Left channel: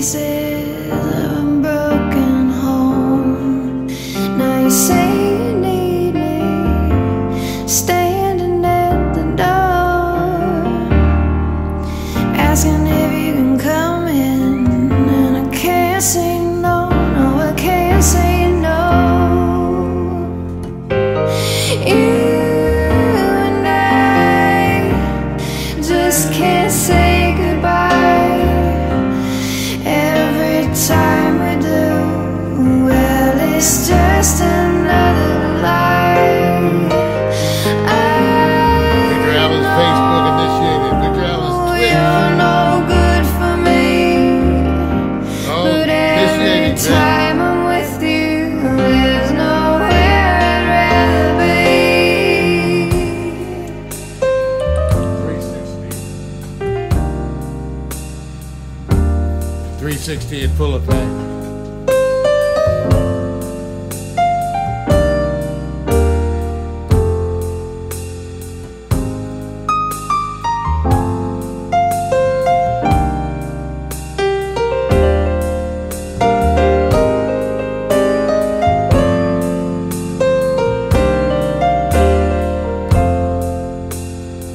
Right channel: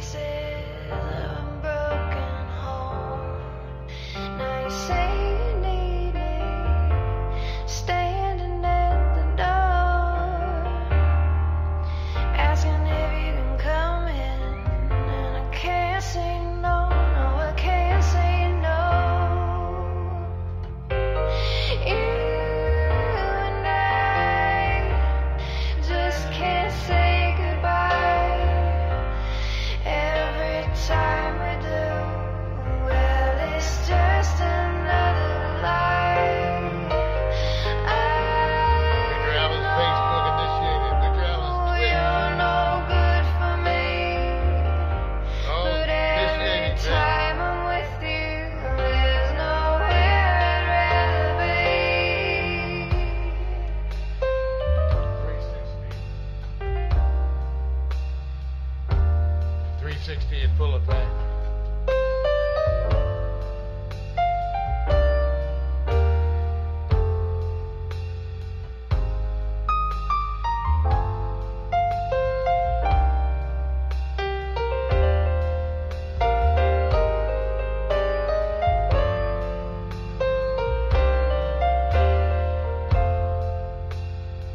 pieces of a broken home. Now you say you need me, standing at the door, asking if you can come in, and I can't say no, no, I can't say no. You and I just can't say goodbye. Every time we do, well, it's just another lie. Victor Allen's Facebook initiated. Victor Allen's Twitch. You're no good for me. Oh, But every initiated. time I'm with you, there's nowhere I'd rather be. 360 in full effect.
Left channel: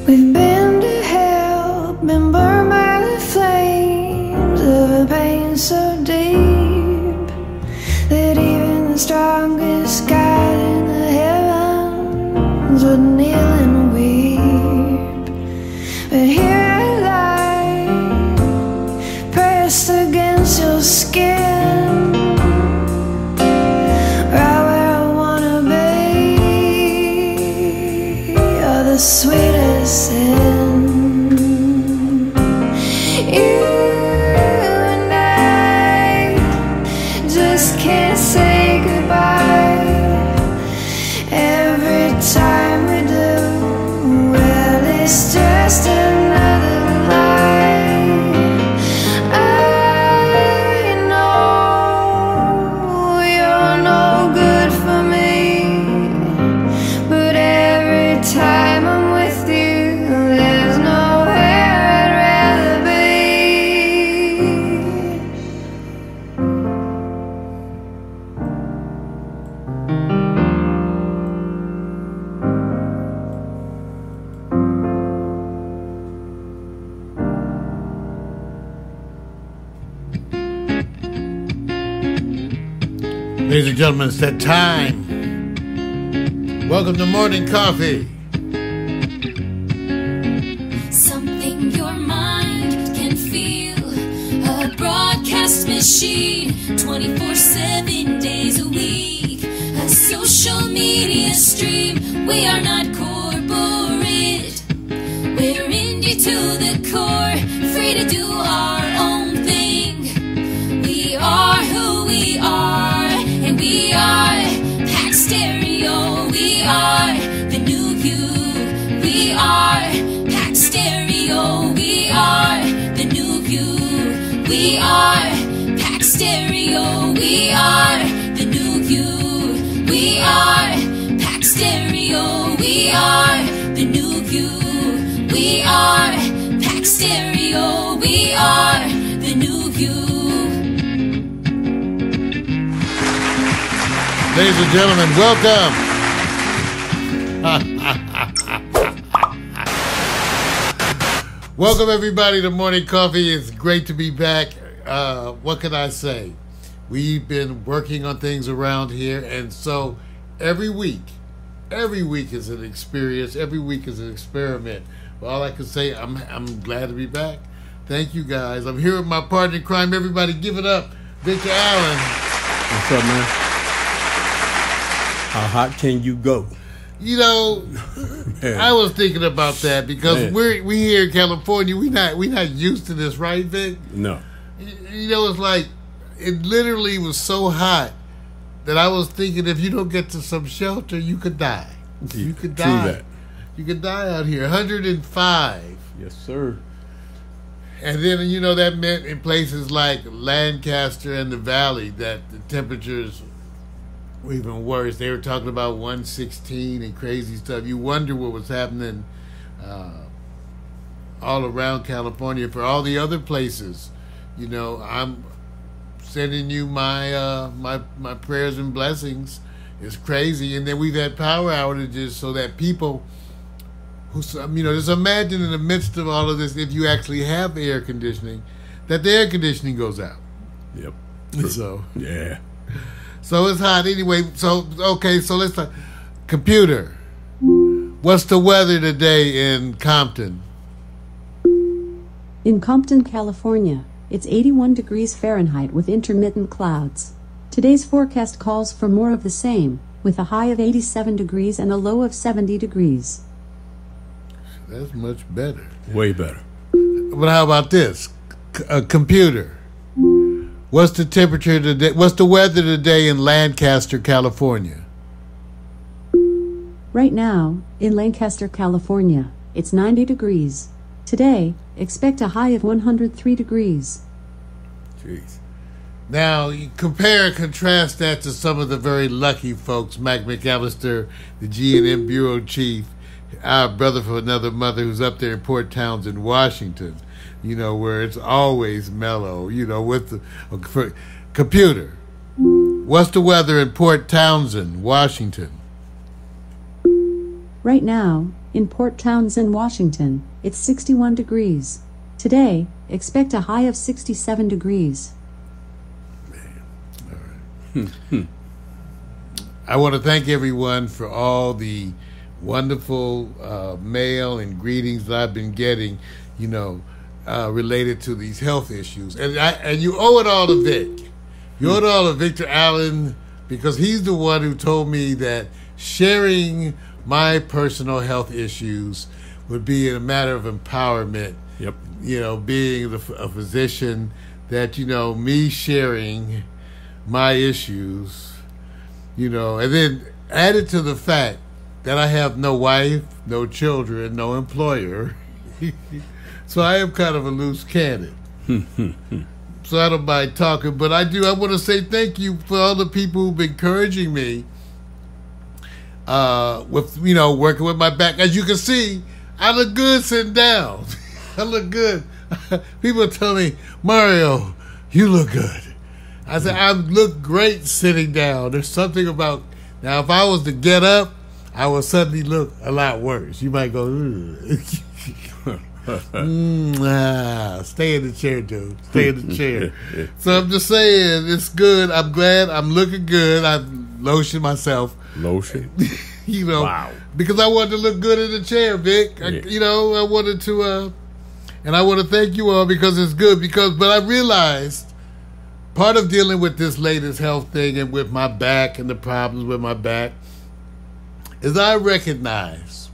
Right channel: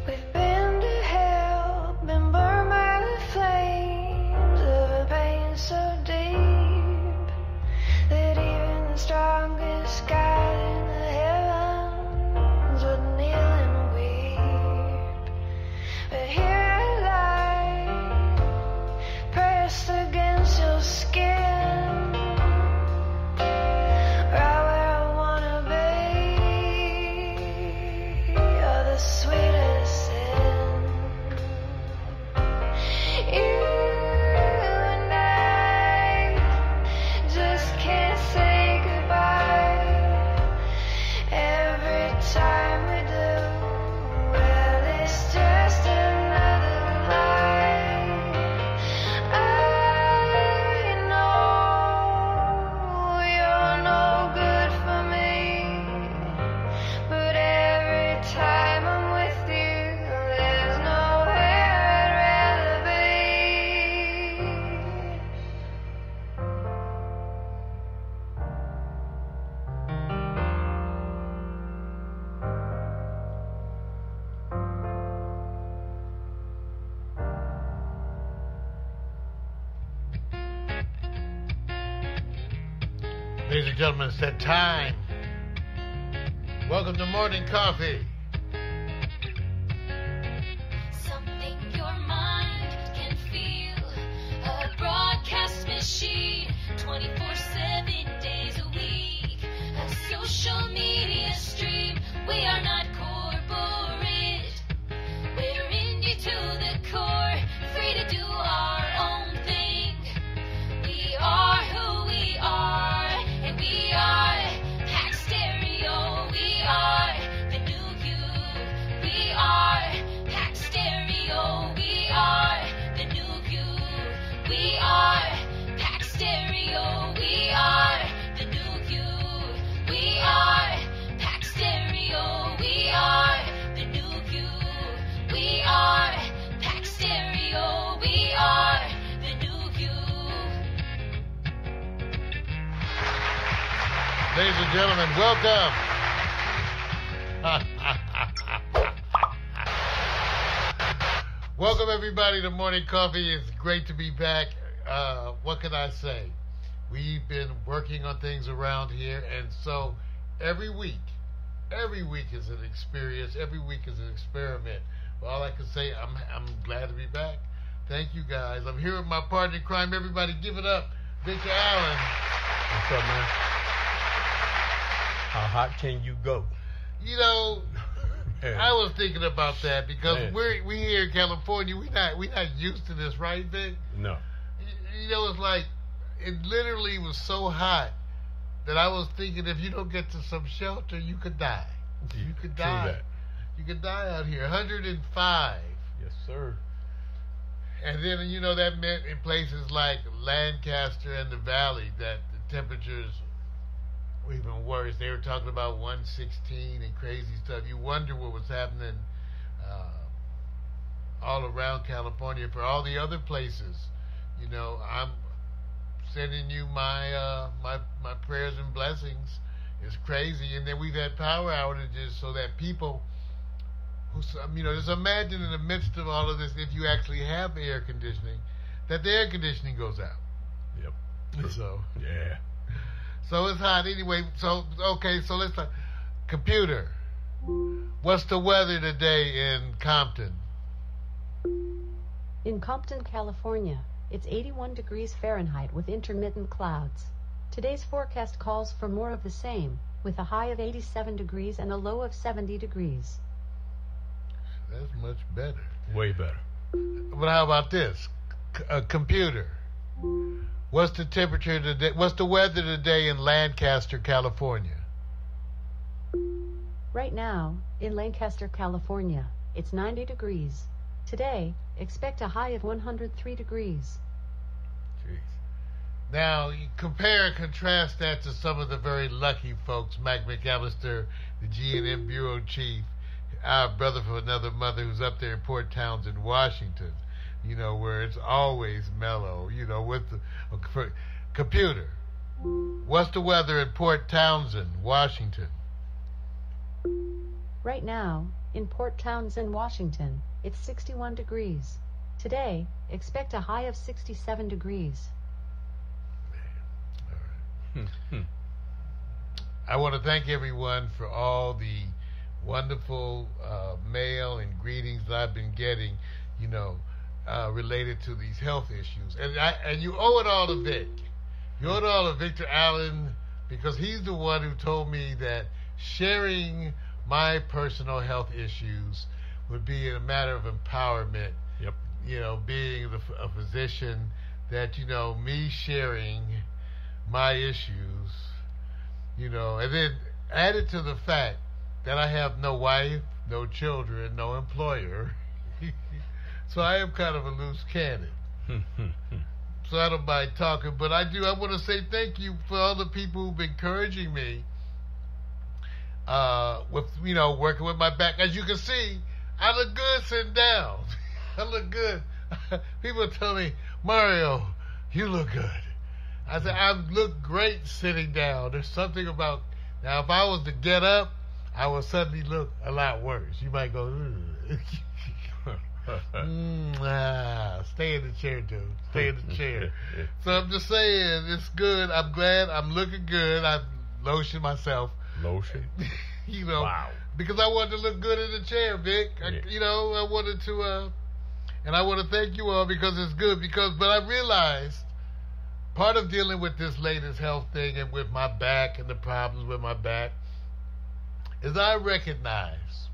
We've been to hell, been burned by the flames of a pain so deep that even the strongest God in the heavens would kneel and weep. But here I lie, pressed against your skin, right where I wanna be. You're the sweetest sin. You and I just can't say goodbye. Every time we do, well, it's just another lie. I know you're no good for me, but every time I'm with you, there's nowhere I'd rather be. Ladies and gentlemen, it's that time. Welcome to Morning Coffee. Something your mind can feel. A broadcast machine, 24/7 days a week. A social media stream. We are not corporate. We're indie to the core. Free to do our own thing. We are who we are. And we are Pack Stereo. We are the new you. We are Pack Stereo. We are the new you. We are Pack Stereo. We are the new you. We are Pack Stereo. We are the new you. We are Pack Stereo. We are the new you. Ladies and gentlemen, welcome. Welcome everybody to Morning Coffee. It's great to be back. What can I say? We've been working on things around here, and so every week is an experience. Every week is an experiment. Well, all I can say, I'm glad to be back. Thank you guys. I'm here with my partner in crime. Everybody give it up. Victor Allen. What's up, man? How hot can you go? You know, Man. I was thinking about that because Man. we here in California, we not used to this, right, Vic? No. You know, it's like it literally was so hot that I was thinking if you don't get to some shelter, you could die. You could die. True that. You could die out here. 105. Yes, sir. And then, you know, that meant in places like Lancaster and the Valley that the temperatures were even worse. They were talking about 116 and crazy stuff. You wonder what was happening all around California. For all the other places, you know, sending you my my prayers and blessings. It's crazy. And then we've had power outages so that people who, just imagine in the midst of all of this, if you actually have air conditioning, that the air conditioning goes out. Yep. So Yeah. So it's hot anyway. So okay, so let's talk. Computer, what's the weather today in Compton? In Compton, California, it's 81 degrees Fahrenheit with intermittent clouds. Today's forecast calls for more of the same, with a high of 87 degrees and a low of 70 degrees. That's much better. Way better. But how about this? Computer, what's the temperature today? What's the weather today in Lancaster, California? Right now, in Lancaster, California, it's 90 degrees. Today, expect a high of 103 degrees. Jeez. Now, you compare and contrast that to some of the very lucky folks, Mac McAllister, the G&M Bureau Chief, our brother from another mother who's up there in Port Townsend, Washington, where it's always mellow, with the computer. What's the weather in Port Townsend, Washington? Right now, in Port Townsend, Washington, it's 61 degrees. Today, expect a high of 67 degrees. I want to thank everyone for all the wonderful mail and greetings that I've been getting, related to these health issues. And you owe it all to Vic. You owe it all to Victor Allen, because he's the one who told me that sharing my personal health issues would be a matter of empowerment. Yep. Being a physician, that, me sharing my issues, and then added to the fact that I have no wife, no children, no employer. So I am kind of a loose cannon. So I don't mind talking, but I want to say thank you for all the people who've been encouraging me with, working with my back. As you can see, I look good sitting down. I look good. People tell me, Mario, you look good. I said, I look great sitting down. There's something about, now if I was to get up, I would suddenly look a lot worse. You might go, stay in the chair, dude. Stay in the chair. So I'm just saying, it's good. I'm glad. I'm looking good. I've lotioned myself. Lotion? Wow. Because I wanted to look good in the chair, Vic. Yeah. I wanted to, and I want to thank you all because it's good. But I realized part of dealing with this latest health thing and with my back and the problems with my back is I recognize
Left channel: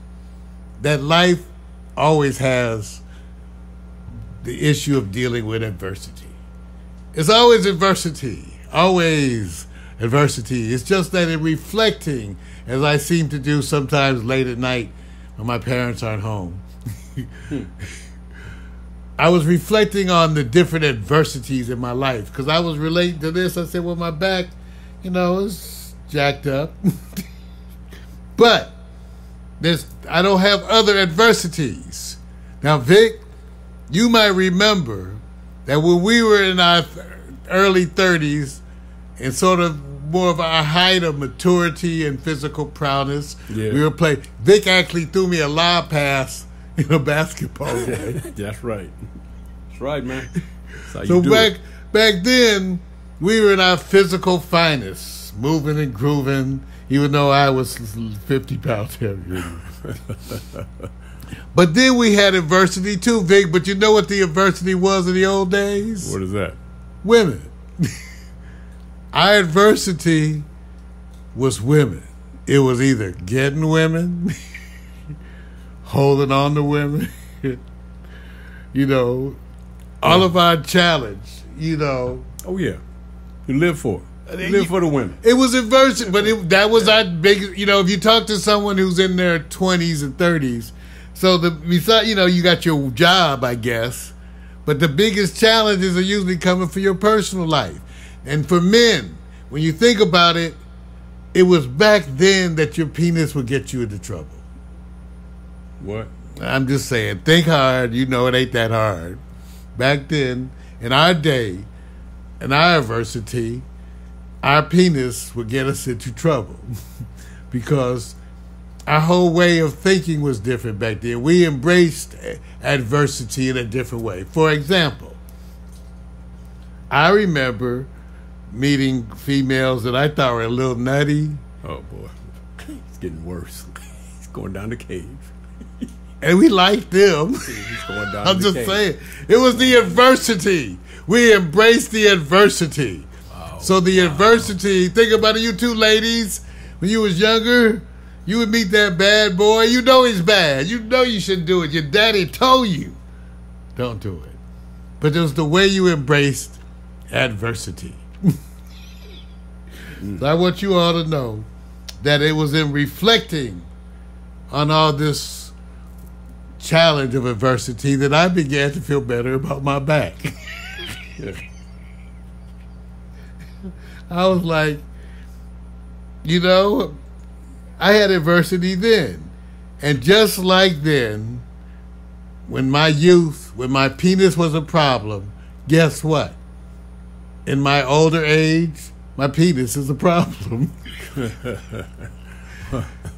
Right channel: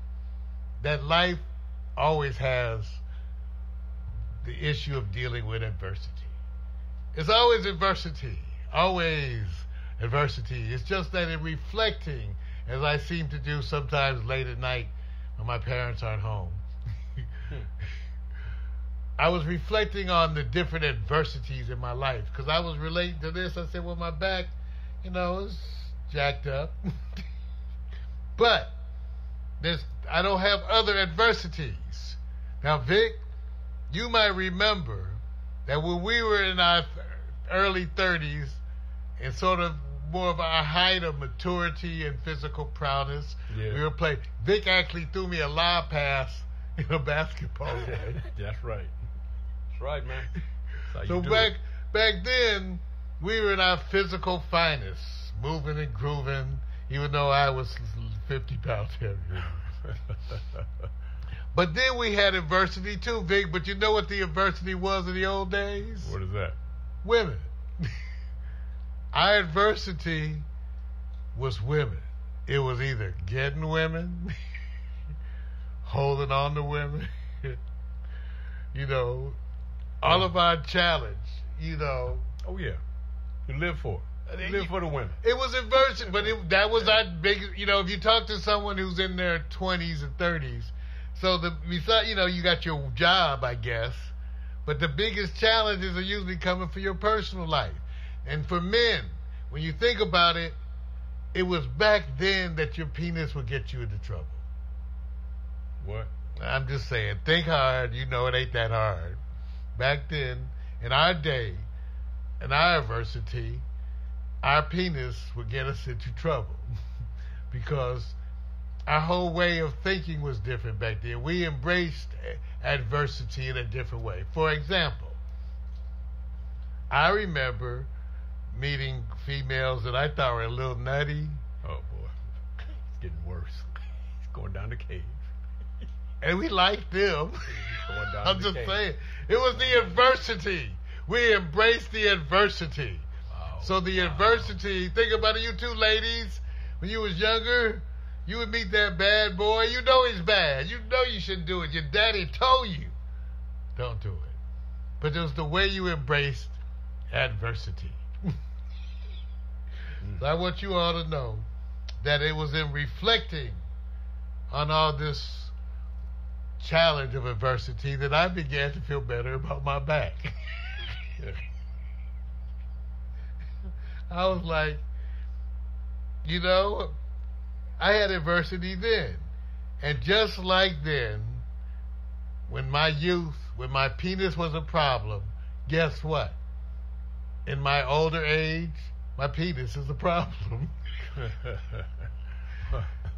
that life always has the issue of dealing with adversity. It's always adversity. Always adversity. It's just that in reflecting, as I seem to do sometimes late at night when my parents aren't home, I was reflecting on the different adversities in my life, because I was relating to this. I said, well, my back, is jacked up. But I don't have other adversities. Now, Vic, you might remember that when we were in our early 30s and sort of more of our height of maturity and physical prowess, we were playing. Vic actually threw me a lob pass in a basketball game. That's right. That's right, man. That's So back then, we were in our physical finest, moving and grooving, even though I was 50 pounds heavier. But then we had adversity too, Vic. But you know what the adversity was in the old days? What is that? Women. Our adversity was women. It was either getting women, holding on to women, all of our challenge, Oh, yeah. You live for it. You live for the women. It was adversity, but that was our biggest, if you talk to someone who's in their 20s and 30s, so you got your job, I guess, but the biggest challenges are usually coming for your personal life. And for men, when you think about it, it was back then that your penis would get you into trouble. What? I'm just saying, think hard. It ain't that hard. Back then, in our day, and our adversity, our penis would get us into trouble because our whole way of thinking was different back then. We embraced adversity in a different way. For example, I remember meeting females that I thought were a little nutty. Oh, boy. It's getting worse. He's going down the cave. And we liked them. He's going down I'm the just cave. saying. It was the adversity. We embraced the adversity. Wow. So the adversity, think about it, you two ladies, when you was younger, you would meet that bad boy. You know he's bad. You know you shouldn't do it. Your daddy told you, don't do it. But it was the way you embraced adversity. So I want you all to know that it was in reflecting on all this challenge of adversity that I began to feel better about my back. I was like, you know, I had adversity then. And just like then, when my youth, when my penis was a problem, guess what? In my older age, my penis is a problem.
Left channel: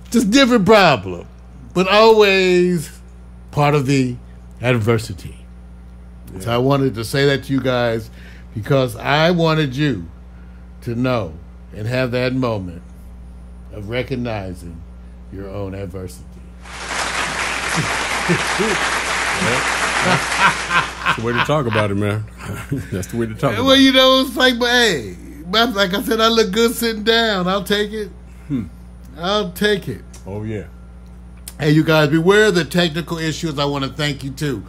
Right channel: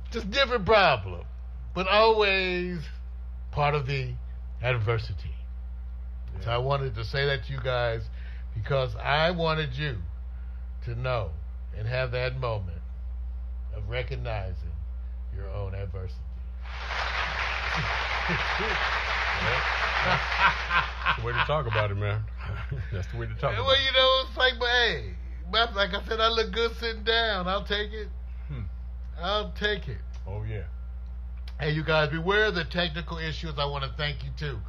Just different problem, but always part of the adversity. Yeah. So I wanted to say that to you guys because I wanted you to know and have that moment of recognizing your own adversity. That's the way to talk about it, man. That's the way to talk about it. Well, you know, it's like, but hey, like I said, I look good sitting down. I'll take it. I'll take it. Oh, yeah. Hey, you guys, beware of the technical issues. I want to thank you, too.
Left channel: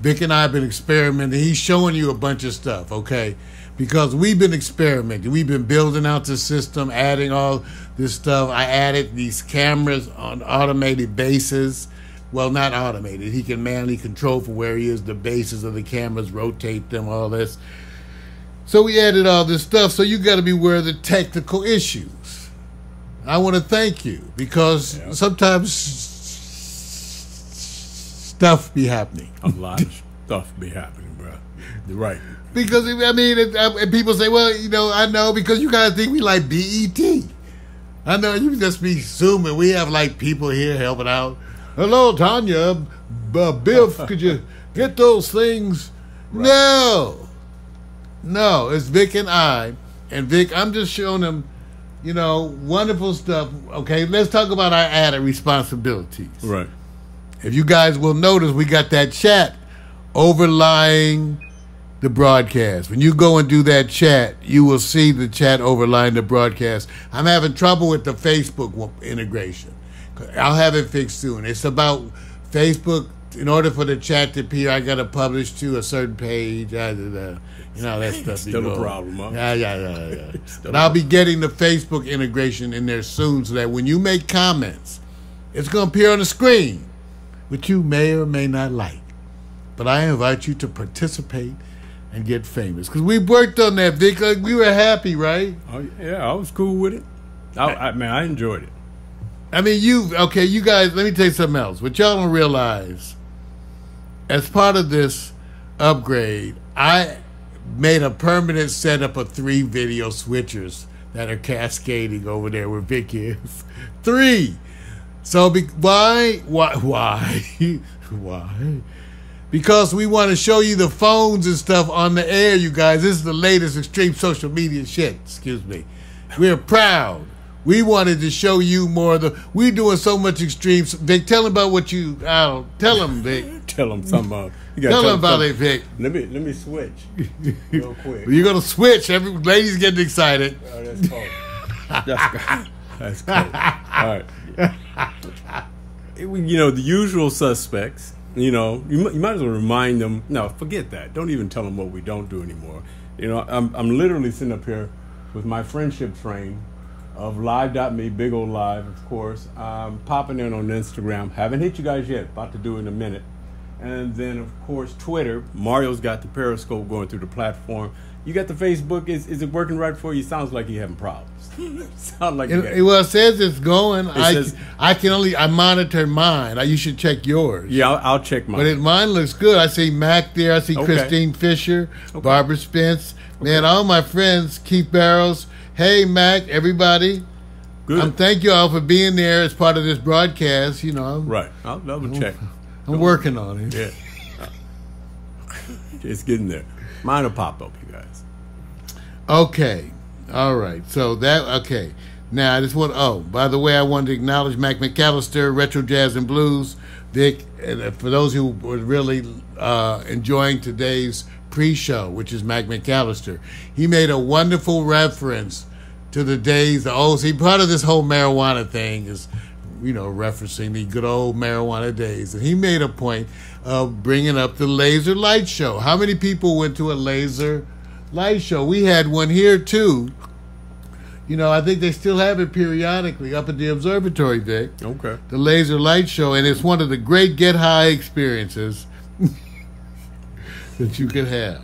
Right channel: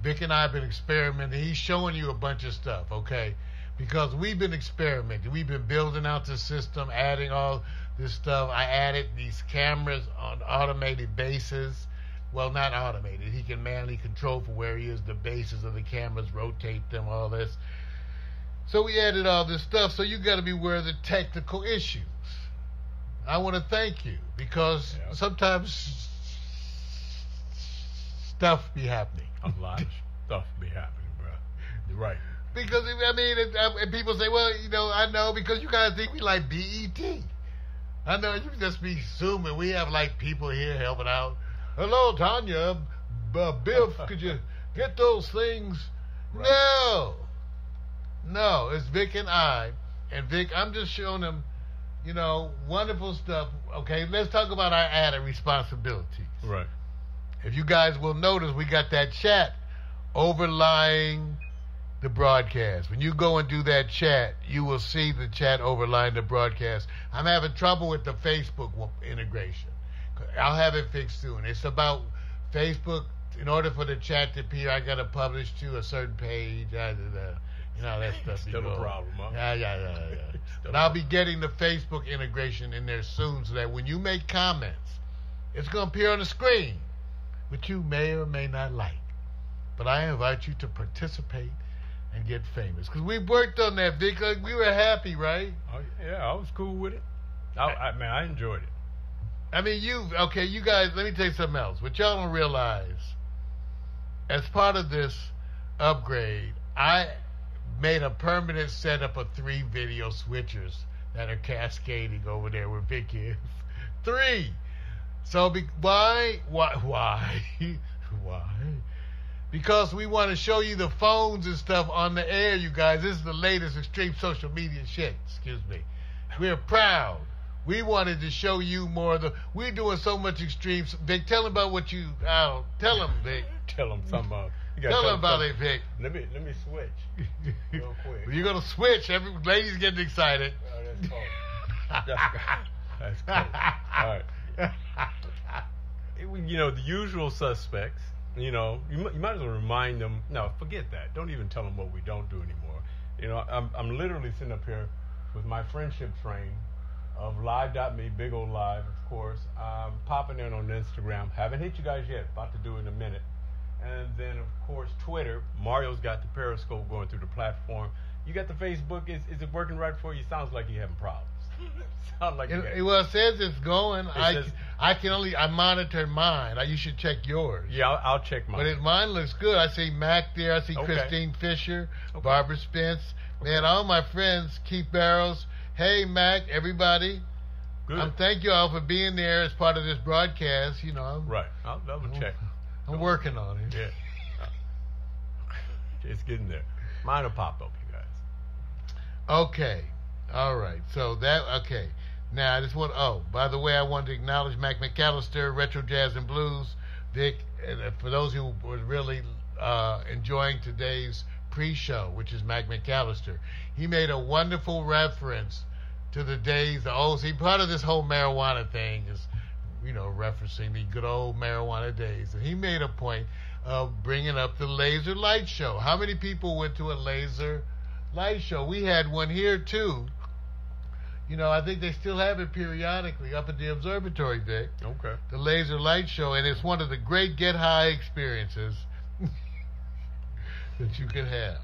Vic and I have been experimenting. He's showing you a bunch of stuff, okay? Because we've been experimenting. We've been building out the system, adding all this stuff. I added these cameras on automated bases. Well, not automated. He can manually control from where he is the bases of the cameras, rotate them, all this. So we added all this stuff. So you got to beware of the technical issues. I want to thank you because sometimes stuff be happening. A lot of stuff be happening, bro. You're right. Because, I mean, and people say, well, you know, I know because you guys think we like BET. I know you just be assuming we have like people here helping out. Hello, Tanya. Biff, could you get those things? Right. No, it's Vic and I. And Vic, I'm just showing them, you know, wonderful stuff. Okay, let's talk about our added responsibilities. Right. If you guys will notice, we got that chat overlying the broadcast. When you go and do that chat, you will see the chat overlying the broadcast. I'm having trouble with the Facebook integration. I'll have it fixed soon. It's about Facebook. In order for the chat to appear, I got to publish to a certain page. You know, that stuff. Still a problem, huh? Yeah. But I'll be getting the Facebook integration in there soon so that when you make comments, it's going to appear on the screen, which you may or may not like. But I invite you to participate and get famous. Because we worked on that, Vic. Like, we were happy, right? Oh, yeah, I was cool with it. I enjoyed it. I mean, you guys, let me tell you something else. What y'all don't realize, as part of this upgrade, I made a permanent setup of 3 video switchers that are cascading over there where Vic is. 3. So why? Why? Because we want to show you the phones and stuff on the air, you guys. This is the latest extreme social media shit. Excuse me. We're proud. We wanted to show you more of the. We're doing so much extreme. Vic, tell them about what you. Tell them, Vic. Tell them something about. Tell them about it, Vic. Let me switch real quick. You're gonna switch. Ladies getting excited. Oh, that's cool. That's cool. All right. You know, the usual suspects. You know, you might as well remind them. No, forget that. Don't even tell them what we don't do anymore. You know, I'm literally sitting up here with my friendship frame of live.me, big old live, of course. Popping in on Instagram. Haven't hit you guys yet. About to do it in a minute. And then, of course, Twitter. Mario's got the Periscope going through the platform. You got the Facebook. Is it working right for you? Sounds like you're having problems. Sounds like well, it says it's going. I monitor mine. You should check yours. Yeah, I'll check mine. But mine looks good. I see Mac there. I see Christine Fisher, Barbara Spence. Man, all my friends, Keith Barrows. Hey, Mac, everybody. Good. Thank you all for being there as part of this broadcast. You know, right. I'll double check. I'm working on it. Yeah. It's getting there. Mine will pop up, you guys. Okay. All right. So okay. Now, I just by the way, I wanted to acknowledge Mac McAllister, Retro Jazz and Blues. Vic, and for those who were really enjoying today's pre-show, which is Mac McAllister, he made a wonderful reference to the days, see, part of this whole marijuana thing is, referencing the good old marijuana days. And he made a point of bringing up the laser light show. How many people went to a laser light show? We had one here, too. I think they still have it periodically up at the observatory, Vic. Okay. The laser light show, and it's one of the great get-high experiences that you can have.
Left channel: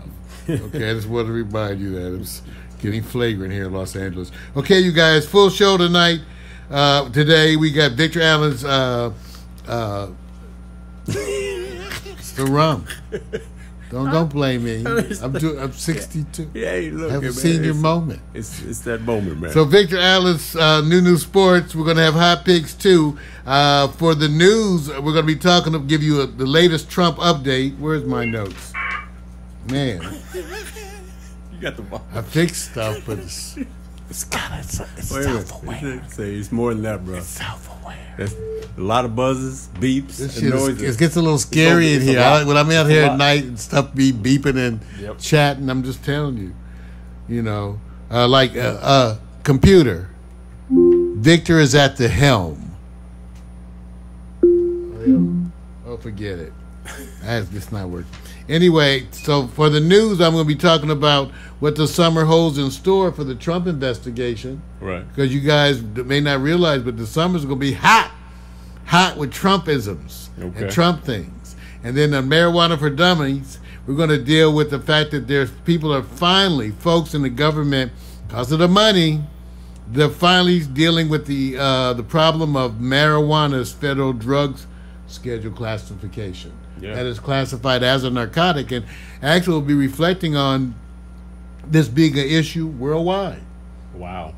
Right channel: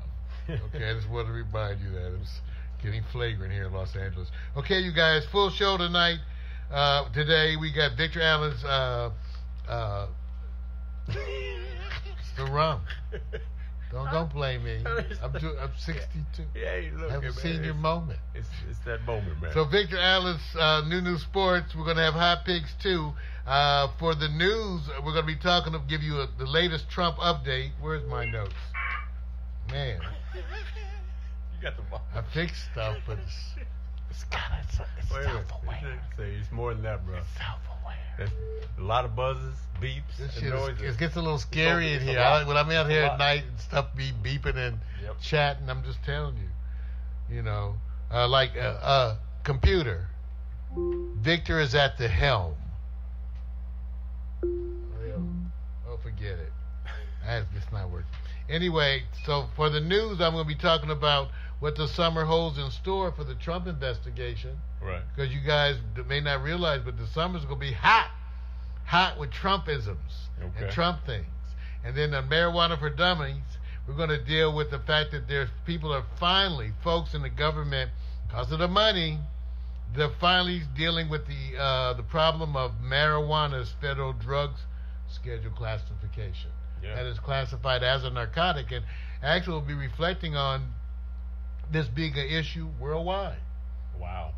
Okay, I just want to remind you that it's getting flagrant here in Los Angeles. Okay, you guys, full show tonight. Today we got Victor Allen's it's the rum. Don't blame me. I'm 62. Yeah, look, I have a senior moment. It's that moment, man. So Victor Allen's new sports. We're going to have hot picks too. For the news, we're going to be give you the latest Trump update. Where's my notes? Man, you got the ball. I fixed stuff, but it's self-aware. It's more than that, bro. It's self-aware. There's a lot of buzzes, beeps, and noises. It gets a little scary in here. When I'm out here at night and stuff be beeping and chatting, I'm just telling you. Like computer. Victor is at the helm. Oh, forget it. That's just not working. Anyway, so for the news, I'm going to be talking about what the summer holds in store for the Trump investigation. Right. Because you guys may not realize, but the summer's going to be hot with Trumpisms and Trump things. And then the marijuana for dummies, we're going to deal with the fact that folks in the government, because of the money, they're finally dealing with the problem of marijuana's federal drugs schedule classification. Yeah. That is classified as a narcotic, and actually will be reflecting on this being an issue worldwide. Wow.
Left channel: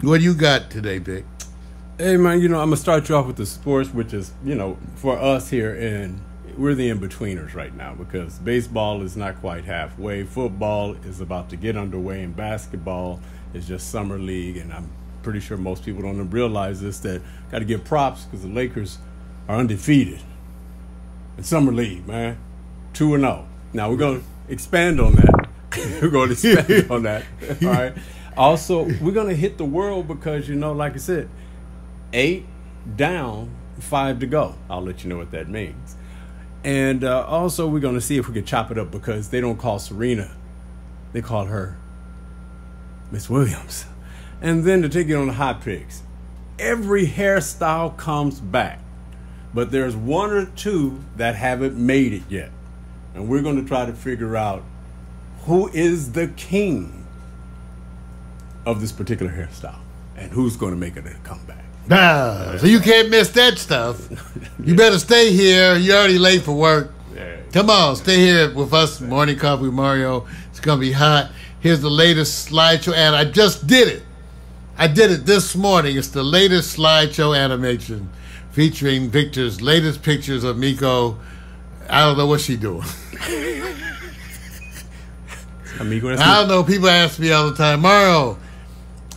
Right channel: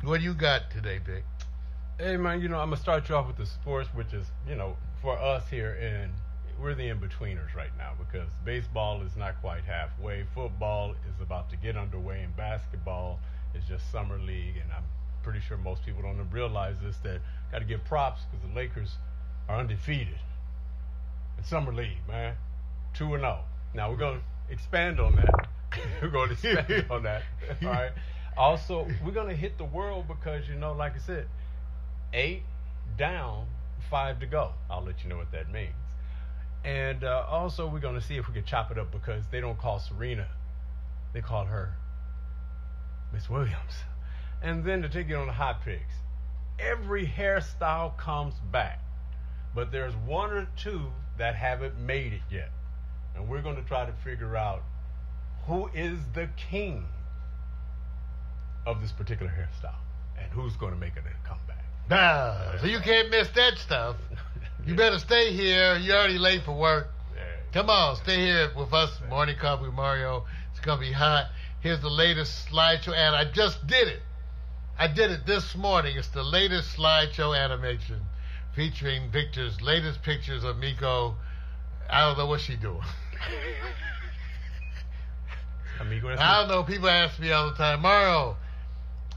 What do you got today, Vic? Hey, man, I'm going to start you off with the sports, which is, for us here, and we're the in-betweeners right now because baseball is not quite halfway. Football is about to get underway, and basketball is just summer league, and I'm pretty sure most people don't realize this, that got to give props because the Lakers are undefeated. It's summer league, man. 2-0. Now, we're going to expand on that. All right. Also, we're going to hit the world because, like I said, 8 down, 5 to go. I'll let you know what that means. And also, we're going to see if we can chop it up because they don't call Serena. They call her Miss Williams. And then to take it on the hot picks, every hairstyle comes back. But there's one or two that haven't made it yet. And we're going to try to figure out who is the king of this particular hairstyle and who's going to make it a comeback. So you can't miss that stuff. You better stay here. You're already late for work. Yeah. Come on, stay here with us. Morning Coffee with Mario. It's going to be hot. Here's the latest slideshow, and I just did it. I did it this morning. It's the latest slideshow animation featuring Victor's latest pictures of Miko. I don't know what she's doing. I don't know. People ask me all the time, Mario,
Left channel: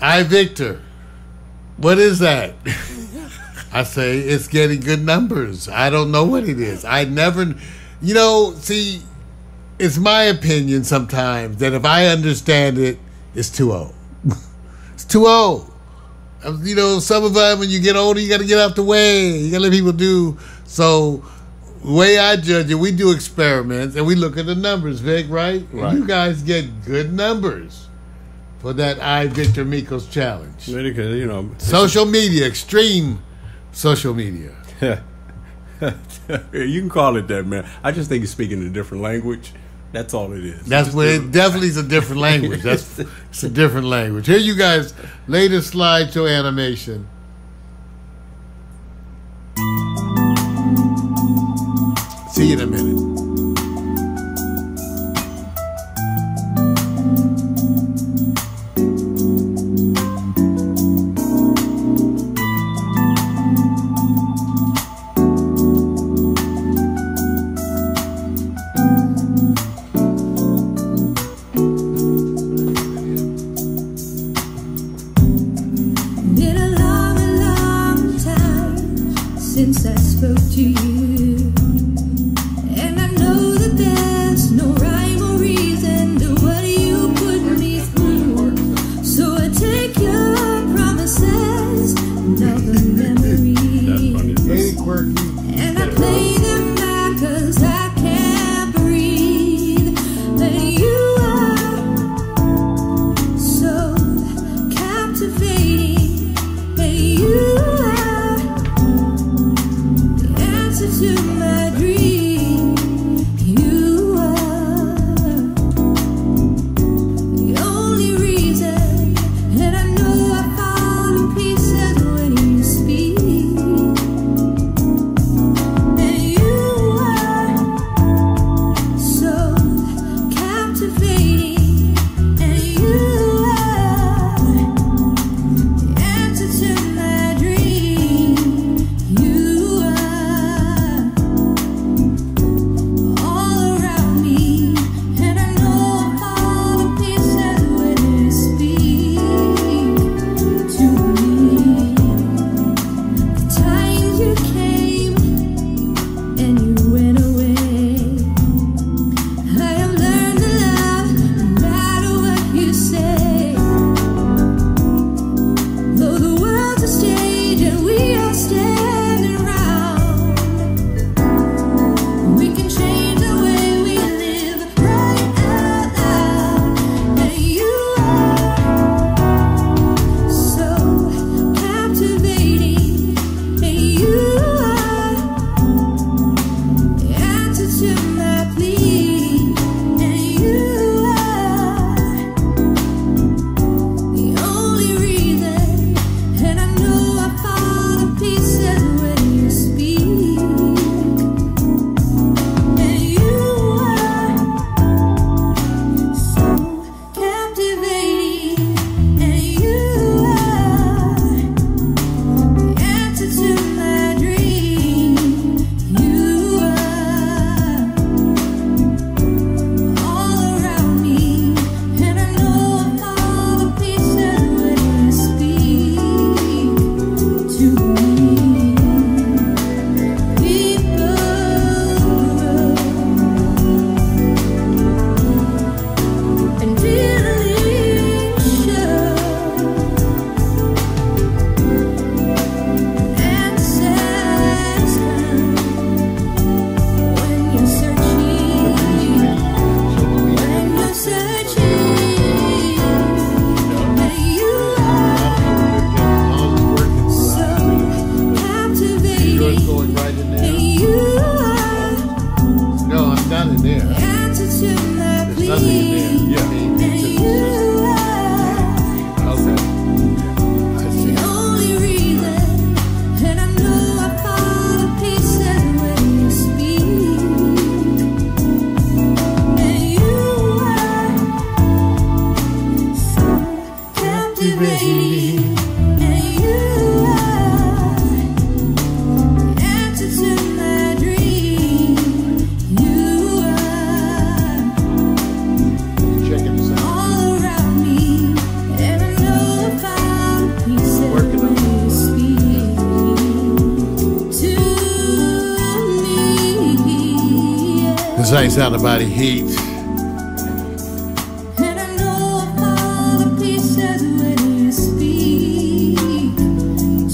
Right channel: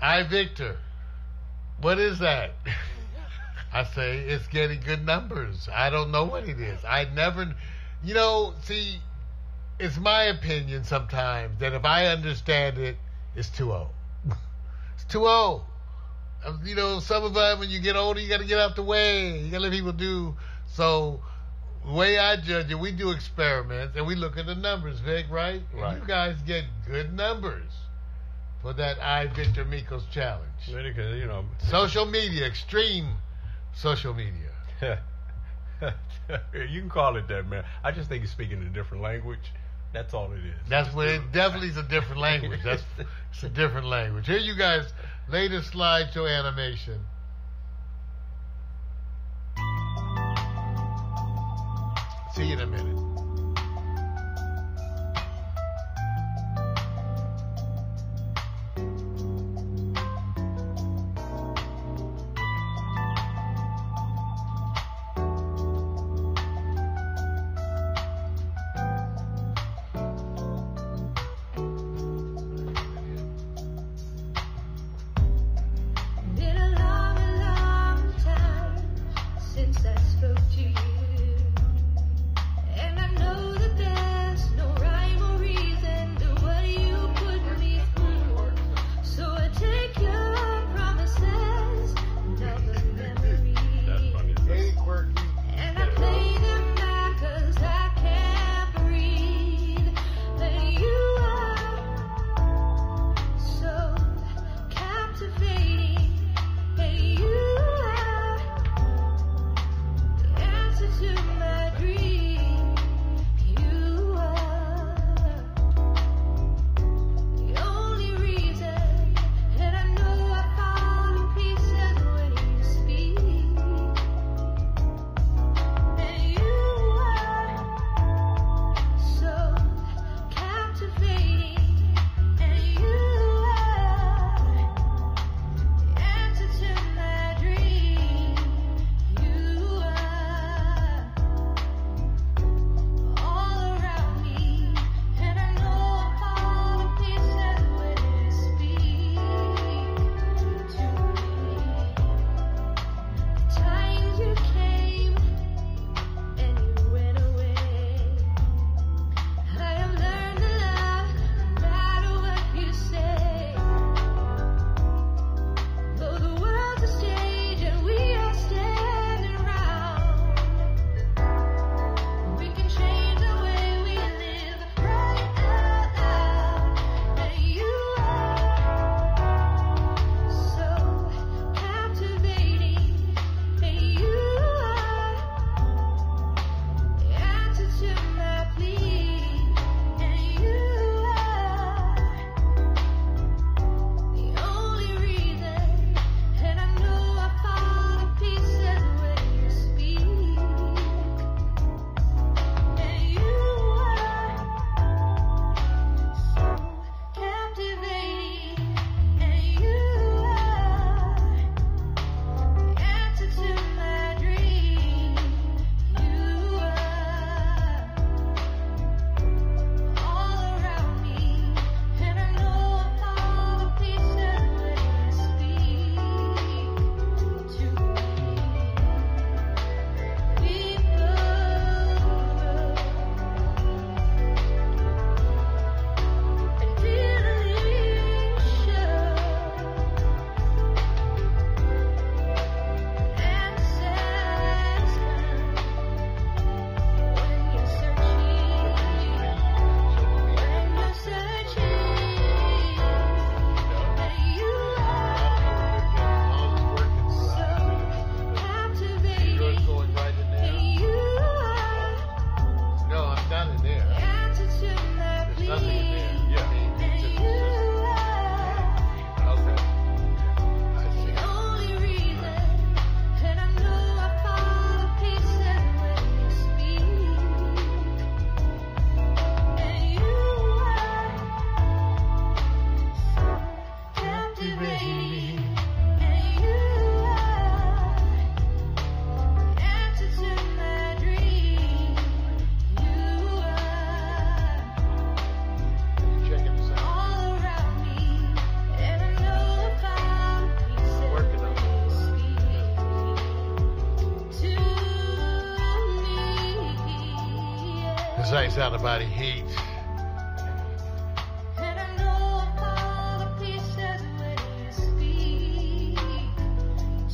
Victor, what is that? I say, it's getting good numbers. I don't know what it is. I never, see, it's my opinion sometimes that if I understand it, it's too old. It's too old. Some of them, when you get older, you got to get out the way. You got to let people do. So, the way I judge it, we do experiments and we look at the numbers, Vic, right? Right. And you guys get good numbers for that Victor Miko's challenge. Because, social media, extreme social media. You can call it that, man. I just think he's speaking a different language. That's all it is. That's where it definitely is a different language. It's a different language. Here you guys, latest slideshow animation. See you in a minute. Been a long time since I spoke to you, and I know that there's no rhyme or reason to what you put me through. So I take your promises and all the memories, Hey, quirky. and I play them back 'cause I can't breathe. And you are so captivating. And you are the answer to my dream. You are the only reason, and I know I fall to pieces when you speak. And you are so captivating, and you are the answer to my dream. You are all around me, and I know I fall to pieces when you speak to me. The times you came and you went away, I have learned to love no matter what you say. Though the world's a stage and we are standing around, we can change the way we live right out loud. And you are so captivating, and you are the answer to my plea. And you are the only reason, and I know I fall to pieces when you speak. And you are so captivating, and you are the answer to my dream. You are all around me, and I know I fall to pieces when you speak to me. People grow, and feelings show, answers come when you're searching. When you're searching, and you are so captivating, Going right in and there. you are No, I'm not in there. the answer to my There's nothing in plea. there. And you are Okay. I see. the only reason, and I know I fall to pieces when you speak. And you are so captivating, and you are the answer to my dream. You are Checking this out. all around me, and I know I fall to pieces Working on when you speak to me. This ain't sound about heat. And I know I fall to pieces when you speak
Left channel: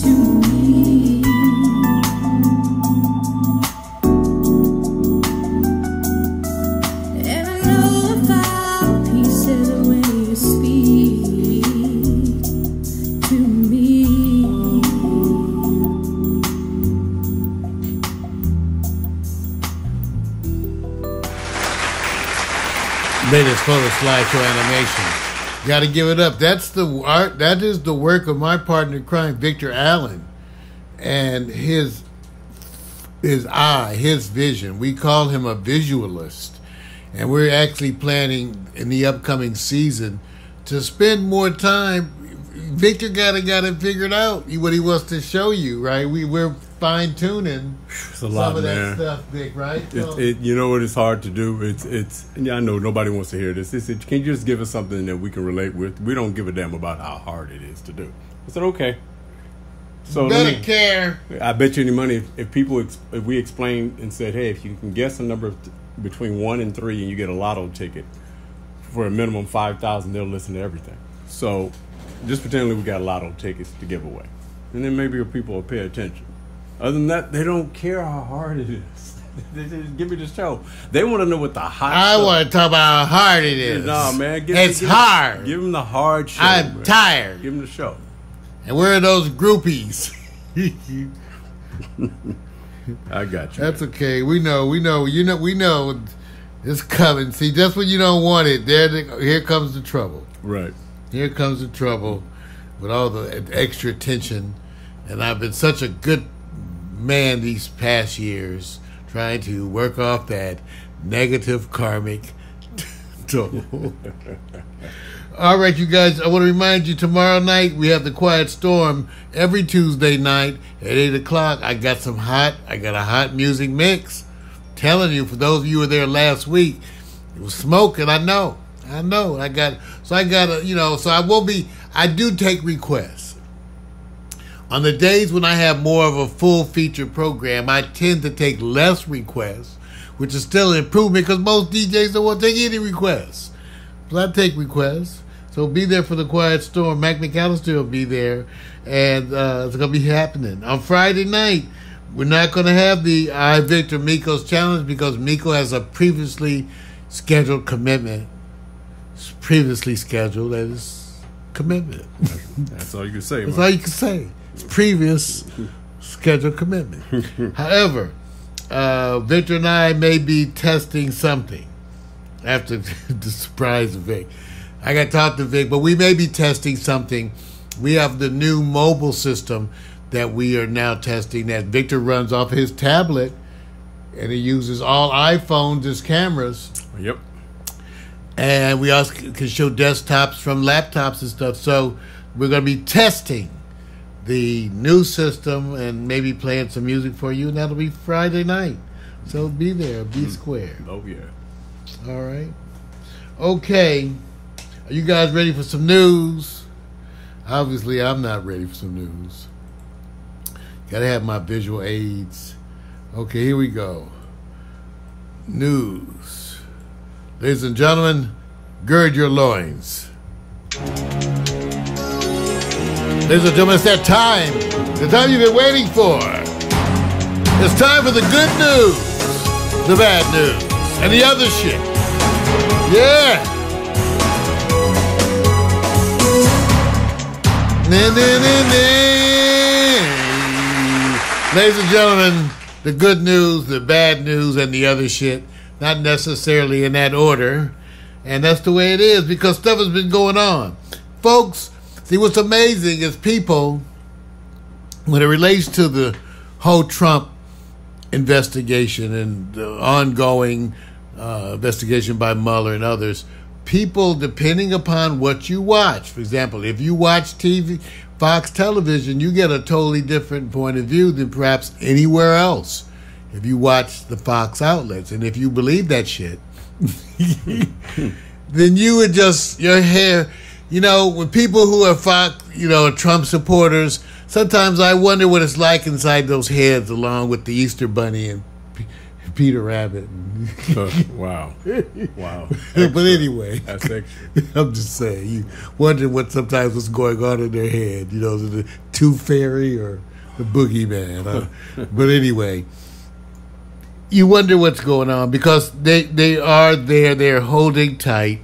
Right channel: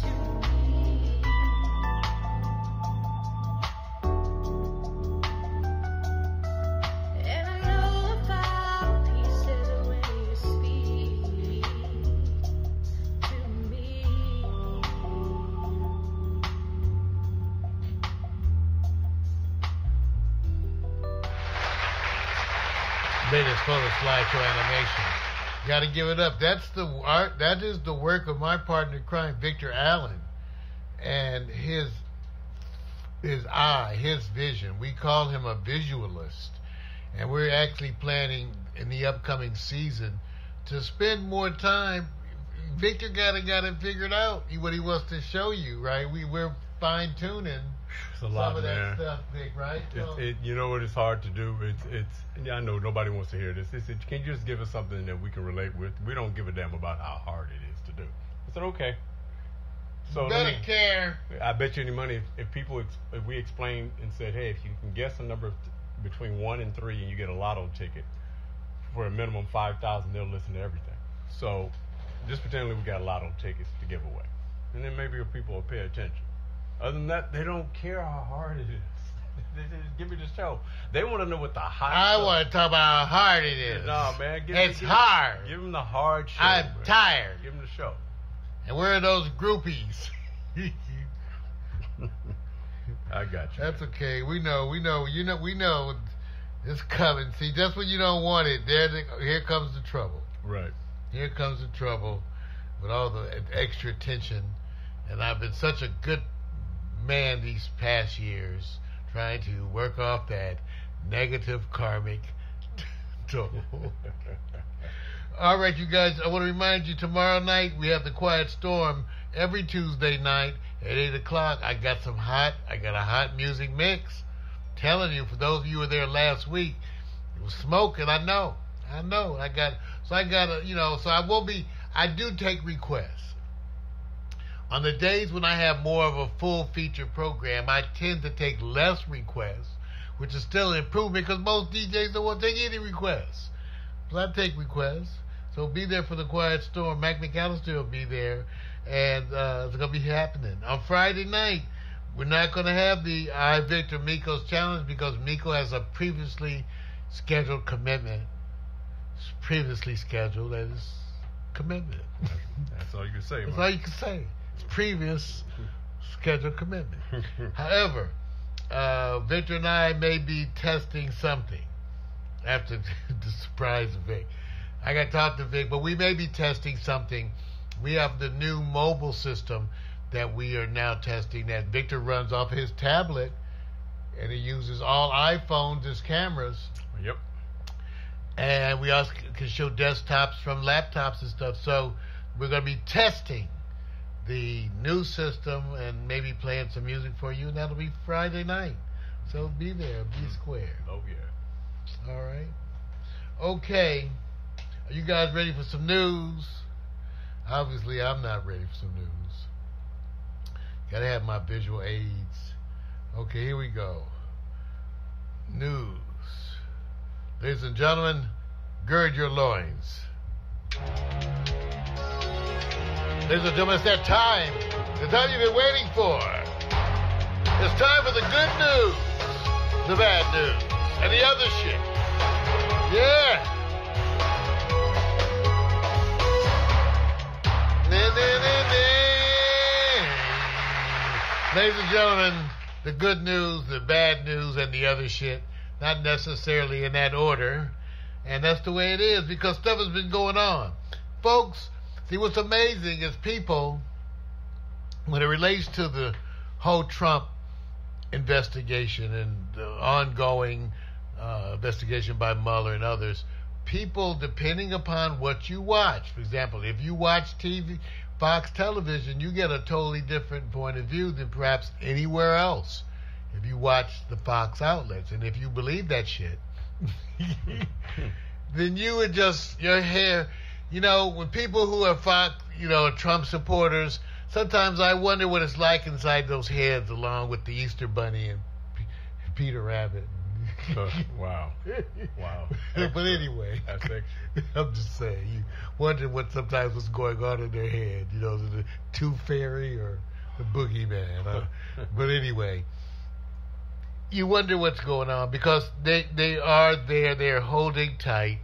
to me. And I know I fall to pieces when you speak to me. latest photo slideshow animation. Got to give it up. That's the art. That is the work of my partner in crime, Victor Allen, and his eye, his vision. We call him a visualist, and we're actually planning in the upcoming season to spend more time. Victor got it figured out what he wants to show you, right? We're fine tuning some of that stuff, Vic, right? You know what? It's hard to do. It's. I know nobody wants to hear this. Can you just give us something that we can relate with? We don't give a damn about how hard it is to do. I said, okay. So better care. I bet you any money if we explained and said, hey, if you can guess a number between 1 and 3 and you get a lotto ticket for a minimum $5,000, they'll listen to everything. So just pretend we got lotto tickets to give away, and then maybe people will pay attention. Other than that, they don't care how hard it is. They just give me the show. They want to know what the hot. I want to talk about how hard it is. No, man, it's hard. Give them the hard show. I'm man. tired. Give them the show. And where are those groupies? I got you. That's okay. We know. It's coming. See, just when you don't want it, here comes the trouble. Right. Here comes the trouble with all the extra attention. And I've been such a good man these past years trying to work off that negative karmic toll. All right, you guys, I want to remind you, tomorrow night we have the Quiet Storm every Tuesday night at 8 o'clock. I got a hot music mix. Telling you, for those of you who were there last week, it was smoking. I know. I do take requests. On the days when I have more of a full feature program, I tend to take less requests, which is still an improvement because most DJs don't want to take any requests. So I take requests. So be there for the Quiet Storm. Mac McAllister will be there, and it's going to be happening. On Friday night, we're not going to have the I Victor Miko's challenge because Miko has a previously scheduled commitment. It's previously scheduled, that is commitment. That's all you can say. That's all you can say. It's previous scheduled commitment. However, Victor and I may be testing something after the surprise of Vic. I got to talk to Vic, but we may be testing something. We have the new mobile system that we are now testing that Victor runs off his tablet, and he uses all iPhones as cameras. Yep. And we also can show desktops from laptops and stuff. So we're going to be testing the new system and maybe playing some music for you, and that'll be Friday night. So be there, be square. Oh, yeah. All right. Okay. Are you guys ready for some news? Obviously, I'm not ready for some news. Gotta have my visual aids. Okay, here we go. News. Ladies and gentlemen, gird your loins. Ladies and gentlemen, it's that time. The time you've been waiting for. It's time for the good news, the bad news, and the other shit. Yeah. Ladies and gentlemen, the good news, the bad news, and the other shit. Not necessarily in that order. And that's the way it is because stuff has been going on. Folks, see what's amazing is people, when it relates to the whole Trump investigation and the ongoing investigation by Mueller and others, people, depending upon what you watch, for example, if you watch TV, Fox television, you get a totally different point of view than perhaps anywhere else if you watch the Fox outlets. And if you believe that shit, then you would just, your hair, you know, when people who are Fox, you know, Trump supporters, sometimes I wonder what it's like inside those heads along with the Easter Bunny and Peter Rabbit. Wow. But anyway, that's extra. I'm just saying, you wonder what's going on in their head. You know, the Tooth Fairy or the Boogeyman. But anyway, you wonder what's going on because they are there. They're holding tight.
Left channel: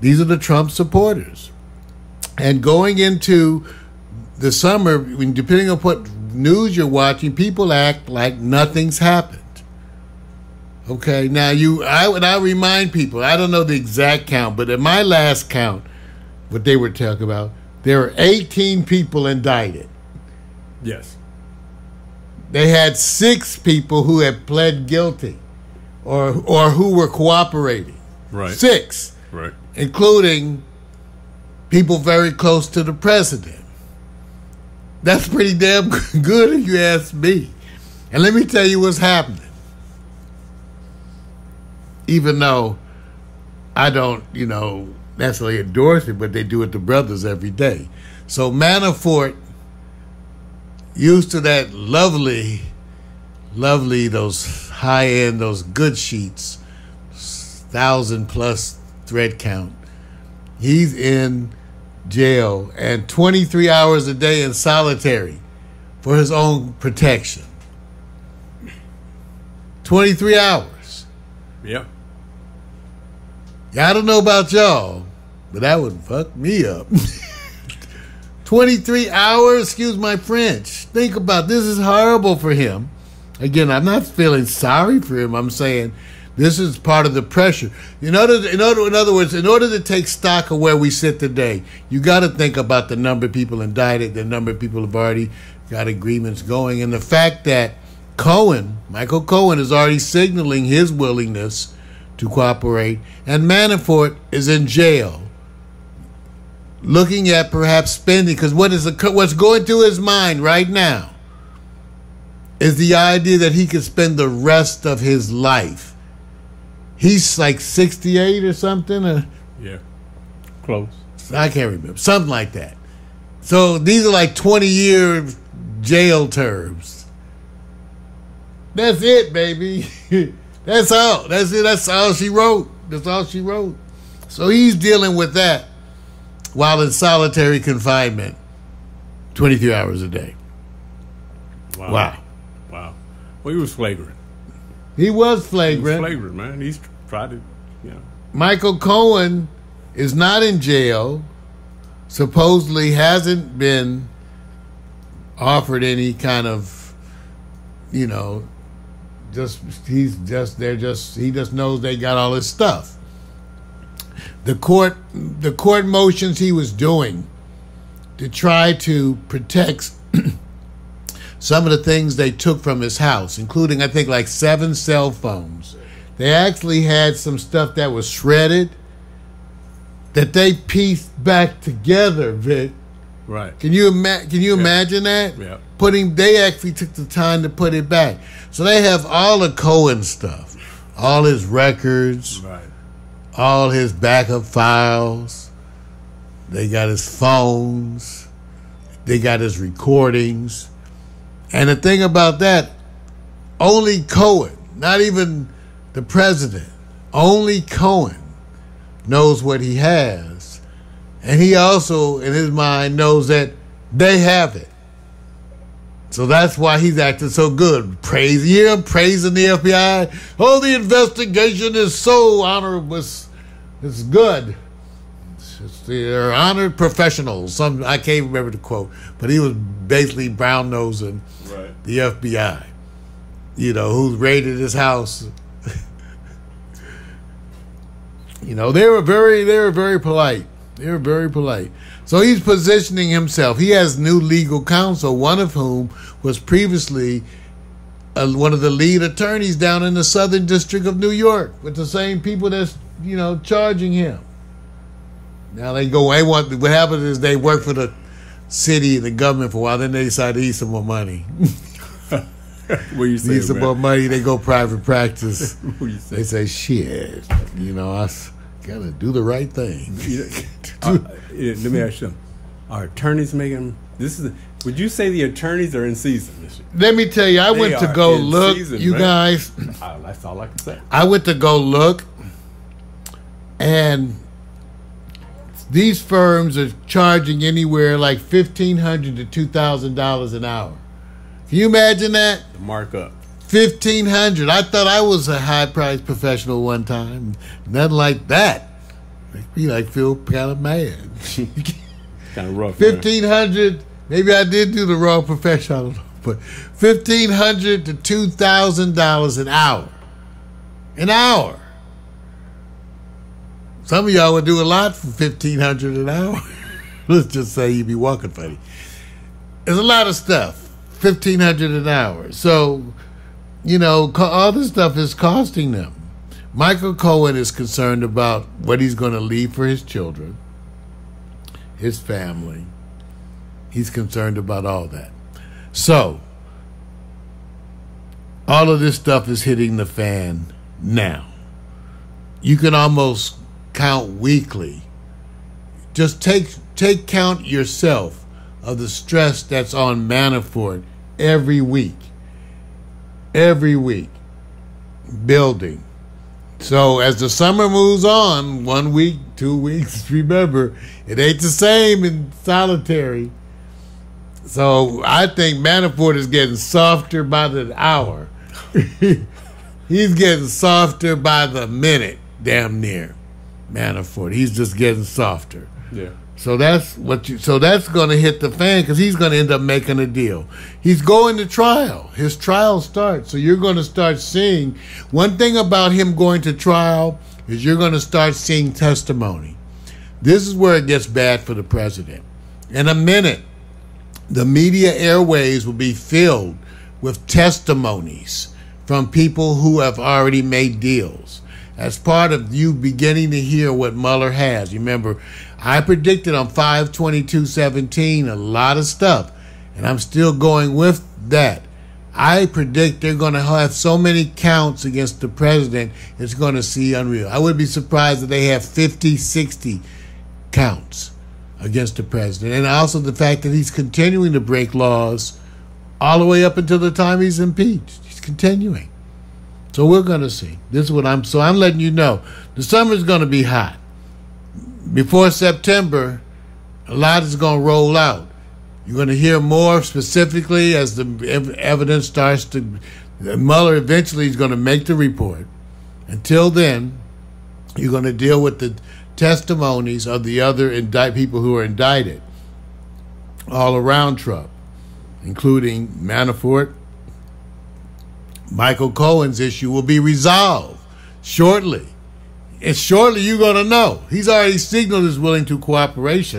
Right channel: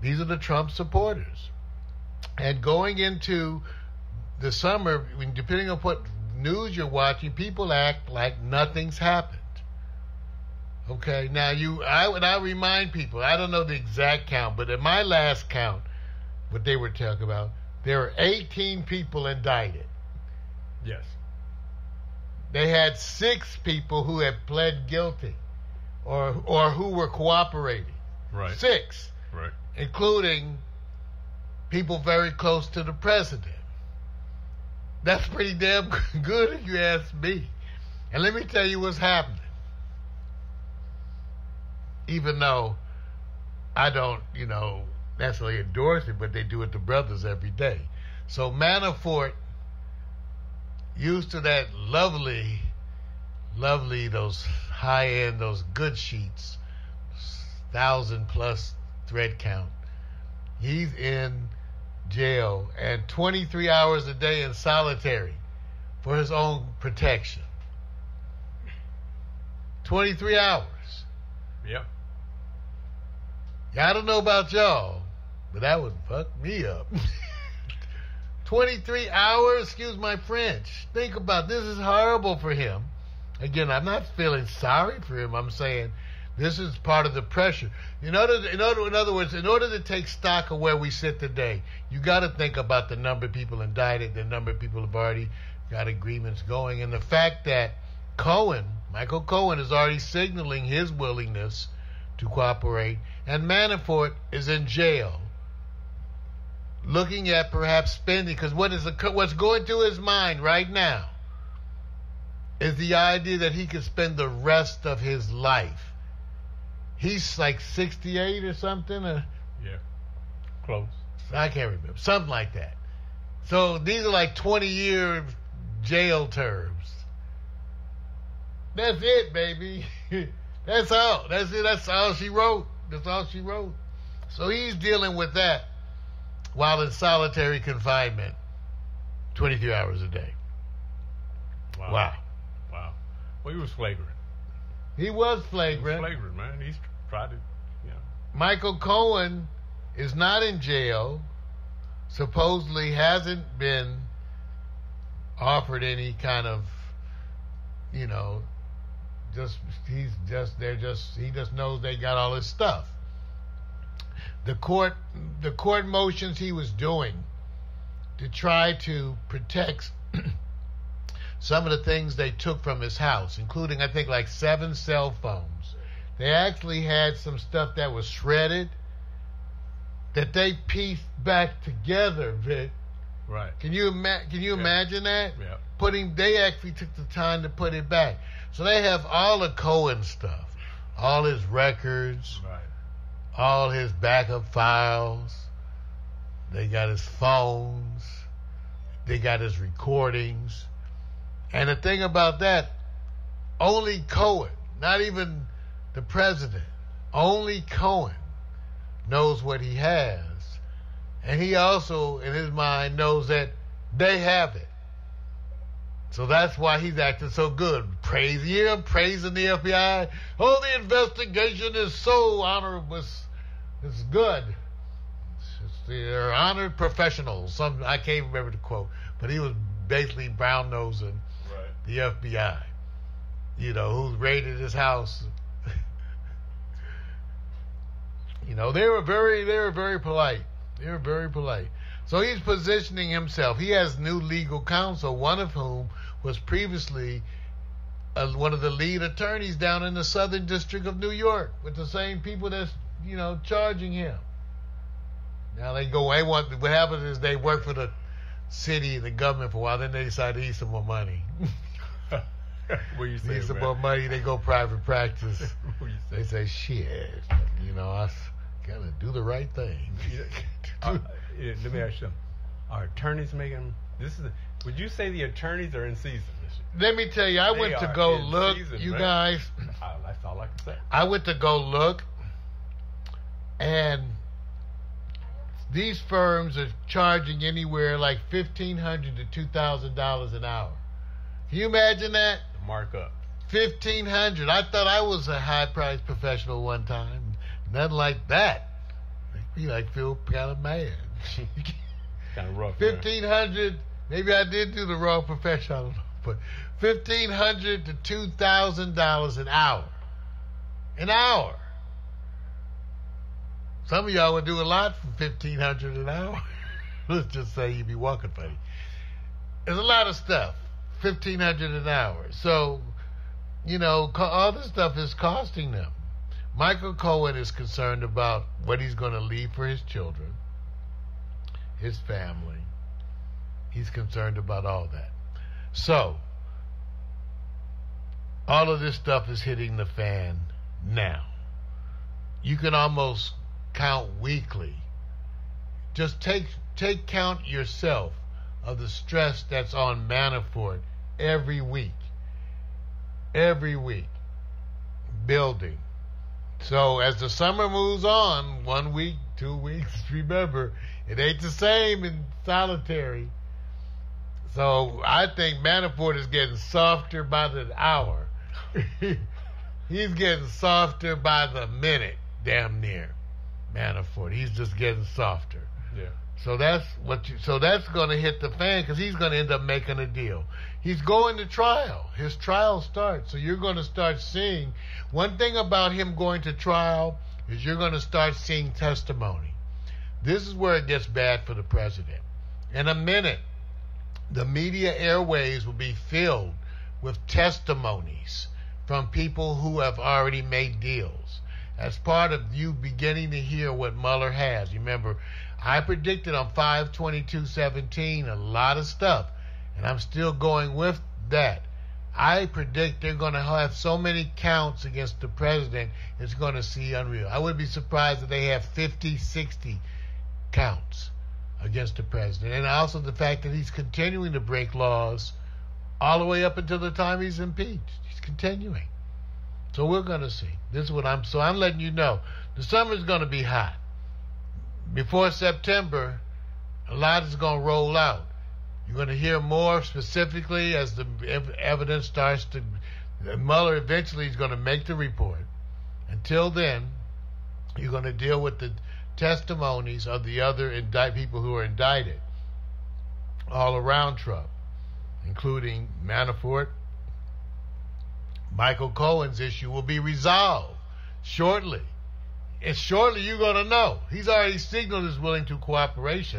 These are the Trump supporters. And going into the summer, depending on what news you're watching, people act like nothing's happened. Okay, now I remind people, I don't know the exact count, but at my last count, what they were talking about, there were 18 people indicted. Yes. They had 6 people who had pled guilty or who were cooperating. Right. 6. Right. Including people very close to the president. That's pretty damn good if you ask me. And let me tell you what's happening. Even though I don't, necessarily endorse it, but they do it to brothers every day. So Manafort, used to that lovely, those high-end, those good sheets, 1,000+ thread count. He's in jail and 23 hours a day in solitary for his own protection. 23 hours. Yep. Yeah, I don't know about y'all, but that would fuck me up. 23 hours, excuse my French. Think about this is horrible for him. Again, I'm not feeling sorry for him. I'm saying this is part of the pressure. In other words, in order to take stock of where we sit today, you got to think about the number of people indicted, the number of people have already got agreements going, and the fact that Michael Cohen, is already signaling his willingness to cooperate, and Manafort is in jail, looking at perhaps spending, because what's going through his mind right now is the idea that he could spend the rest of his life. He's like 68 or something. Yeah, close. I can't remember. Something like that. So these are like 20-year jail terms. That's it, baby. That's all. That's it. That's all she wrote. That's all she wrote. So he's dealing with that while in solitary confinement 23 hours a day. Wow. Well, he was flagrant. He was flagrant. Man. He's tried to, Michael Cohen is not in jail. Supposedly hasn't been offered any kind of, he just knows they got all his stuff. The court motions he was doing to try to protect some of the things they took from his house, including I think like 7 cell phones. They actually had some stuff that was shredded that they pieced back together, Vic. Right. Can you imagine that? Yeah. They actually took the time to put it back. So they have all of Cohen stuff, all his records, right, all his backup files. They got his phones. They got his recordings. And the thing about that, only Cohen, not even the president, only Cohen knows what he has. And he also, in his mind, knows that they have it. So that's why he's acting so good. Praising the FBI. Oh, the investigation is so honorable. It's good. They're honored professionals. I can't remember the quote, but he was basically brown-nosing the FBI. Who's raided his house. They were very polite. They were very polite. So he's positioning himself. He has new legal counsel, one of whom was previously one of the lead attorneys down in the Southern District of New York with the same people that's, charging him. Now what happens is they work for the city and the government for a while, then they decide to eat some more money. What you say, need some more money, they go private practice. What you say? They say, shit, I gotta do the right thing. Let me ask you, are attorneys making would you say the attorneys are in season this year? Let me tell you, I went to go look, you guys. That's all I can say. I went to go look, and these firms are charging anywhere like $1,500 to $2,000 an hour. Can you imagine that? The markup. $1,500. I thought I was a high-priced professional one time. Nothing like that. Makes me feel kind of mad. Kind of rough. $1,500. Maybe I did do the wrong profession. I don't know, but $1,500 to $2,000 an hour. An hour. Some of y'all would do a lot for $1,500 an hour. Let's just say you'd be walking funny. There's a lot of stuff. $1,500 an hour. So, all this stuff is costing them. Michael Cohen is concerned about what he's going to leave for his children, his family. He's concerned about all that. So, all of this stuff is hitting the fan now. You can almost count weekly. Just take count yourself of the stress that's on Manafort every week. Every week. Building. So as the summer moves on, 1 week, 2 weeks, remember, it ain't the same in solitary. So I think Manafort is getting softer by the hour. He's getting softer by the minute, damn near. Manafort, he's just getting softer. Yeah. So that's going to hit the fan because he's going to end up making a deal. He's going to trial. His trial starts. So you're going to start seeing, one thing about him going to trial is you're going to start seeing testimony. This is where it gets bad for the president. In a minute, the media airways will be filled with testimonies from people who have already made deals. As part of you beginning to hear what Mueller has. Remember, I predicted on 5/22/17 a lot of stuff, and I'm still going with that. I predict they're going to have so many counts against the president, it's going to see unreal. I would be surprised if they have 50, 60 counts against the president. And also the fact that he's continuing to break laws all the way up until the time he's impeached. He's continuing. So we're going to see. This is what I'm letting you know. The summer's going to be hot. Before September, a lot is going to roll out. You're going to hear more specifically as the evidence starts to... Mueller eventually is going to make the report. Until then, you're going to deal with the testimonies of the other people who are indicted all around Trump, including Manafort. Michael Cohen's issue will be resolved shortly. And shortly you're going to know. He's already signaled his willingness to cooperate.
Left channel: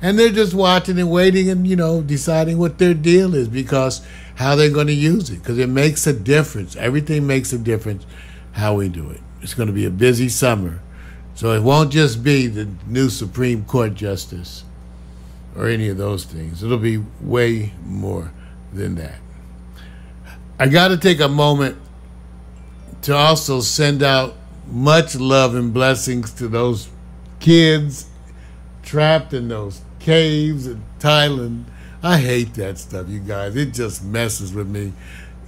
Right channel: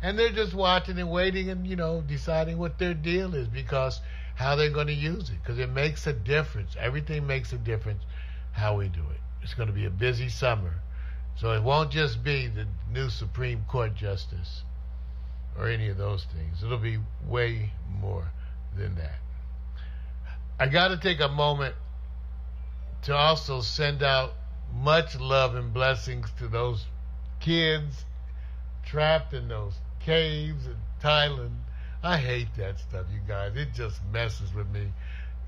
And they're just watching and waiting and, deciding what their deal is because how they're going to use it. Because it makes a difference. Everything makes a difference how we do it. It's going to be a busy summer. So it won't just be the new Supreme Court justice or any of those things. It'll be way more than that. I got to take a moment to also send out much love and blessings to those kids trapped in those caves in Thailand. I hate that stuff, you guys. It just messes with me.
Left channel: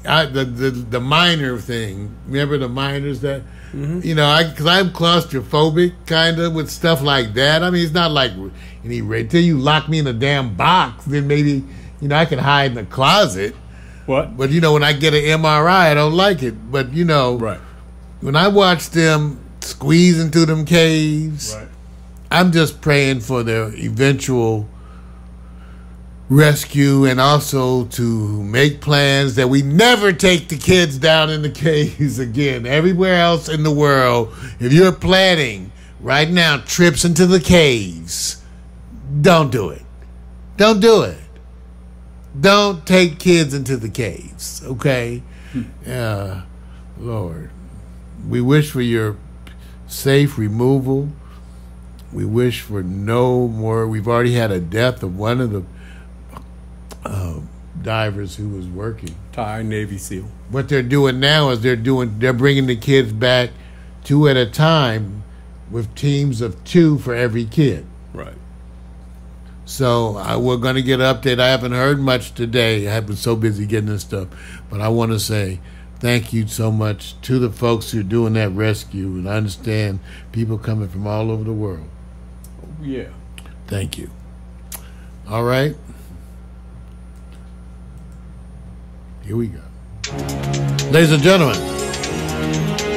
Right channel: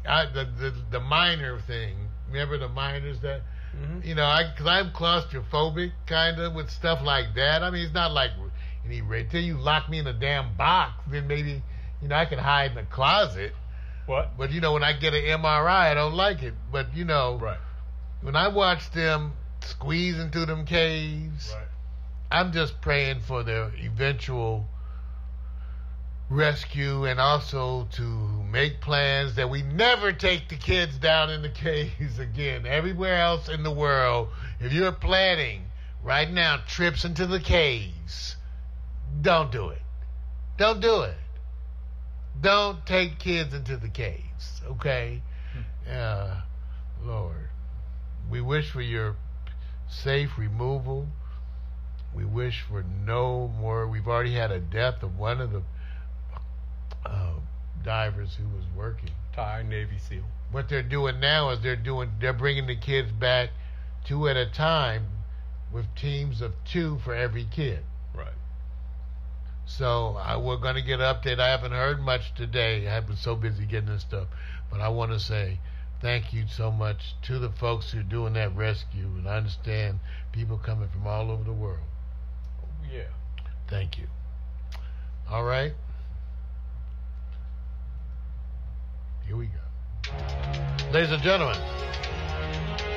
The miner thing. Remember the miners that... Mm-hmm. Because I'm claustrophobic, kind of, with stuff like that. I mean, it's not like until you lock me in a damn box, then maybe, I can hide in the closet. What? But, when I get an MRI, I don't like it. But, right. When I watch them squeezing through them caves, right. I'm just praying for their eventual rescue and also to make plans that we never take the kids down in the caves again. Everywhere else in the world, if you're planning right now trips into the caves, don't do it. Don't do it. Don't take kids into the caves, okay? Lord, we wish for your safe removal. We wish for no more. We've already had a death of one of the divers who was working. Thai Navy SEAL. What they're doing now is they're bringing the kids back 2 at a time with teams of 2 for every kid. Right. So we're going to get an update. I haven't heard much today. I have been so busy getting this stuff. But I want to say thank you so much to the folks who are doing that rescue. And I understand people coming from all over the world. Oh, yeah. Thank you. All right. Here we go. Ladies and gentlemen,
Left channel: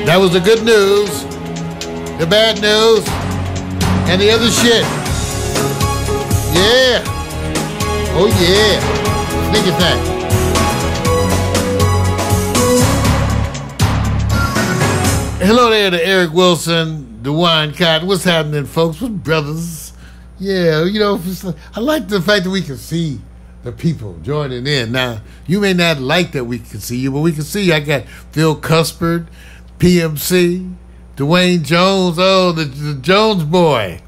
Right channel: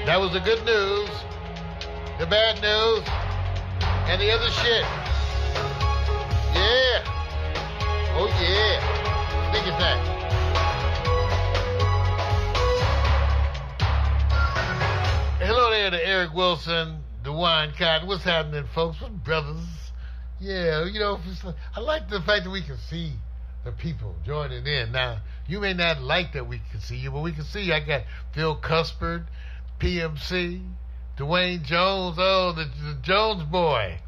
that was the good news, the bad news, and the other shit. Yeah. Oh, yeah. Sneak attack. Hello there to Eric Wilson, DeWine Cotton. What's happening, folks? What's brothers? Yeah, you know, I like the fact that we can see the people joining in. Now, you may not like that we can see you, but we can see you. I got Phil Cuspert, PMC, Dwayne Jones, the Jones boy.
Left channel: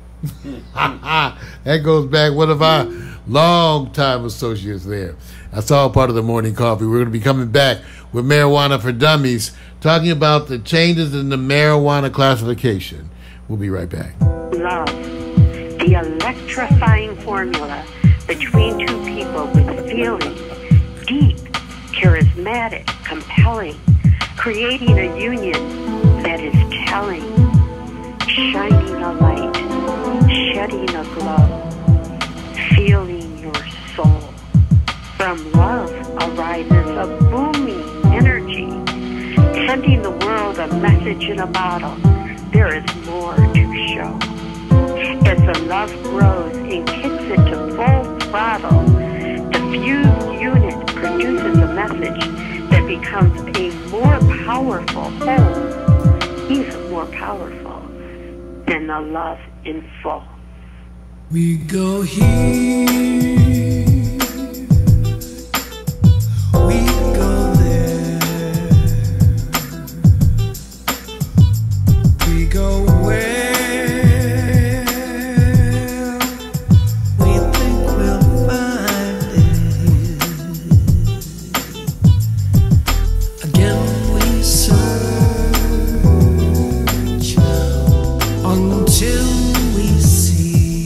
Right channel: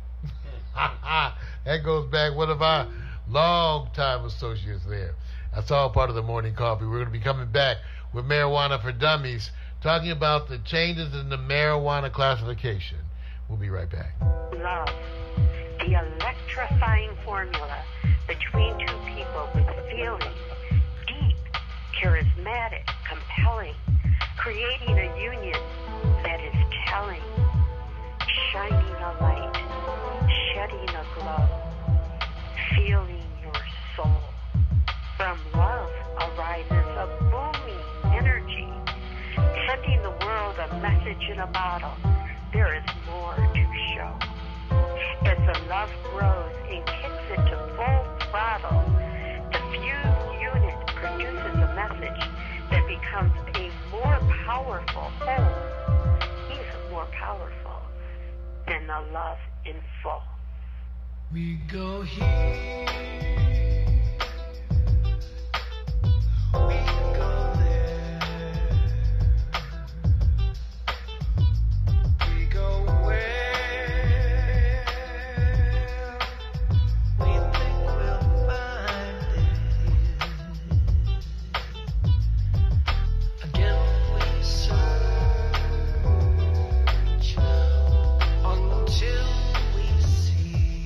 That goes back, one of our longtime associates there. That's all part of the morning coffee. We're going to be coming back with Marijuana for Dummies, talking about the changes in the marijuana classification. We'll be right back. Love, the electrifying formula between two people with feeling, deep, charismatic, compelling, creating a union that is telling, shining a light, shedding a glow, feeling your soul. From love arises a booming energy, sending the world a message in a bottle. There is more to show. As the love grows and kicks into full throttle, the fused unit produces a message that becomes a more powerful whole, even more powerful than the love in full. We go here. We go there. We go where we think we'll find it. Again we search until we see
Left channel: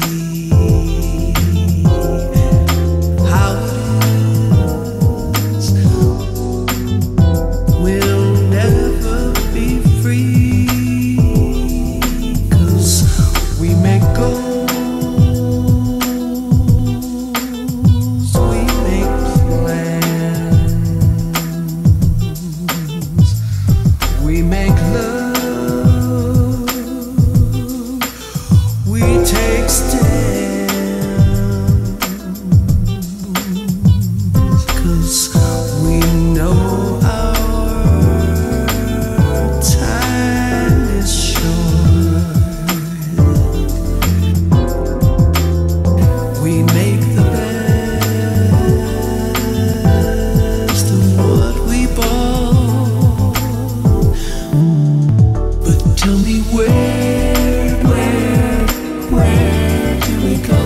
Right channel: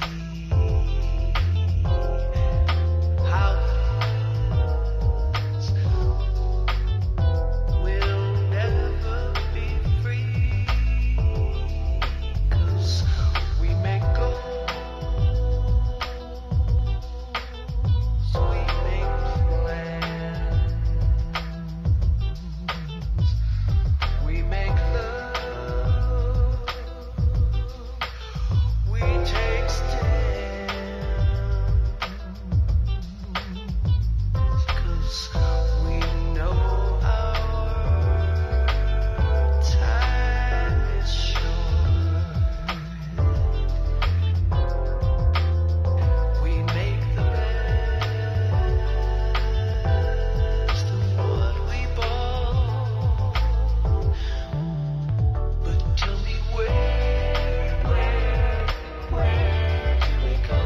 how it is. We'll never be free, 'cause we make goals, we make plans, we make love, we take stands, 'cause we know our time is short. We make the best of what we bought. But tell me where do we go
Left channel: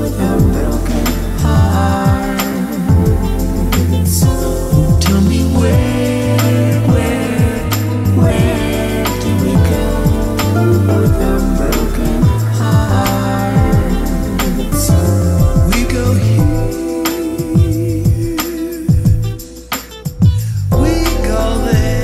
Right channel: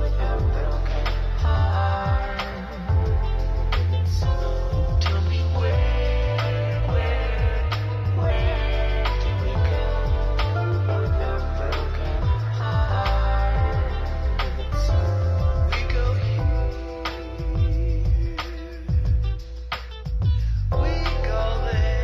with our broken hearts? Tell me where do we go with our broken hearts? We go here, we go there.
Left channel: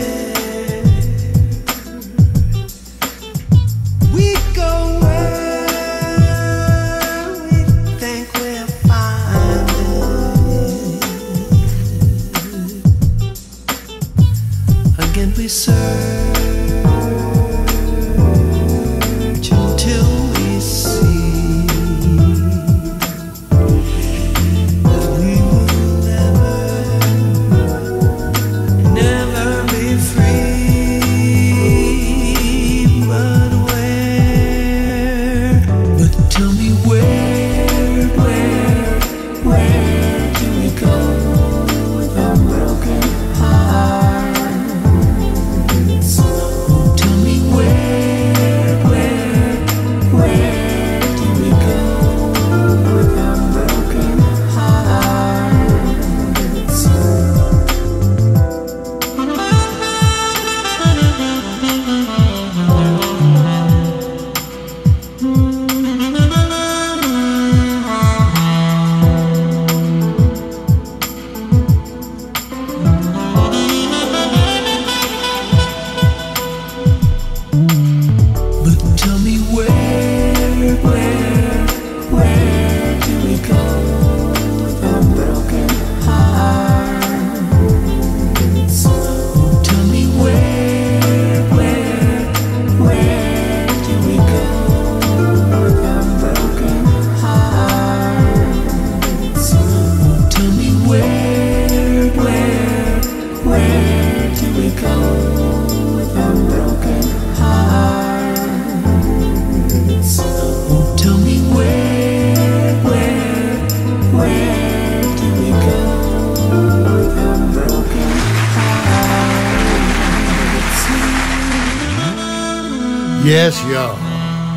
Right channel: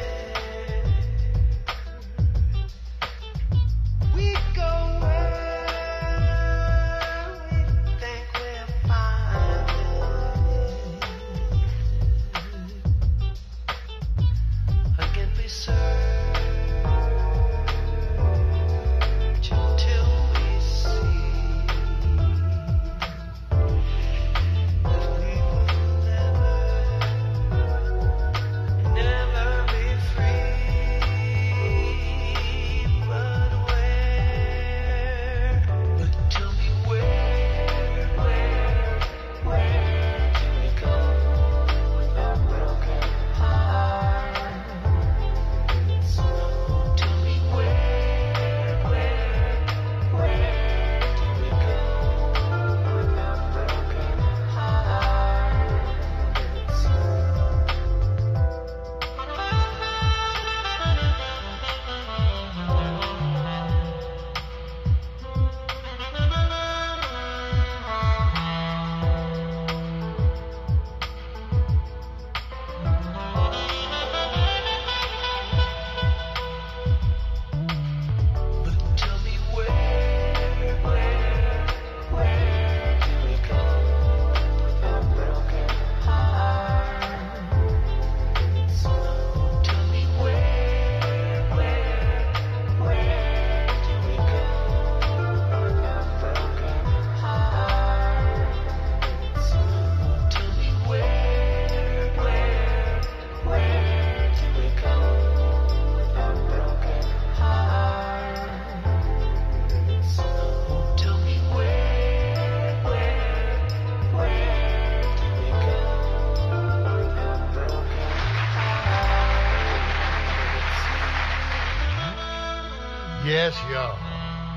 Yes, y'all.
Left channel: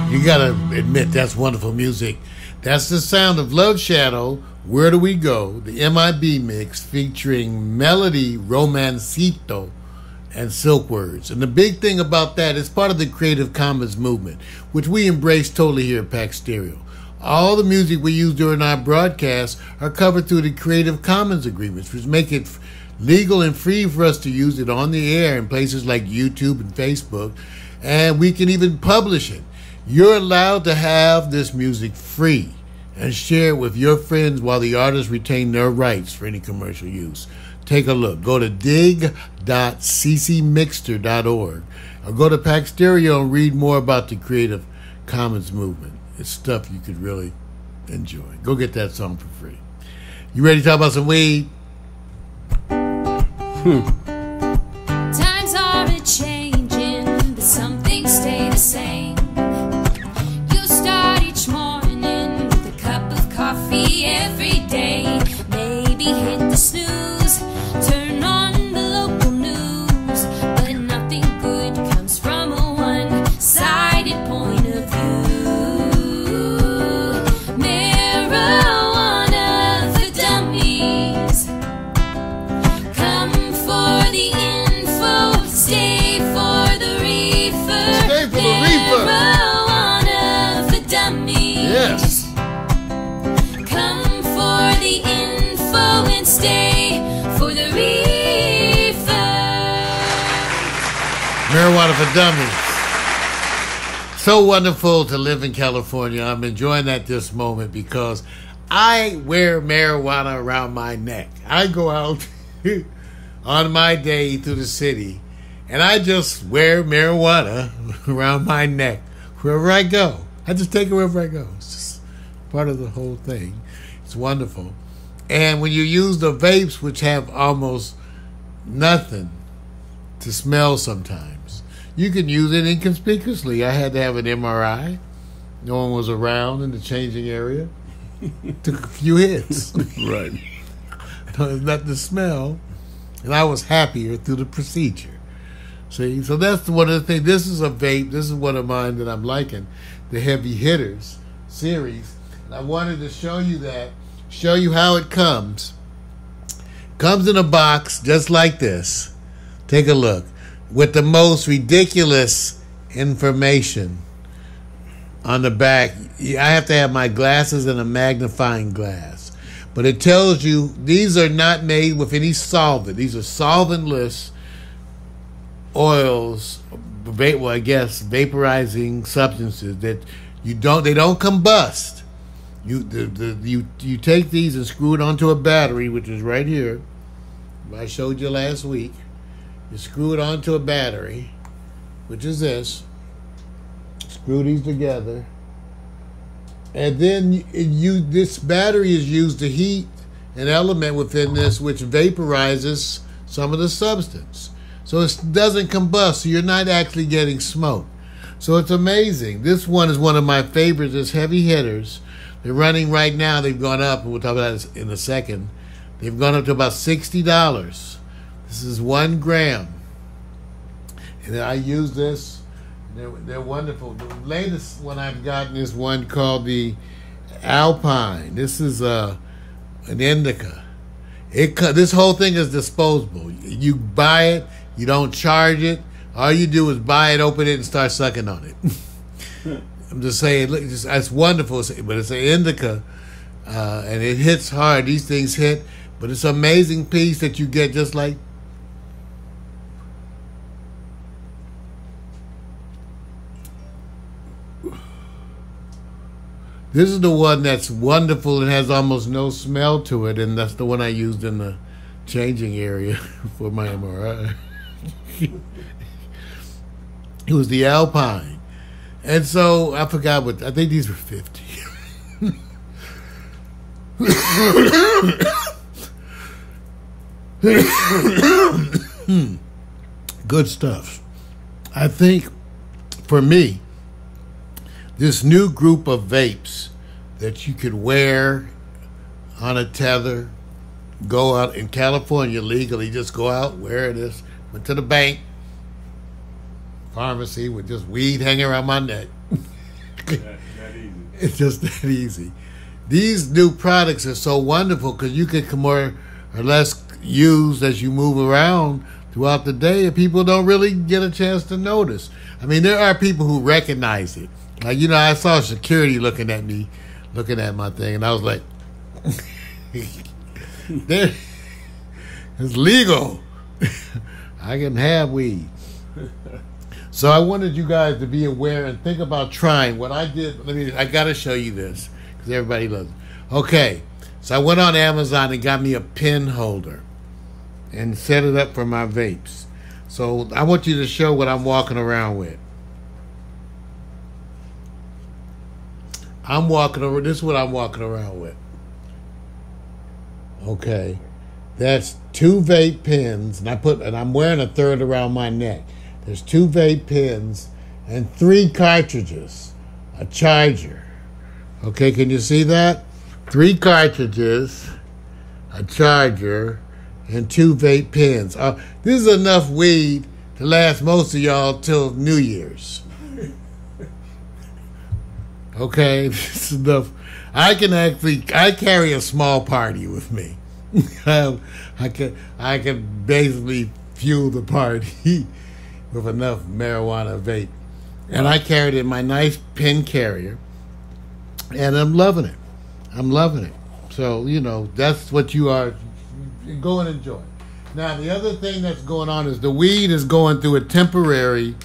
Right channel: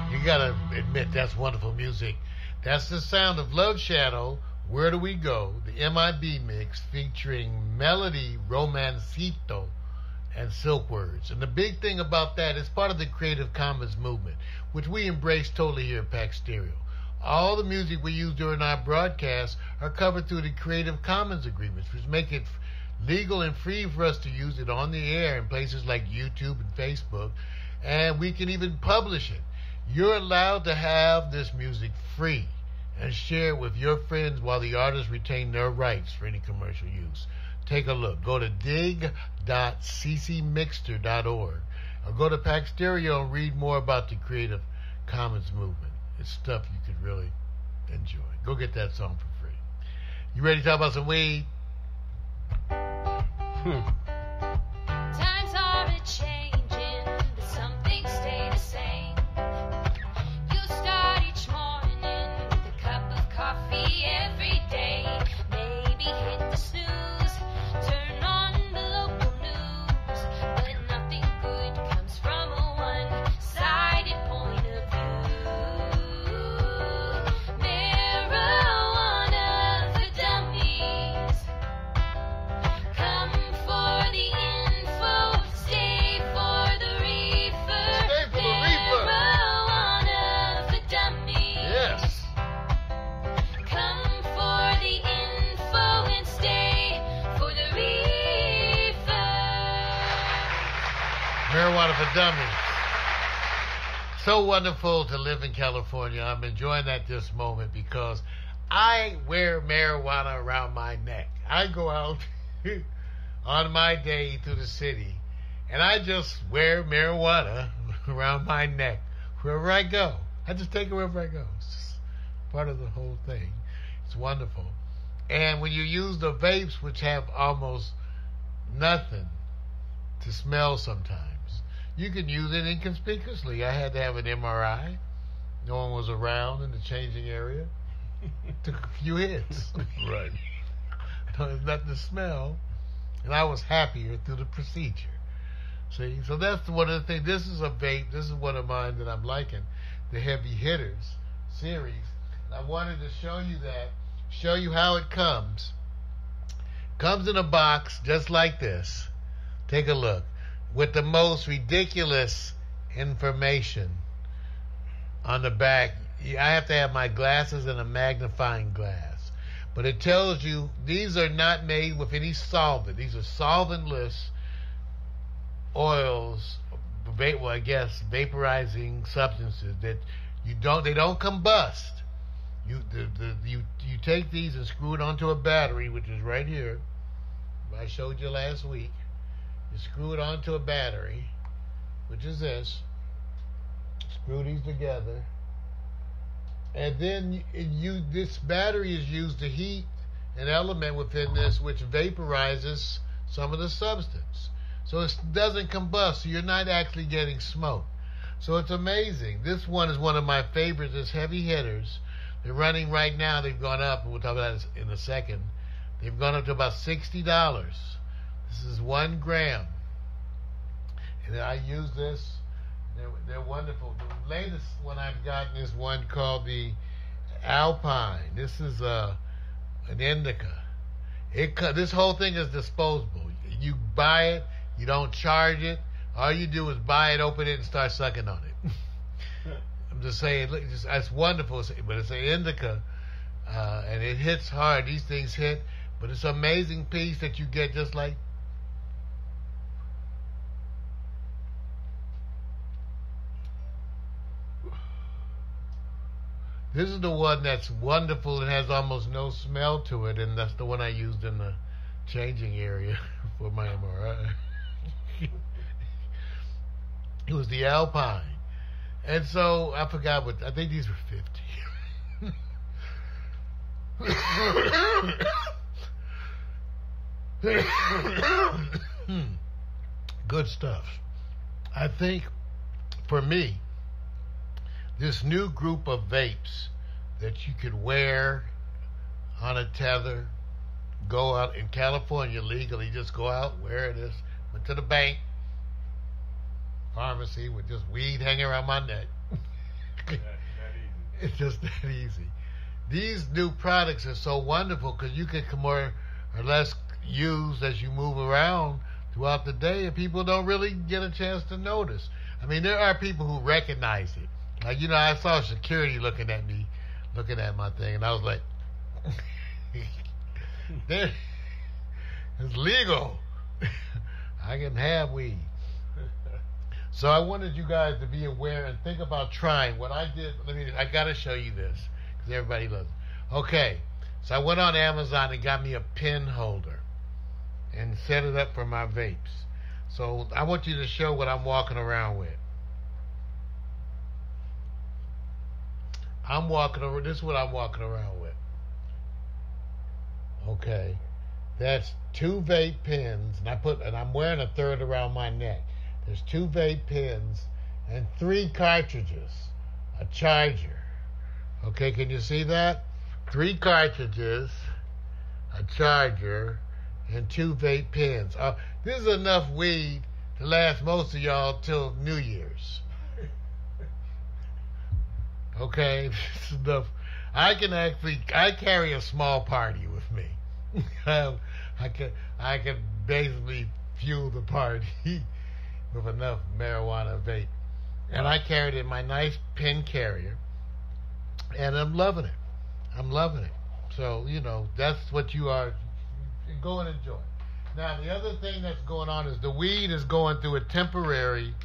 You gotta admit that's wonderful music. That's the sound of Love Shadow, Where Do We Go, the MIB mix featuring Melody Romancito and Silk Words. And the big thing about that is part of the Creative Commons movement, which we embrace totally here at Pack Stereo. All the music we use during our broadcasts are covered through the Creative Commons agreements, which make it legal and free for us to use it on the air in places like YouTube and Facebook, and we can even publish it. You're allowed to have this music free and share it with your friends while the artists retain their rights for any commercial use. Take a look. Go to dig.ccmixter.org or go to Pack Stereo and read more about the Creative Commons movement. It's stuff you could really enjoy. Go get that song for free. You ready to talk about some weed? Times are a-changing, but some things stay the same. You start each morning with a cup of coffee every day. Maybe hit the snooze, turn on the local news, but nothing good comes from a one-sided point of view. Marijuana for dummies. Come for the info, stay for the reefer. Stay for the reefer. Marijuana for dummies. Yes. Come for the info and stay for the reefer. Marijuana for Dummies. So wonderful to live in California. I'm enjoying that this moment because I wear marijuana around my neck. I go out on my day through the city and I just wear marijuana around my neck wherever I go. I just take it wherever I go. It's just part of the whole thing. It's wonderful. And when you use the vapes, which have almost nothing to smell sometimes, you can use it inconspicuously. I had to have an MRI. No one was around in the changing area. Took a few hits. Right. There's nothing to smell. And I was happier through the procedure. See, so that's one of the things. This is a vape. This is one of mine that I'm liking, the Heavy Hitters series. And I wanted to show you that, show you how it comes. Comes in a box just like this. Take a look. With the most ridiculous information on the back. I have to have my glasses and a magnifying glass. But it tells you these are not made with any solvent. These are solventless oils, well, I guess vaporizing substances that they don't combust. You take these and screw it onto a battery, which is right here. I showed you last week. You screw it onto a battery, which is this. Screw these together. And then this battery is used to heat an element within this which vaporizes some of the substance. So it doesn't combust, so you're not actually getting smoke. So it's amazing. This one is one of my favorites. It's Heavy Hitters. They're running right now. They've gone up, and we'll talk about this in a second. They've gone up to about $60. This is 1 gram. And I use this. They're wonderful. The latest one I've gotten is one called the Alpine. This is an indica. This whole thing is disposable. You buy it. You don't charge it. All you do is buy it, open it, and start sucking on it. I'm just saying, look, it's wonderful, but it's an indica, and it hits hard. These things hit, but it's an amazing piece that you get just like. This is the one that's wonderful and has almost no smell to it, and that's the one I used in the changing area for my MRI. It was the Alpine. And so I forgot I think these were 50. Good stuff. I think for me, this new group of vapes that you could wear on a tether, go out in California legally, just go out, wear this, went to the bank, pharmacy with just weed hanging around my neck. That easy. It's just that easy. These new products are so wonderful because you can more or less use as you move around throughout the day, and people don't really get a chance to notice. I mean, there are people who recognize it. Like, you know, I saw security looking at me, looking at my thing, and I was like, it's legal. I can have weed. So I wanted you guys to be aware and think about trying. What I did, I got to show you this because everybody loves it. Okay, so I went on Amazon and got me a pen holder and set it up for my vapes. So I want you to show what I'm walking around with. This is what I'm walking around with. Okay. That's 2 vape pens, and I'm wearing a third around my neck. There's 2 vape pens and 3 cartridges, a charger. Okay, can you see that? 3 cartridges, a charger, and 2 vape pens. This is enough weed to last most of y'all till New Year's. Okay, this is enough. I carry a small party with me. I can basically fuel the party with enough marijuana vape. And I carried it in my nice pen carrier, and I'm loving it. I'm loving it. So, you know, that's what you are. Go and enjoy. Now, the other thing that's going on is the weed is going through a temporary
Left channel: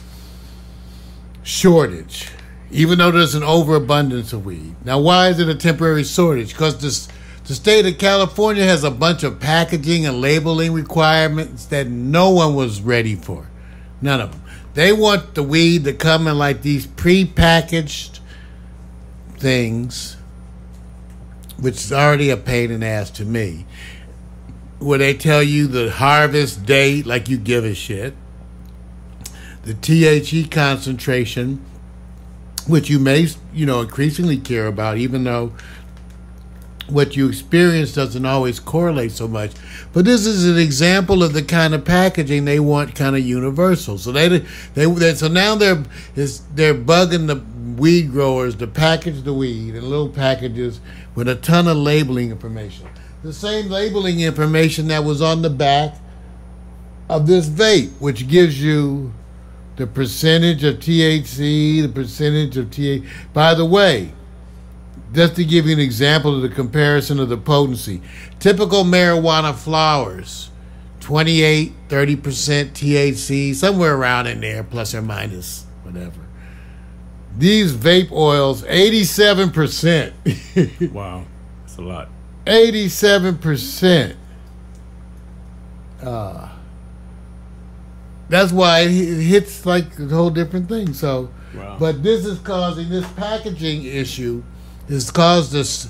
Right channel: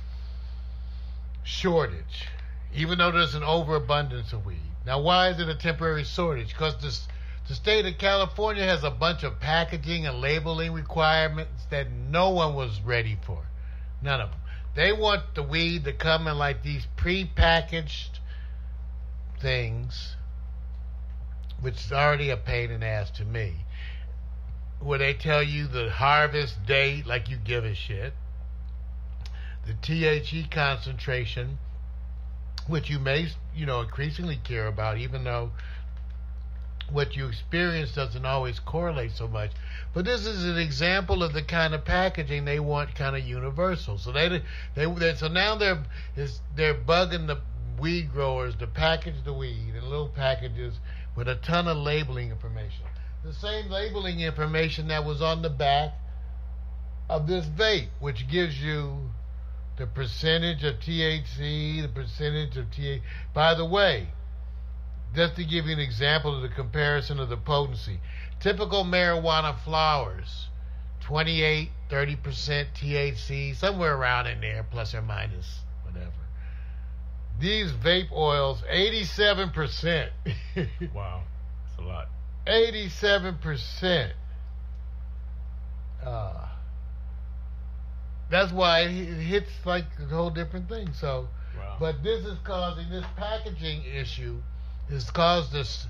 shortage, even though there's an overabundance of weed. Now, why is it a temporary shortage? Because the state of California has a bunch of packaging and labeling requirements that no one was ready for. None of them. They want the weed to come in like these pre-packaged things, which is already a pain in the ass to me, where they tell you the harvest date like you give a shit, the THC concentration, which you may, increasingly care about, even though what you experience doesn't always correlate so much. But this is an example of the kind of packaging they want, kind of universal. So so now they're bugging the weed growers to package the weed in little packages with a ton of labeling information. The same labeling information that was on the back of this vape, which gives you the percentage of THC, the percentage of THC. By the way, just to give you an example of the comparison of the potency, typical marijuana flowers, 28, 30% THC, somewhere around in there, plus or minus, whatever. These vape oils, 87%. Wow, that's a lot. 87%. That's why it hits like a whole different thing. So, wow. But this is causing this packaging issue. Has caused this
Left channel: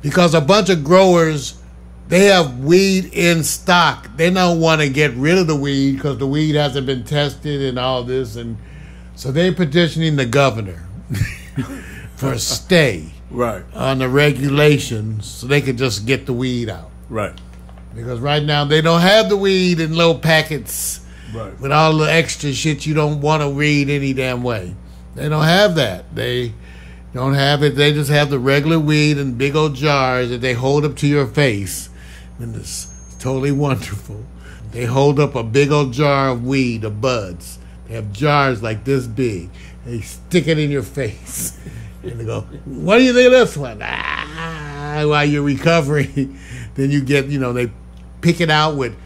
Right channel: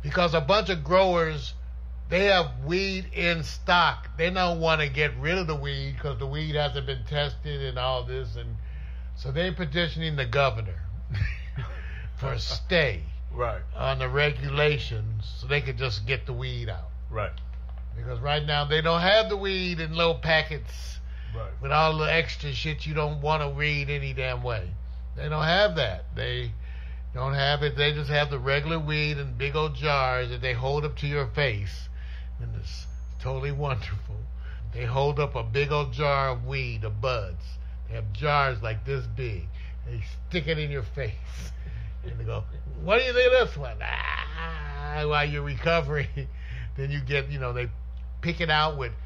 because a bunch of growers, they have weed in stock. They don't want to get rid of the weed because the weed hasn't been tested and all this, and so they're petitioning the governor for a stay on the regulations so they can just get the weed out. Right. Because right now they don't have the weed in little packets with all the extra shit you don't want to read any damn way. They don't have that. They don't have it. They just have the regular weed in big old jars that they hold up to your face. And it's totally wonderful. They hold up a big old jar of weed, of buds. They have jars like this big. They stick it in your face. And they go, what do you think of this one? While you're recovering, then you get, they pick it out with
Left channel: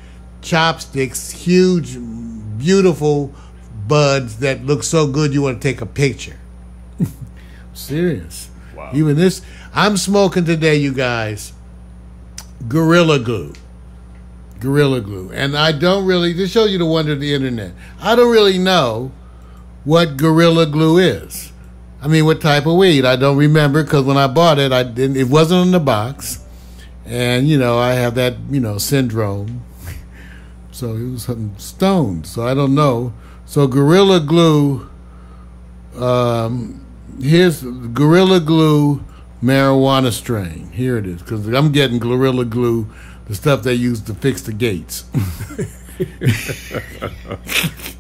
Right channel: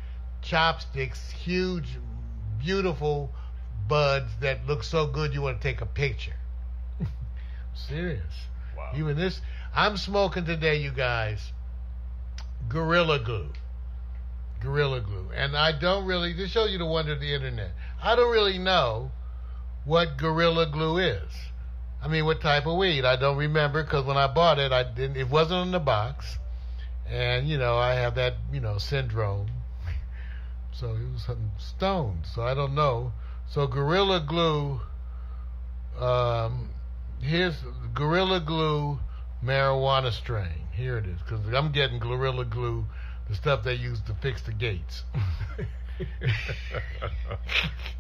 chopsticks, huge, beautiful buds that look so good you want to take a picture. Serious. Wow. Even this, I'm smoking today, you guys, Gorilla Glue. Gorilla Glue. And I don't really, this shows you the wonder of the internet. I don't really know what Gorilla Glue is. I mean, what type of weed? I don't remember because when I bought it, it wasn't in the box. And, I have that, syndrome. So it was something stoned. So I don't know. So Gorilla Glue, here's Gorilla Glue marijuana strain. Here it is, because I'm getting Gorilla Glue, the stuff they use to fix the gates.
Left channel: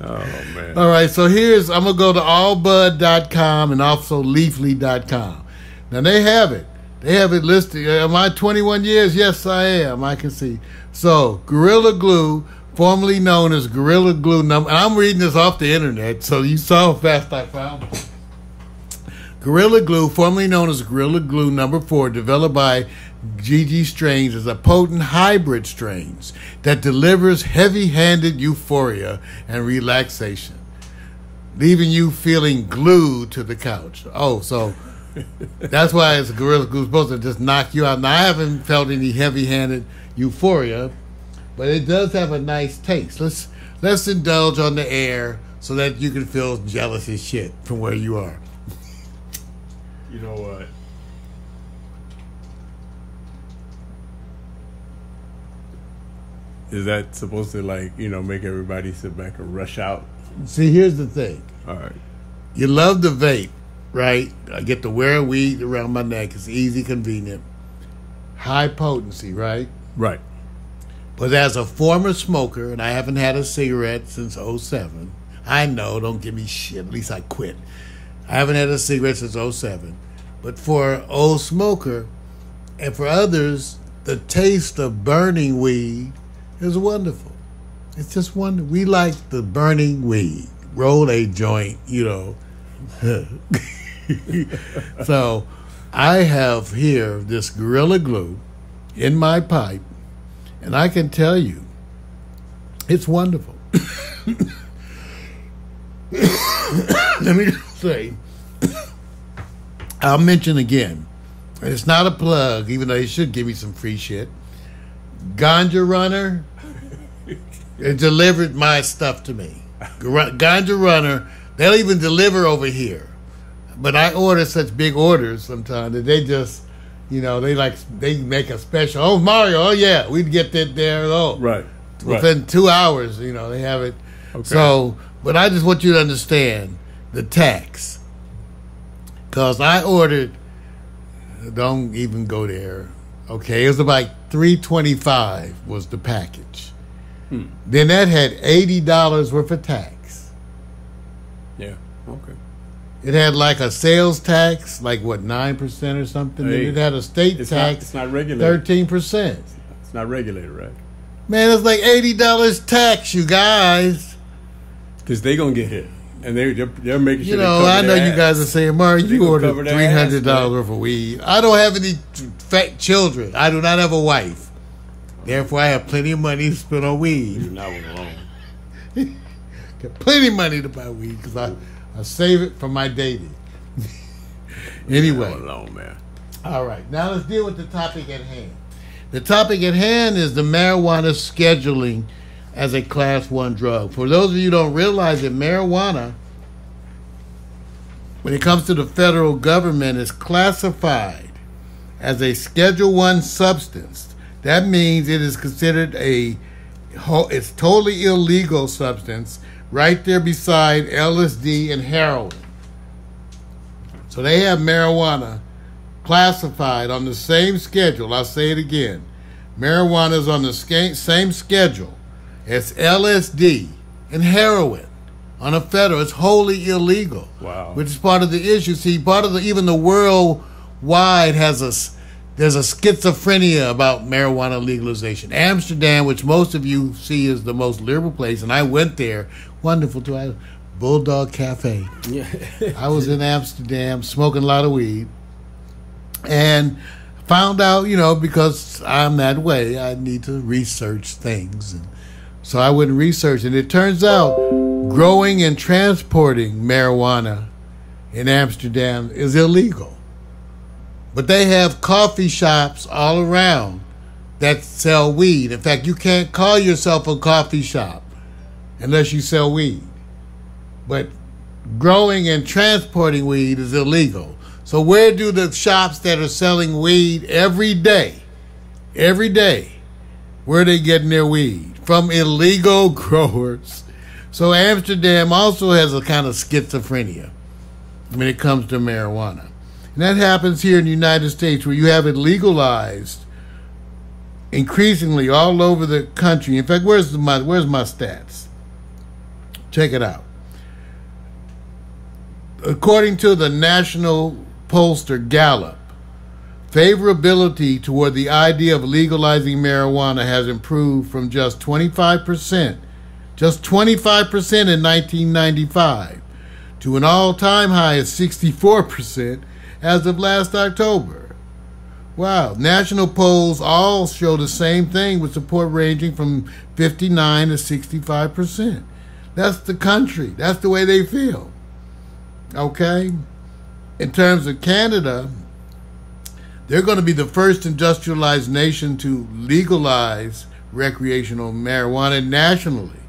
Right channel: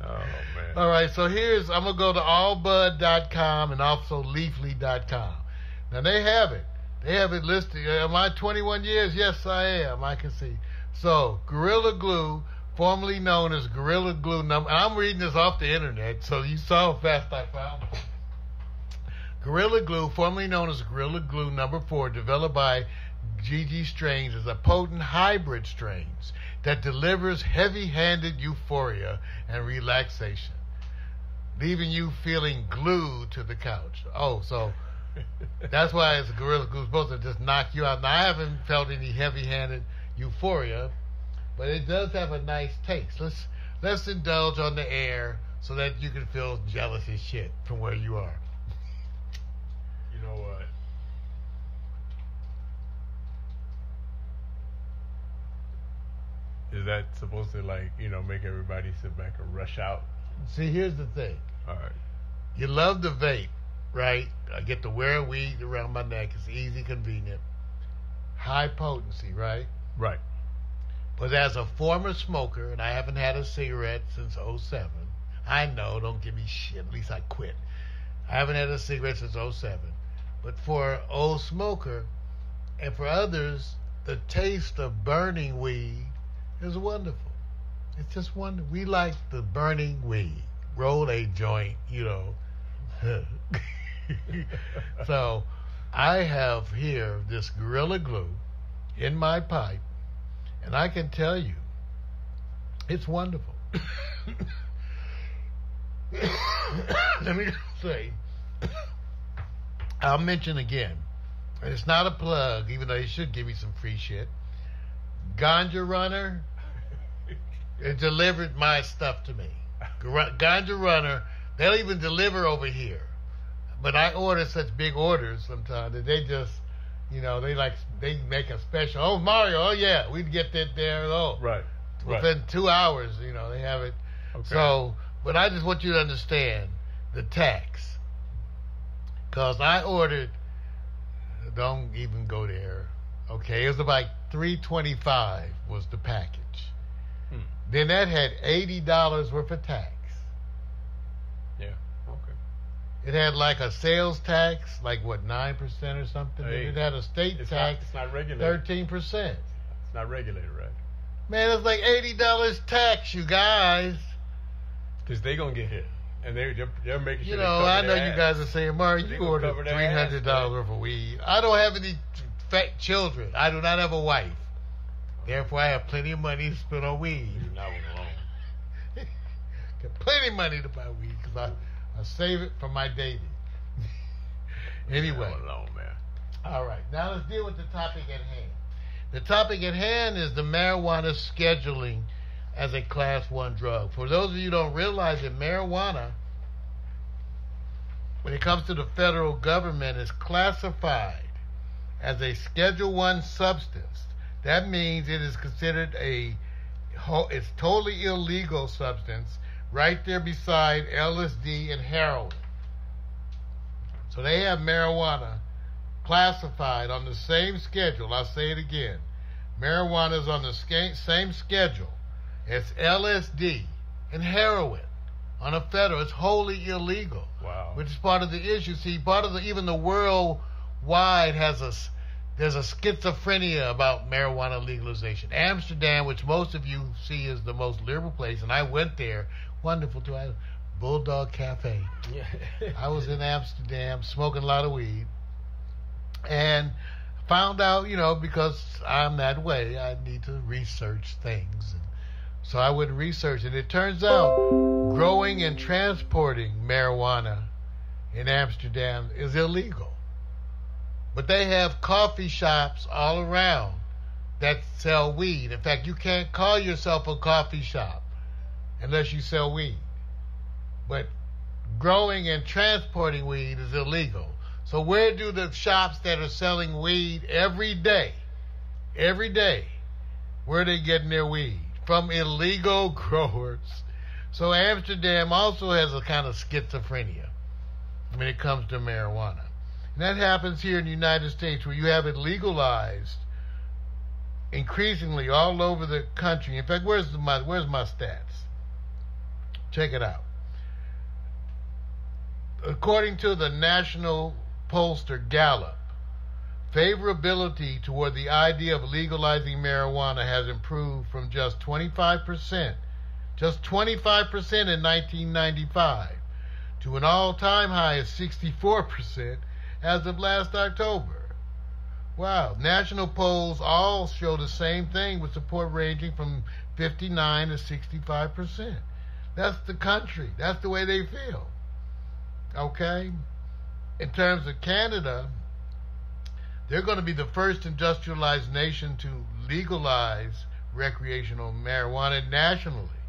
Oh, man. All right, so I'm going to go to allbud.com and also leafly.com. Now, they have it. They have it listed. Am I 21 years? Yes, I am. I can see. So, Gorilla Glue, formerly known as Gorilla Glue number, and I'm reading this off the internet, so you saw how fast I found it. Gorilla Glue, formerly known as Gorilla Glue number 4, developed by Gigi Strains, is a potent hybrid strains that delivers heavy-handed euphoria and relaxation, leaving you feeling glued to the couch. Oh, so that's why it's Gorilla Glue, supposed to just knock you out. Now, I haven't felt any heavy-handed euphoria, but it does have a nice taste. Let's indulge on the air so that you can feel jealous as shit from where you are. You know what? Is that supposed to, like, you know, make everybody sit back and rush out? See, here's the thing. All right. You love the vape, right? I get to wear a weed around my neck. It's easy, convenient. High potency, right? Right. But as a former smoker, and I haven't had a cigarette since 07, I know, don't give me shit. At least I quit. I haven't had a cigarette since 07. But for an old smoker, and for others, the taste of burning weed is wonderful. It's just wonderful. We like the burning weed. Roll a joint, you know. So I have here this Gorilla Glue in my pipe, and I can tell you, it's wonderful. Let me just say, I'll mention again, and it's not a plug, even though they should give me some free shit. Ganja Runner, it delivered my stuff to me. Ganja Runner, they'll even deliver over here. But I order such big orders sometimes that they just, you know, they make a special. Oh, Mario, oh yeah, we'd get that there. Oh, Right. Within 2 hours, you know, they have it. Okay. So, but I just want you to understand the tax. Because I ordered, don't even go there. Okay, it was about $3.25 was the package. Then that had $80 worth of tax. Yeah. Okay. It had like a sales tax, like what, 9% or something. Hey, Then it had a state tax, it's not regulated. 13%. It's not regulated, right? Man, it's like $80 tax, you guys. Because they gonna get hit, and they're making sure. You know, I know you guys are saying, Mario, They you gonna ordered cover their ass, $300 worth of weed. I don't have any fat children. I do not have a wife. Therefore, I have plenty of money to spend on weed. You're not alone. Got plenty of money to buy weed because I save it for my dating. Anyway. You're not alone, man. All right. Now let's deal with the topic at hand. The topic at hand is the marijuana scheduling as a Class 1 drug. For those of you who don't realize that marijuana, when it comes to the federal government, is classified as a Schedule 1 substance. That means it is considered it's totally illegal substance, right there beside LSD and heroin. So they have marijuana classified on the same schedule. I'll say it again. Marijuana is on the same schedule as LSD and heroin on a federal. It's wholly illegal. Wow. Which is part of the issue. See, part of even the worldwide there's a schizophrenia about marijuana legalization. Amsterdam, which most of you see is the most liberal place, and I went there. Wonderful too. Bulldog Cafe. Yeah. I was in Amsterdam smoking a lot of weed, and found out, you know, because I'm that way, I need to research things. And so I went and researched, and it turns out growing and transporting marijuana in Amsterdam is illegal. But they have coffee shops all around that sell weed. In fact, you can't call yourself a coffee shop unless you sell weed. But growing and transporting weed is illegal. So where do the shops that are selling weed every day, where are they getting their weed? From illegal growers. So Amsterdam also has a kind of schizophrenia when it comes to marijuana. And that happens here in the United States, where you have it legalized increasingly all over the country. In fact, where's my stats? Check it out. According to the national pollster Gallup, favorability toward the idea of legalizing marijuana has improved from just 25% in 1995 to an all-time high of 64% as of last October. Wow. National polls all show the same thing, with support ranging from 59 to 65%. That's the country. That's the way they feel. Okay? In terms of Canada, they're going to be the first industrialized nation to legalize recreational marijuana nationally.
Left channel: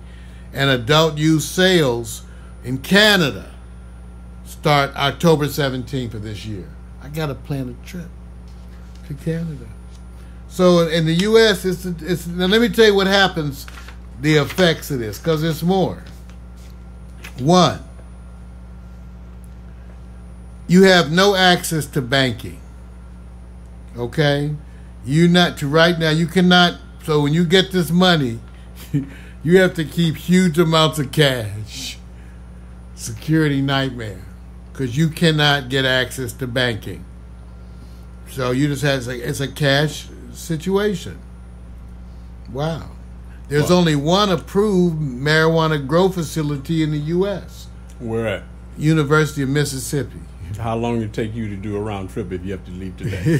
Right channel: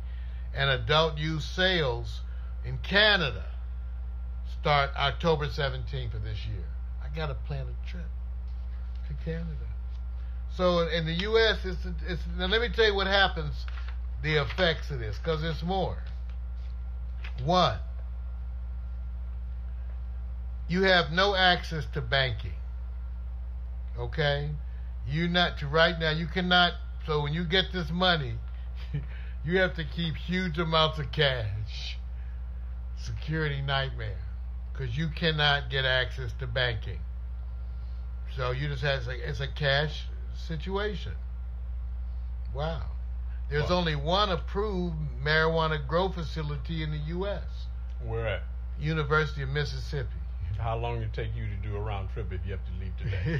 And adult use sales in Canada start October 17th of this year. I got to plan a trip to Canada. So in the U.S., now let me tell you what happens, the effects of this, because there's more. One, you have no access to banking. Okay? Right now, you cannot, so when you get this money, you have to keep huge amounts of cash. Security nightmare. Because you cannot get access to banking. So you just have, it's a cash situation. Wow. There's only one approved marijuana grow facility in the U.S. Where at? University of Mississippi. How long it take you to do a round trip if you have to leave today?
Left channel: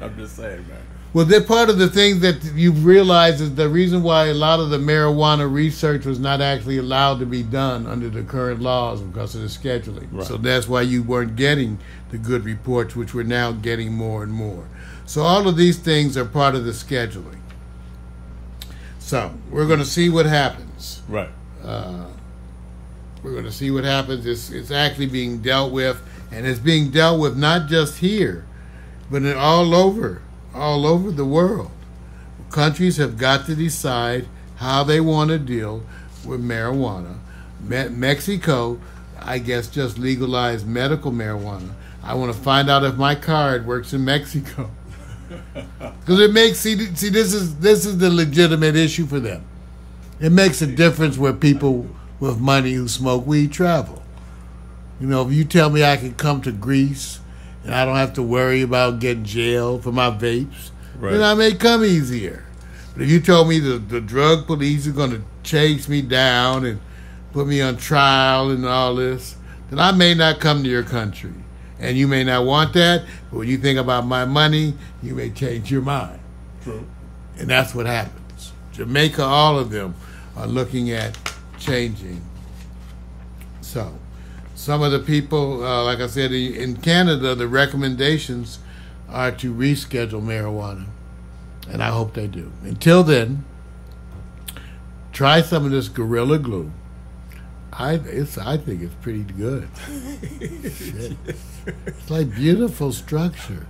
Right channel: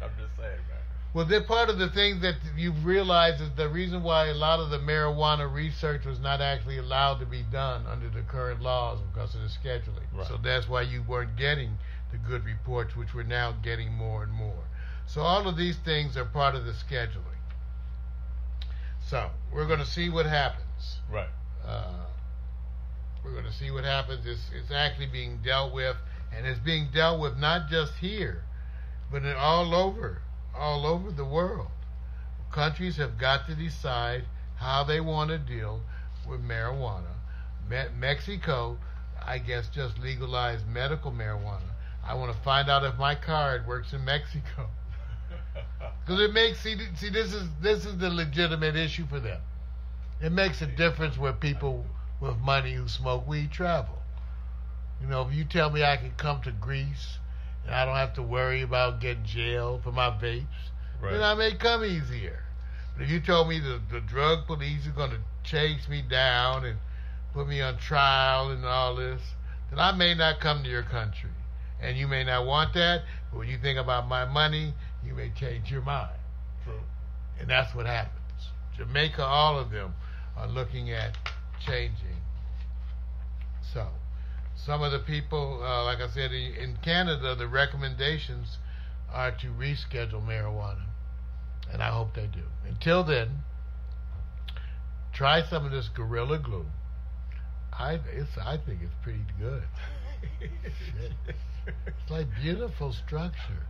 I'm just saying, man. Well, they're part of the things that you've realized is the reason why a lot of the marijuana research was not actually allowed to be done under the current laws because of the scheduling. Right. So that's why you weren't getting the good reports, which we're now getting more and more. So all of these things are part of the scheduling. So we're going to see what happens. Right. We're going to see what happens. It's actually being dealt with, and it's being dealt with not just here, but all over the world. Countries have got to decide how they want to deal with marijuana. Mexico, I guess, just legalized medical marijuana. I want to find out if my card works in Mexico. Because it makes, see, this is the legitimate issue for them. It makes a difference where people with money who smoke weed travel. You know, if you tell me I can come to Greece and I don't have to worry about getting jailed for my vapes, right, then I may come easier. But if you told me the drug police are going to chase me down and put me on trial and all this, then I may not come to your country. And you may not want that, but when you think about my money, you may change your mind. True. And that's what happens. Jamaica, all of them are looking at changing. So, some of the people, like I said, in Canada, the recommendations are to reschedule marijuana. And I hope they do. Until then, try some of this Gorilla Glue. I think it's pretty good. It's like beautiful structure.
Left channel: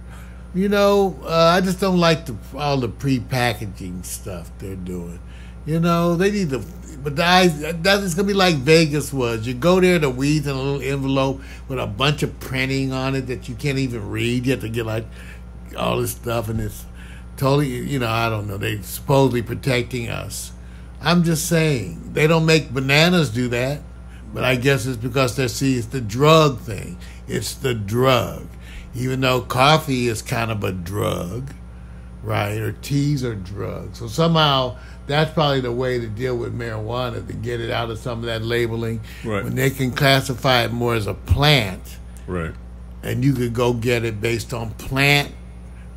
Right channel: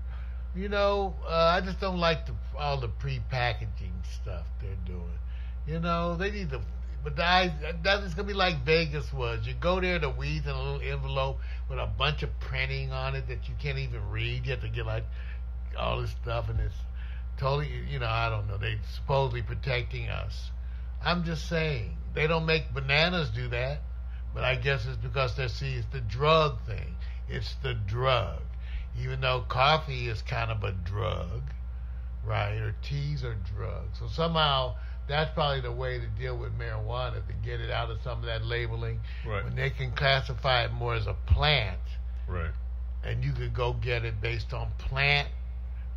You know, I just don't like all the pre-packaging stuff they're doing. You know, they need to, but that's going to be like Vegas was. You go there, the weed's in a little envelope with a bunch of printing on it that you can't even read. You have to get like all this stuff, and it's totally, you know, I don't know. They're supposedly protecting us. I'm just saying, they don't make bananas do that. But I guess it's because it's the drug thing. It's the drug. Even though coffee is kind of a drug, right? Or teas are drugs. So somehow that's probably the way to deal with marijuana, to get it out of some of that labeling. Right. When they can classify it more as a plant. Right. And you could go get it based on plant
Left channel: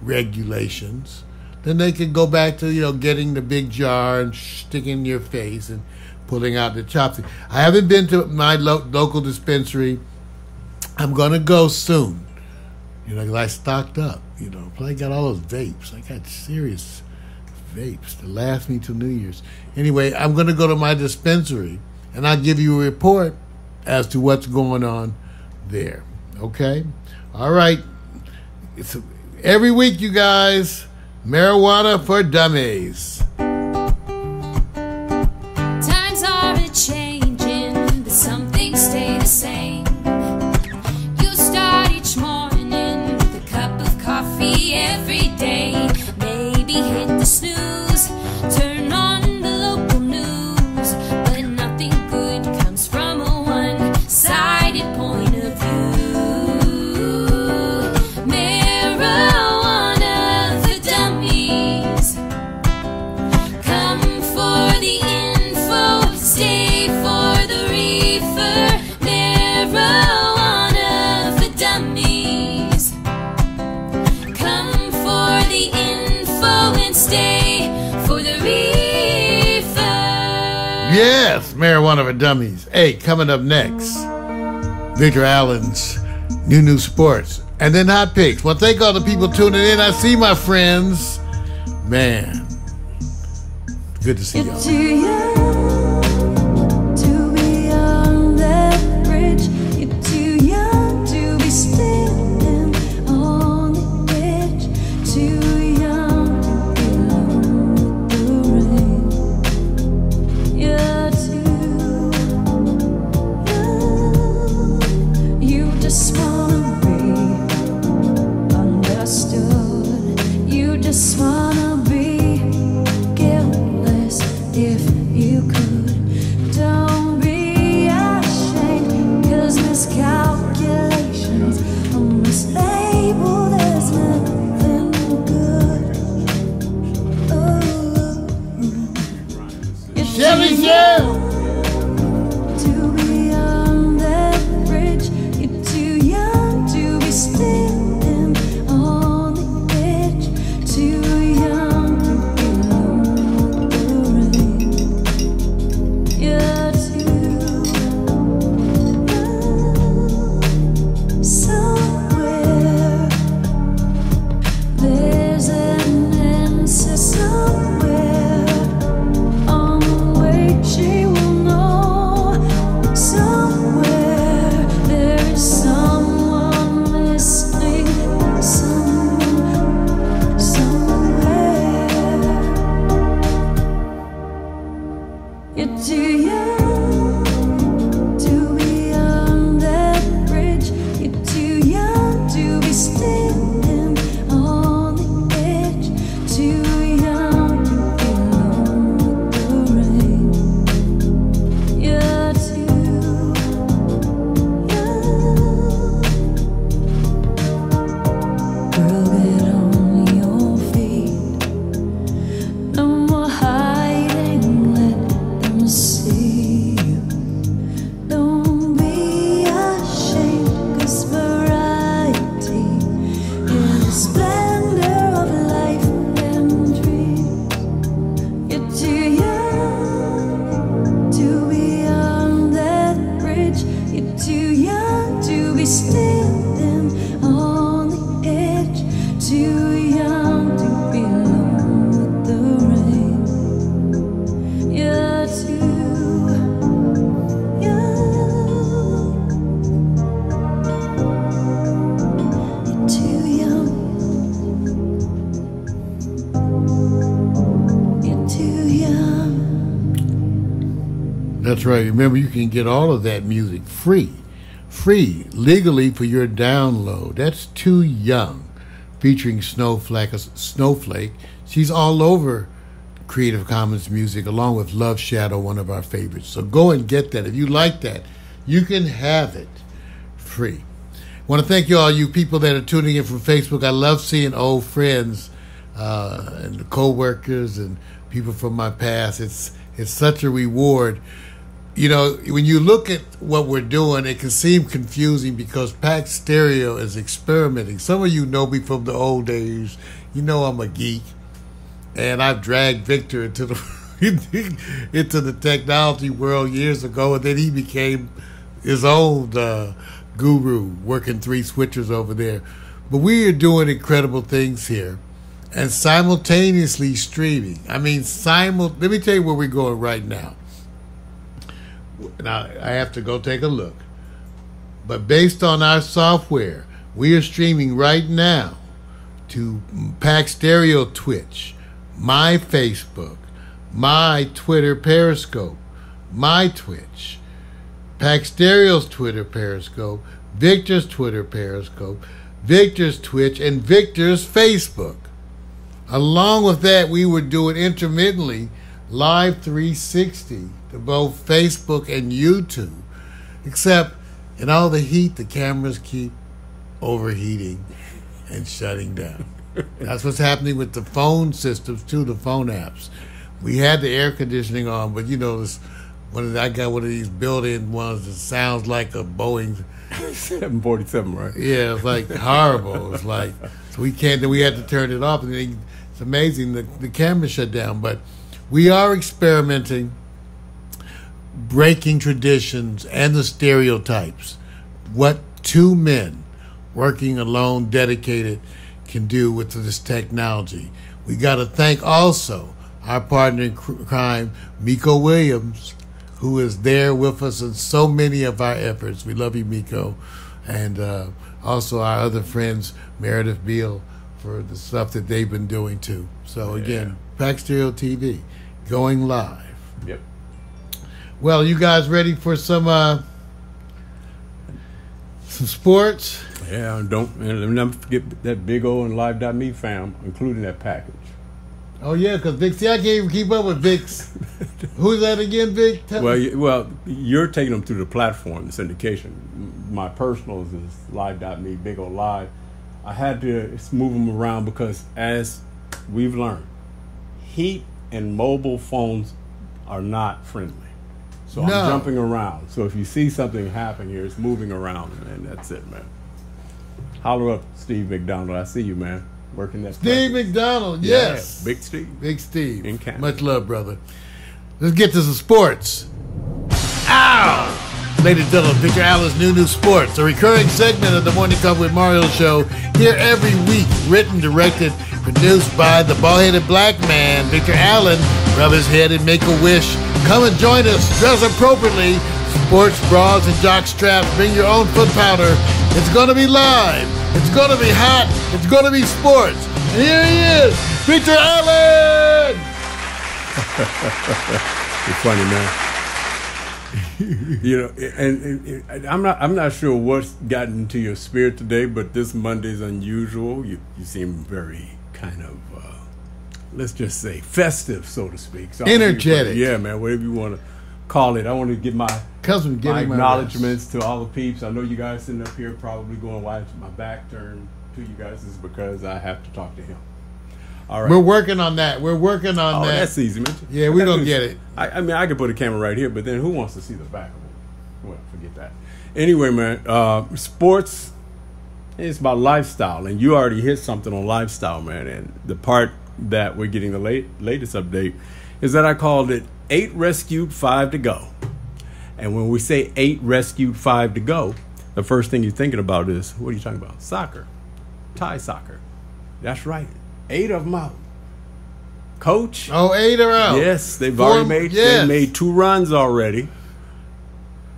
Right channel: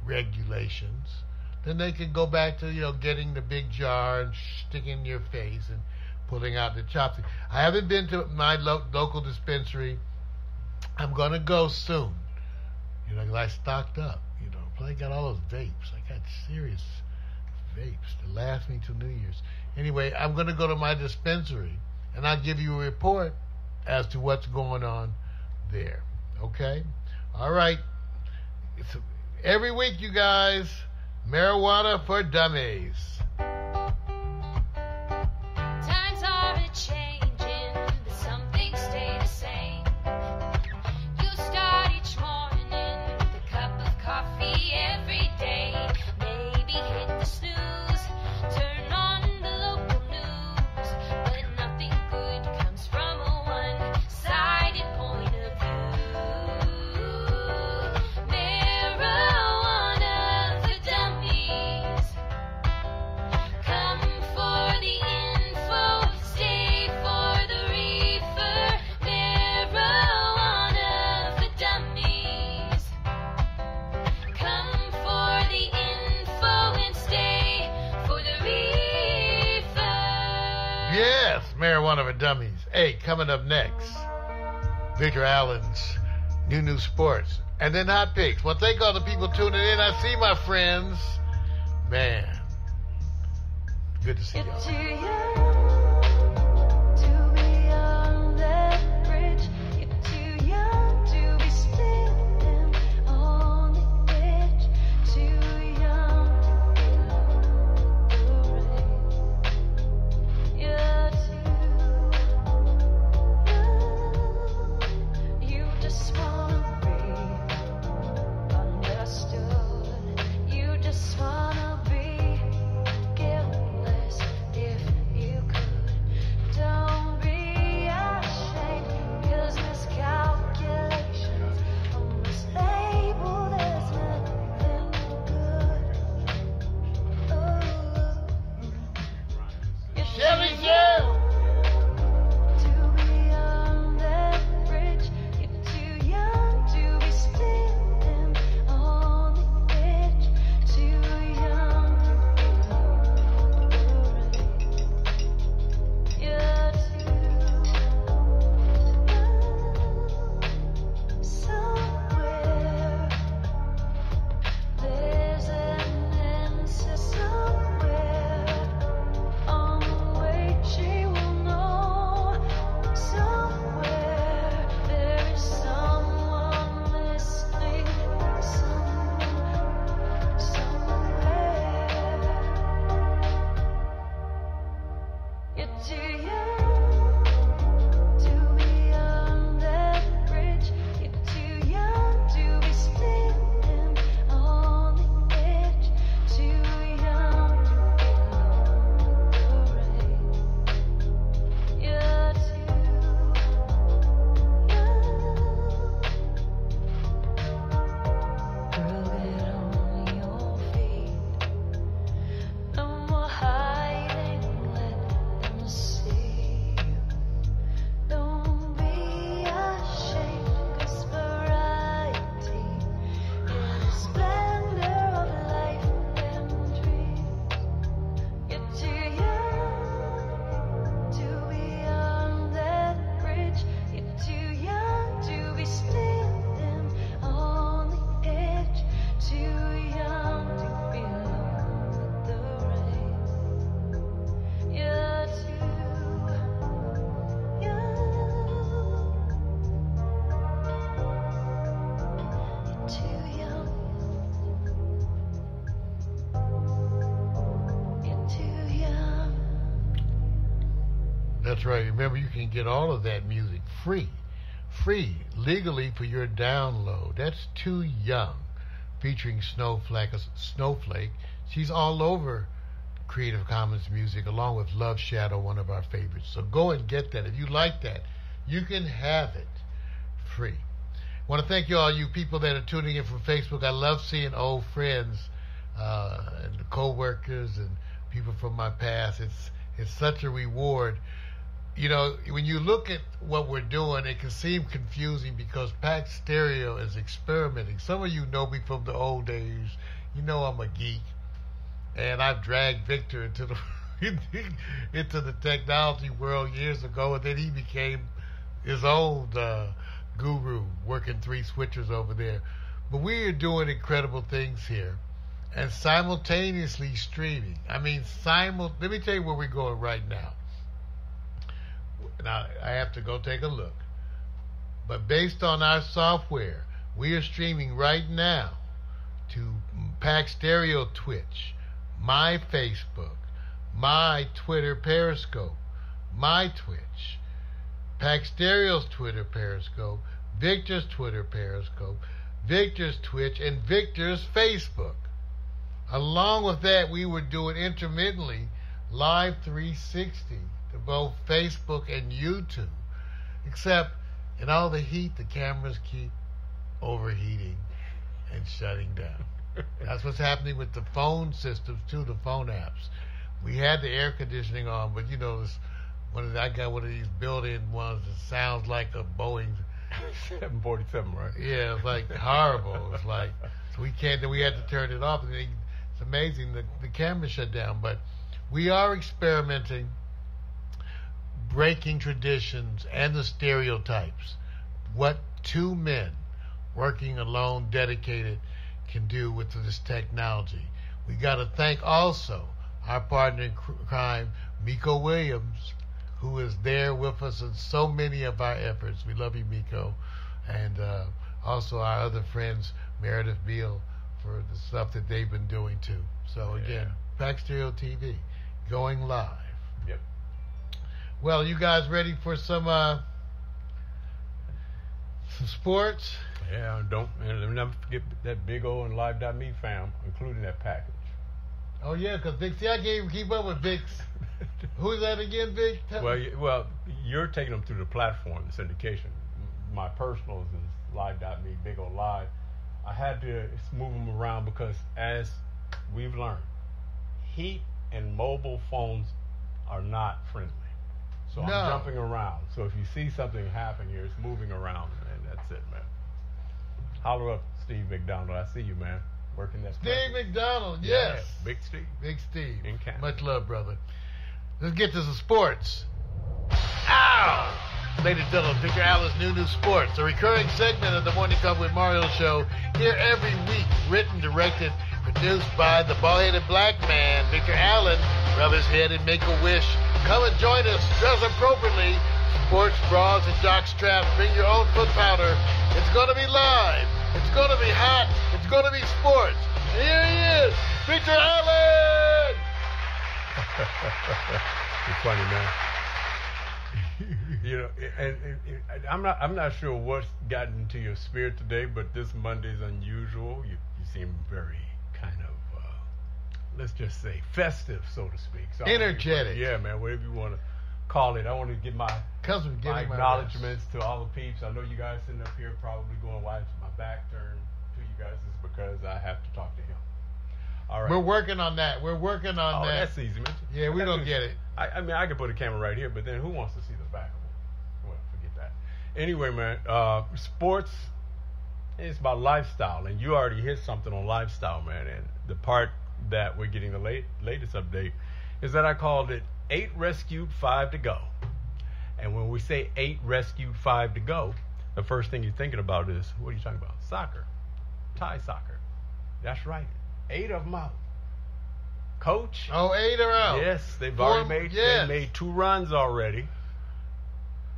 regulations. Then they could go back to, you know, getting the big jar and sticking in your face and pulling out the chopstick. I haven't been to my local dispensary. I'm going to go soon. You know, because I stocked up. You know, I got all those vapes. I got serious vapes to last me till New Year's. Anyway, I'm going to go to my dispensary, and I'll give you a report as to what's going on there. Okay? All right. Every week, you guys, marijuana for dummies. Times are a-changing, but some things stay the same. You start each morning with a cup of coffee every day. Maybe dummies. Hey, coming up next, Victor Allen's New Sports. And then Hot Picks. Well, thank all the people tuning in. I see my friends. Man, good to see y'all. Too young to be on that bridge. You're too young to be standing on the edge. Too young to be alone with the rain. You're too young. You just wanna be understood. You just wanna be guiltless if you could. Don't be ashamed, 'cause miscalculations on this label, there's nothing good. Oh, it's Shelly Shell. to be on that bridge. You're too young to be standing on the edge. Too young to be alone with the rain. You're too young. Somewhere there's an answer. Somewhere on the way she will know. Somewhere there is someone listening. Somewhere. You're too young to be on that bridge. You're too young to be standing on the edge. Too young to be alone with the rain. You're too young. Girl, get on your feet. No more hiding, let them see you. Don't be ashamed, 'cause variety is the splendor of life and dreams. You're too young to be on that bridge. You're too young to be standing on the edge. Too young to be alone with the rain. You're too young. You're too young. You're too young. That's right. Remember, you can get all of that music free legally for your download. That's Too Young, featuring Snowflake. She's all over Creative Commons music, along with Love Shadow, one of our favorites. So go and get that. If you like that, you can have it free. I want to thank you all, you people that are tuning in from Facebook. I love seeing old friends and the co-workers and people from my past. It's such a reward. You know, when you look at what we're doing, it can seem confusing because Pack Stereo is experimenting. Some of you know me from the old days. You know I'm a geek, and I've dragged Victor into the into the technology world years ago, and then he became his own guru, working 3 switchers over there. But we are doing incredible things here, and simultaneously streaming. I mean, let me tell you where we're going right now. Now, I have to go take a look. But based on our software, we are streaming right now to Pack Stereo Twitch, my Facebook, my Twitter Periscope, my Twitch, Pack Stereo's Twitter Periscope, Victor's Twitter Periscope, Victor's Twitch, and Victor's Facebook. Along with that, we were doing intermittently Live 360 to both Facebook and YouTube. Except in all the heat, the cameras keep overheating and shutting down. That's what's happening with the phone systems too, the phone apps. We had the air conditioning on, but you know, I got one of these built-in ones that sounds like a Boeing 747, right? Yeah, it's like horrible. It's like, so we can't. Then we had to turn it off, and then it's amazing the camera shut down. But we are experimenting breaking traditions and the stereotypes. What two men working alone, dedicated, can do with this technology. We got to thank also our partner in crime, Miko Williams, who is there with us in so many of our efforts. We love you, Miko. And also our other friends, Meredith Beal, for the stuff that they've been doing too. So again, Pack Stereo TV, going live. Yep. Well, you guys ready for some sports? Yeah, and never forget that big old and Live.me fam, including that package. Oh yeah, because Vic, see, I can't even keep up with Vic's. Who's that again, Vic? Well, you're taking them through the platform, the syndication. My personals is Live.me, big old Live. I had to move them around because, as we've learned, heat and mobile phones are not friendly. So No. I'm jumping around. So if you see something happen here, it's moving around, and that's it, man. Holler up, Steve McDonald. I see you, man. Working that. Steve McDonald, yes. Yeah, Big Steve. Big Steve. In Canada. Much love, brother. Let's get to some sports. Ow! Ladies and gentlemen, Victor Allen's New Sports, a recurring segment of the Morning Cover with Mario show, here every week, written, directed, produced by the bald-headed black man, Victor Allen. Rub his head and make a wish. Come and join us. Dress appropriately. Sports bras and jock straps. Bring your own foot powder. It's going to be live. It's going to be hot. It's going to be sports. And here he is, Victor Allen! You're funny, man. You know, and I'm not sure what's gotten into your spirit today, but this Monday's unusual. You seem very kind of, let's just say, festive, so to speak. So Energetic. Yeah, man, whatever you want to call it. I want to give my acknowledgments to all the peeps. I know you guys sitting up here probably going, why is my back turned to you guys? This is because I have to talk to him. All right. We're working on that. We're working on that. That's easy, man. Yeah, we're going to get it. I mean, I could put a camera right here, but then who wants to see the back of it? Well, forget that. Anyway, man, sports is about lifestyle, and you already hit something on lifestyle, man. And the part that we're getting the latest update is that I called it 8 rescued, 5 to go. And when we say 8 rescued, 5 to go, the first thing you're thinking about is, what are you talking about? Soccer. Thai soccer. That's right. 8 of them out. Coach. Oh, 8 are out. Yes, they've already made 2 runs already.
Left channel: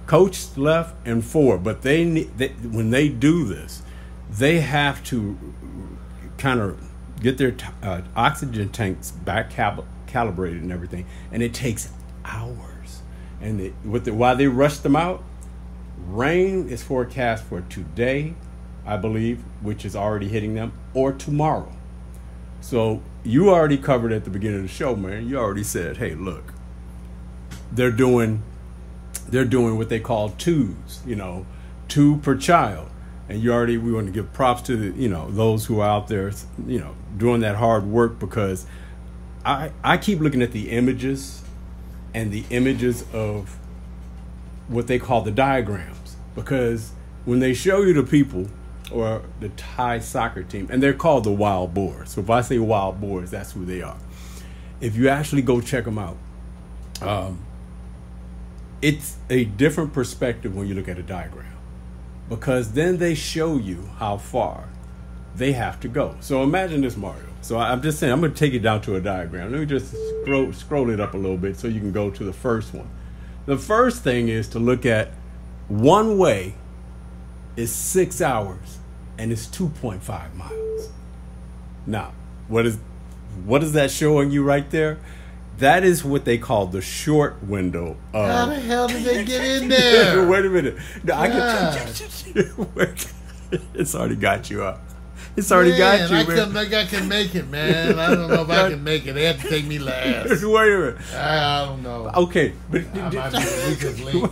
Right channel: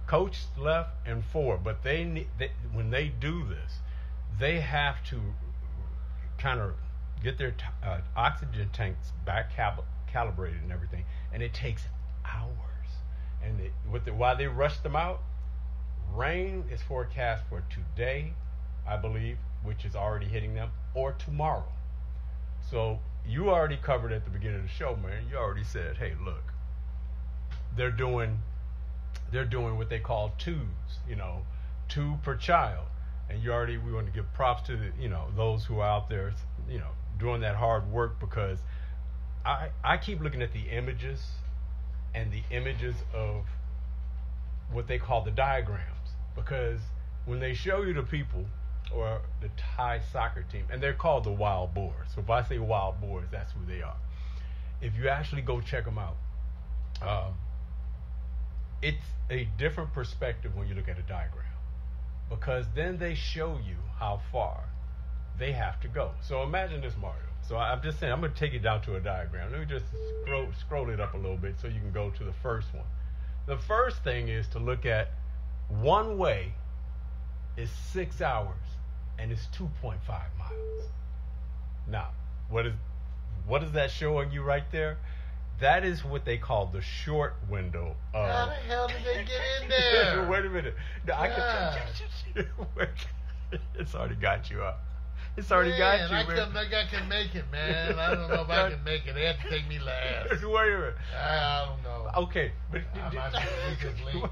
Coach left and 4, but when they do this, they have to kind of get their oxygen tanks back calibrated and everything, and it takes hours. And while they rush them out, rain is forecast for today, I believe, which is already hitting them, or tomorrow. So you already covered at the beginning of the show, man. You already said, hey, look, they're doing what they call 2s, 2 per child. And we want to give props to those who are out there, doing that hard work, because I keep looking at the images and the images of what they call the diagrams, because when they show you the people or the Thai soccer team, and they're called the Wild Boars. So if I say Wild Boars, that's who they are. If you actually go check them out, it's a different perspective when you look at a diagram, because then they show you how far they have to go. So imagine this, Mario. So I'm just saying, I'm going to take it down to a diagram. Let me just scroll it up a little bit so you can go to the first one. The first thing is to look at one way is 6 hours and it's 2.5 miles. Now, what is that showing you right there? That is what they call the short window of... How the hell did they get in there? Wait a minute. No, it's already got you up. It's already got you, man. I think I can make it, man. I don't know if I can make it. They have to take me last. Wait a minute. I don't know. Okay. I might be the weakest link.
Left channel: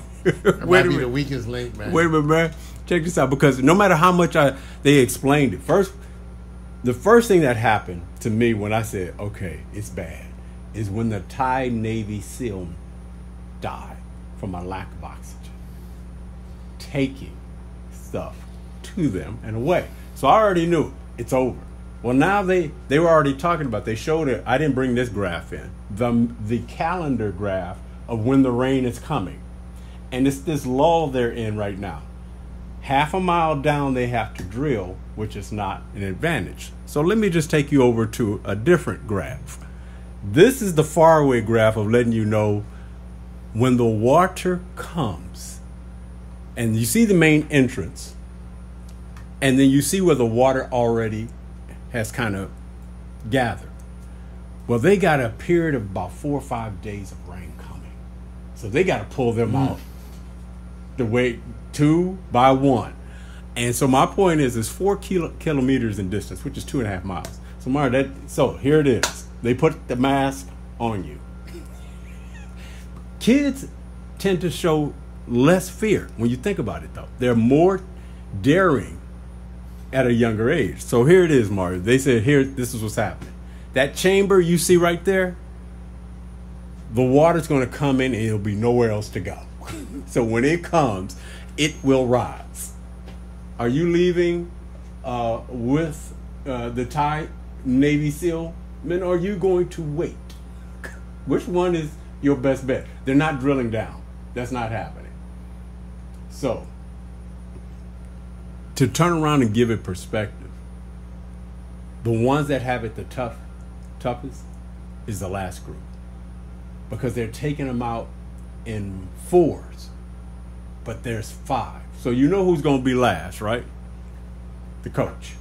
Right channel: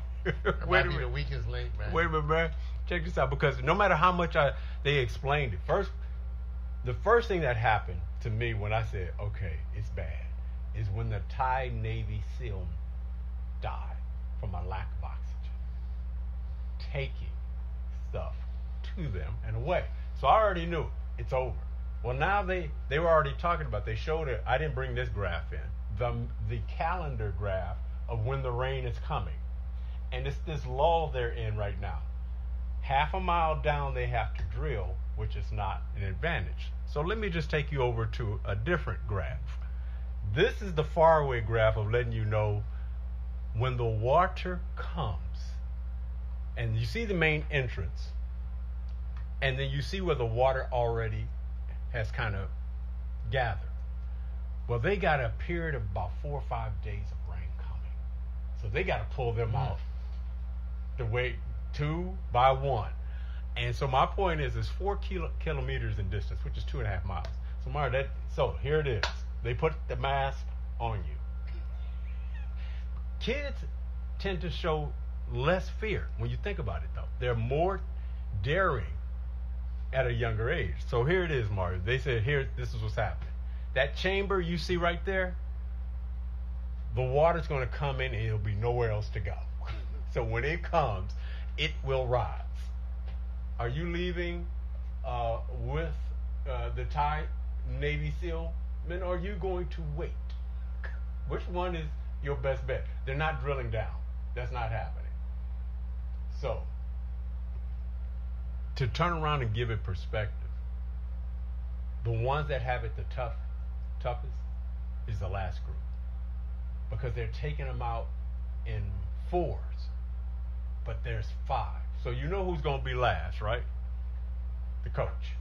I might be the weakest link, man. Wait a minute, man. Check this out, because no matter how much they explained it, the first thing that happened to me when I said, okay, it's bad, is when the Thai Navy SEAL died from a lack of oxygen, taking stuff to them and away. So I already knew it's over. Well, now they were already talking about, they showed it. I didn't bring this graph in. The calendar graph of when the rain is coming. And it's this lull they're in right now. Half a mile down they have to drill, which is not an advantage. So let me just take you over to a different graph. This is the faraway graph of letting you know when the water comes. And you see the main entrance. And then you see where the water already has kind of gathered. Well, they got a period of about 4 or 5 days of rain coming. So they got to pull them out the way 2 by 1. And so my point is, it's 4 kilometers in distance, which is 2.5 miles. So Mara, so here it is. They put the mask on you. Kids tend to show less fear when you think about it, though. They're more daring at a younger age. So here it is, Mario. They said, here, this is what's happening. That chamber you see right there, the water's going to come in and it'll be nowhere else to go. So when it comes, it will rise. Are you leaving with the Thai Navy SEAL men? Or are you going to wait? Which one is your best bet? They're not drilling down. That's not happening. So, to turn around and give it perspective, the ones that have it the toughest is the last group, because they're taking them out in 4s, but there's 5. So you know who's going to be last, right? The coach.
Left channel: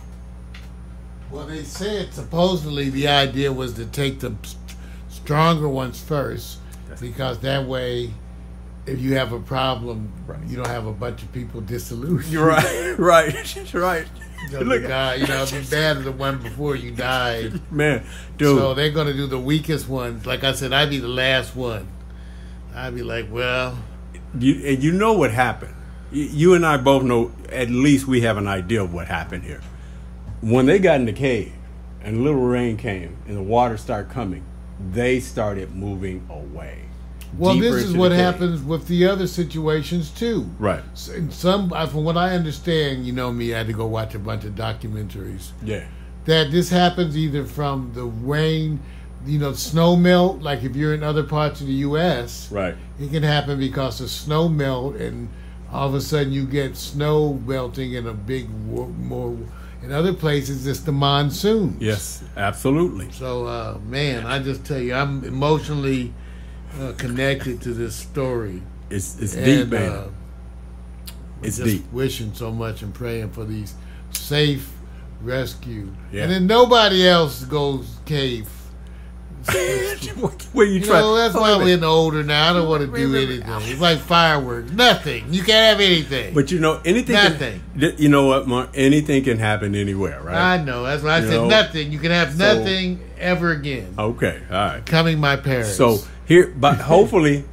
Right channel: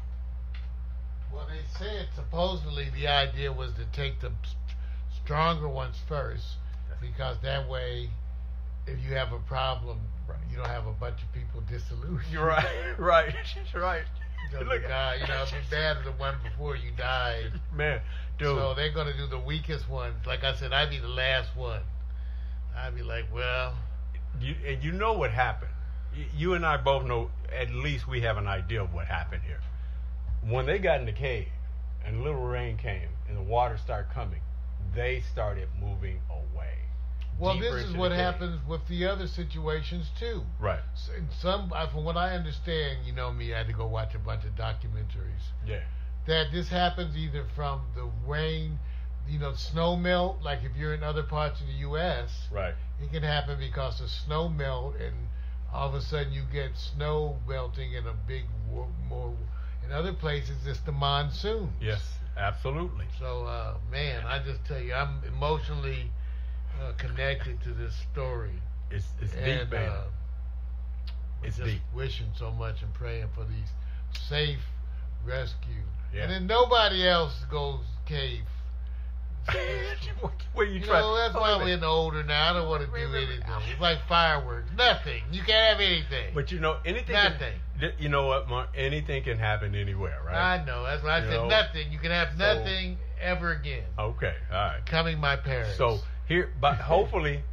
Well, they said supposedly the idea was to take the stronger ones first, because that way, if you have a problem, you don't have a bunch of people disillusioned. You're right, right. The guy, it'd be bad as the one before you died. Man, dude. So they're going to do the weakest ones. Like I said, I'd be the last one. I'd be like, well. You know what happened. You and I both know, at least we have an idea of what happened here. When they got in the cave and a little rain came and the water started coming, they started moving away. Well, this is what happens with the other situations too. Right. From what I understand, you know me, I had to go watch a bunch of documentaries. Yeah. That this happens either from the rain, snow melt, like if you're in other parts of the U.S. Right. It can happen because of snow melt, and all of a sudden you get snow melting in a big more. In other places, it's the monsoon. Yes, absolutely. So, man, I just tell you, I'm emotionally connected to this story. It's deep, man. It's just deep. Wishing so much and praying for these safe rescue. Yeah. And then nobody else goes cave. Where you try? That's why we're getting older now. I don't want to do anything. It's like fireworks. Nothing. You can't have anything. But anything. Nothing. You know what, Mark? Anything can happen anywhere, right? I know. That's why I said nothing. You can have nothing ever again. Okay. All right. Coming my parents. So here, but hopefully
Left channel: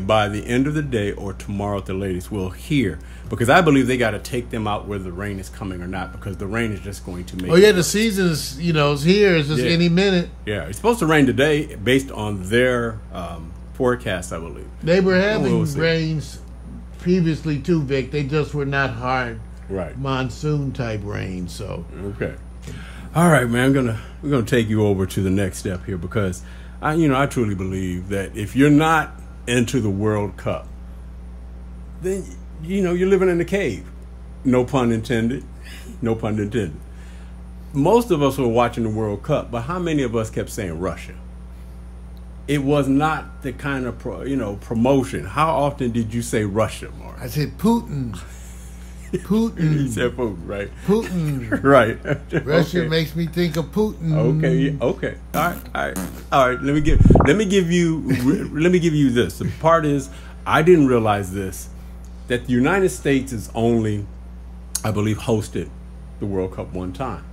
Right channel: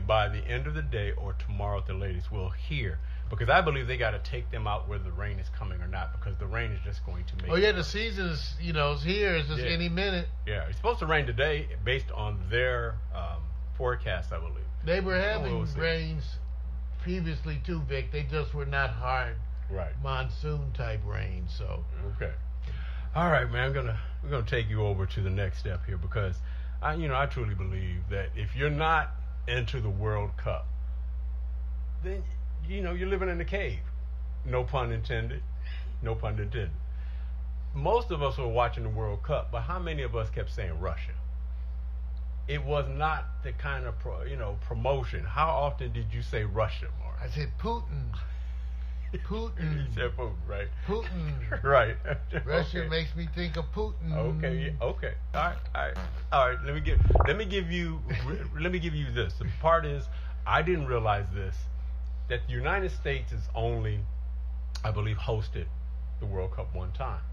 by the end of the day or tomorrow at the latest, we'll hear. Because I believe they got to take them out whether the rain is coming or not, because the rain is just going to make. Oh yeah, the season's is here. It's just any minute. Yeah, it's supposed to rain today based on their forecast, I believe. They were having rains previously too, Vic. They just were not hard, monsoon type rain. So okay, all right, man. We're gonna take you over to the next step here, because I truly believe that if you're not into the World Cup, then you're living in a cave. No pun intended. No pun intended. Most of us were watching the World Cup, but how many of us kept saying Russia? It was not the kind of promotion. How often did you say Russia, Mark? I said Putin. Putin. You said Putin, right? Putin. Right. Russia makes me think of Putin. Okay. All right. Let me give you this. The part is, I didn't realize this, that the United States is only, I believe, hosted the World Cup one time.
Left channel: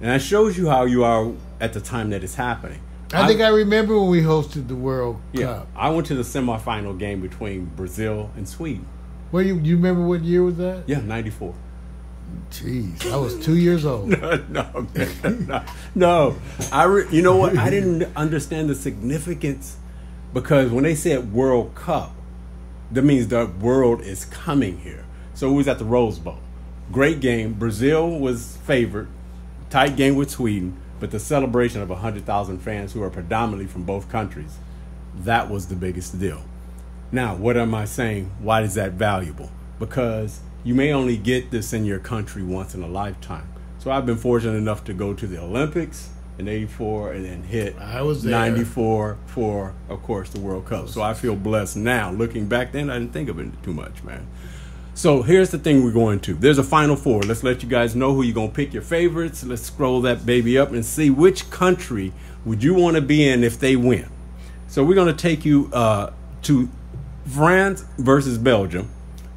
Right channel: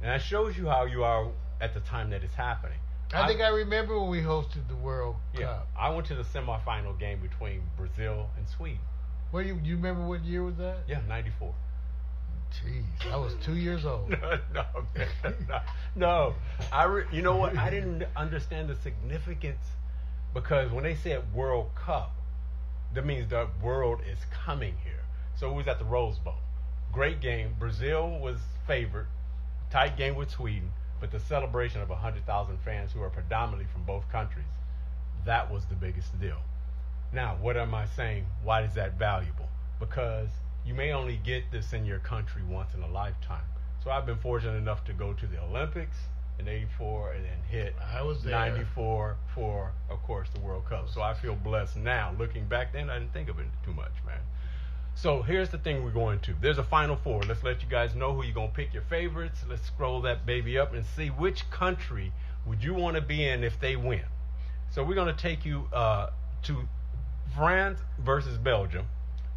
And that shows you how you are at the time that it's happening. I think I remember when we hosted the World Cup. Cup. I went to the semifinal game between Brazil and Sweden. Well, you remember what year was that? Yeah, 94. Jeez, I was 2 years old. No. You know what? I didn't understand the significance, because when they said World Cup, that means the world is coming here. So it was at the Rose Bowl. Great game. Brazil was favored. Tight game with Sweden. But the celebration of 100,000 fans who are predominantly from both countries, that was the biggest deal. Now, what am I saying? Why is that valuable? Because you may only get this in your country once in a lifetime. So I've been fortunate enough to go to the Olympics in '84 and then hit I was there. '94 for, of course, the World Cup. So I feel blessed now. Looking back then, I didn't think of it too much, man. So here's the thing we're going to. There's a Final Four. Let's let you guys know who you're going to pick your favorites. Let's scroll that baby up and see which country would you want to be in if they win. So we're going to take you to France versus Belgium,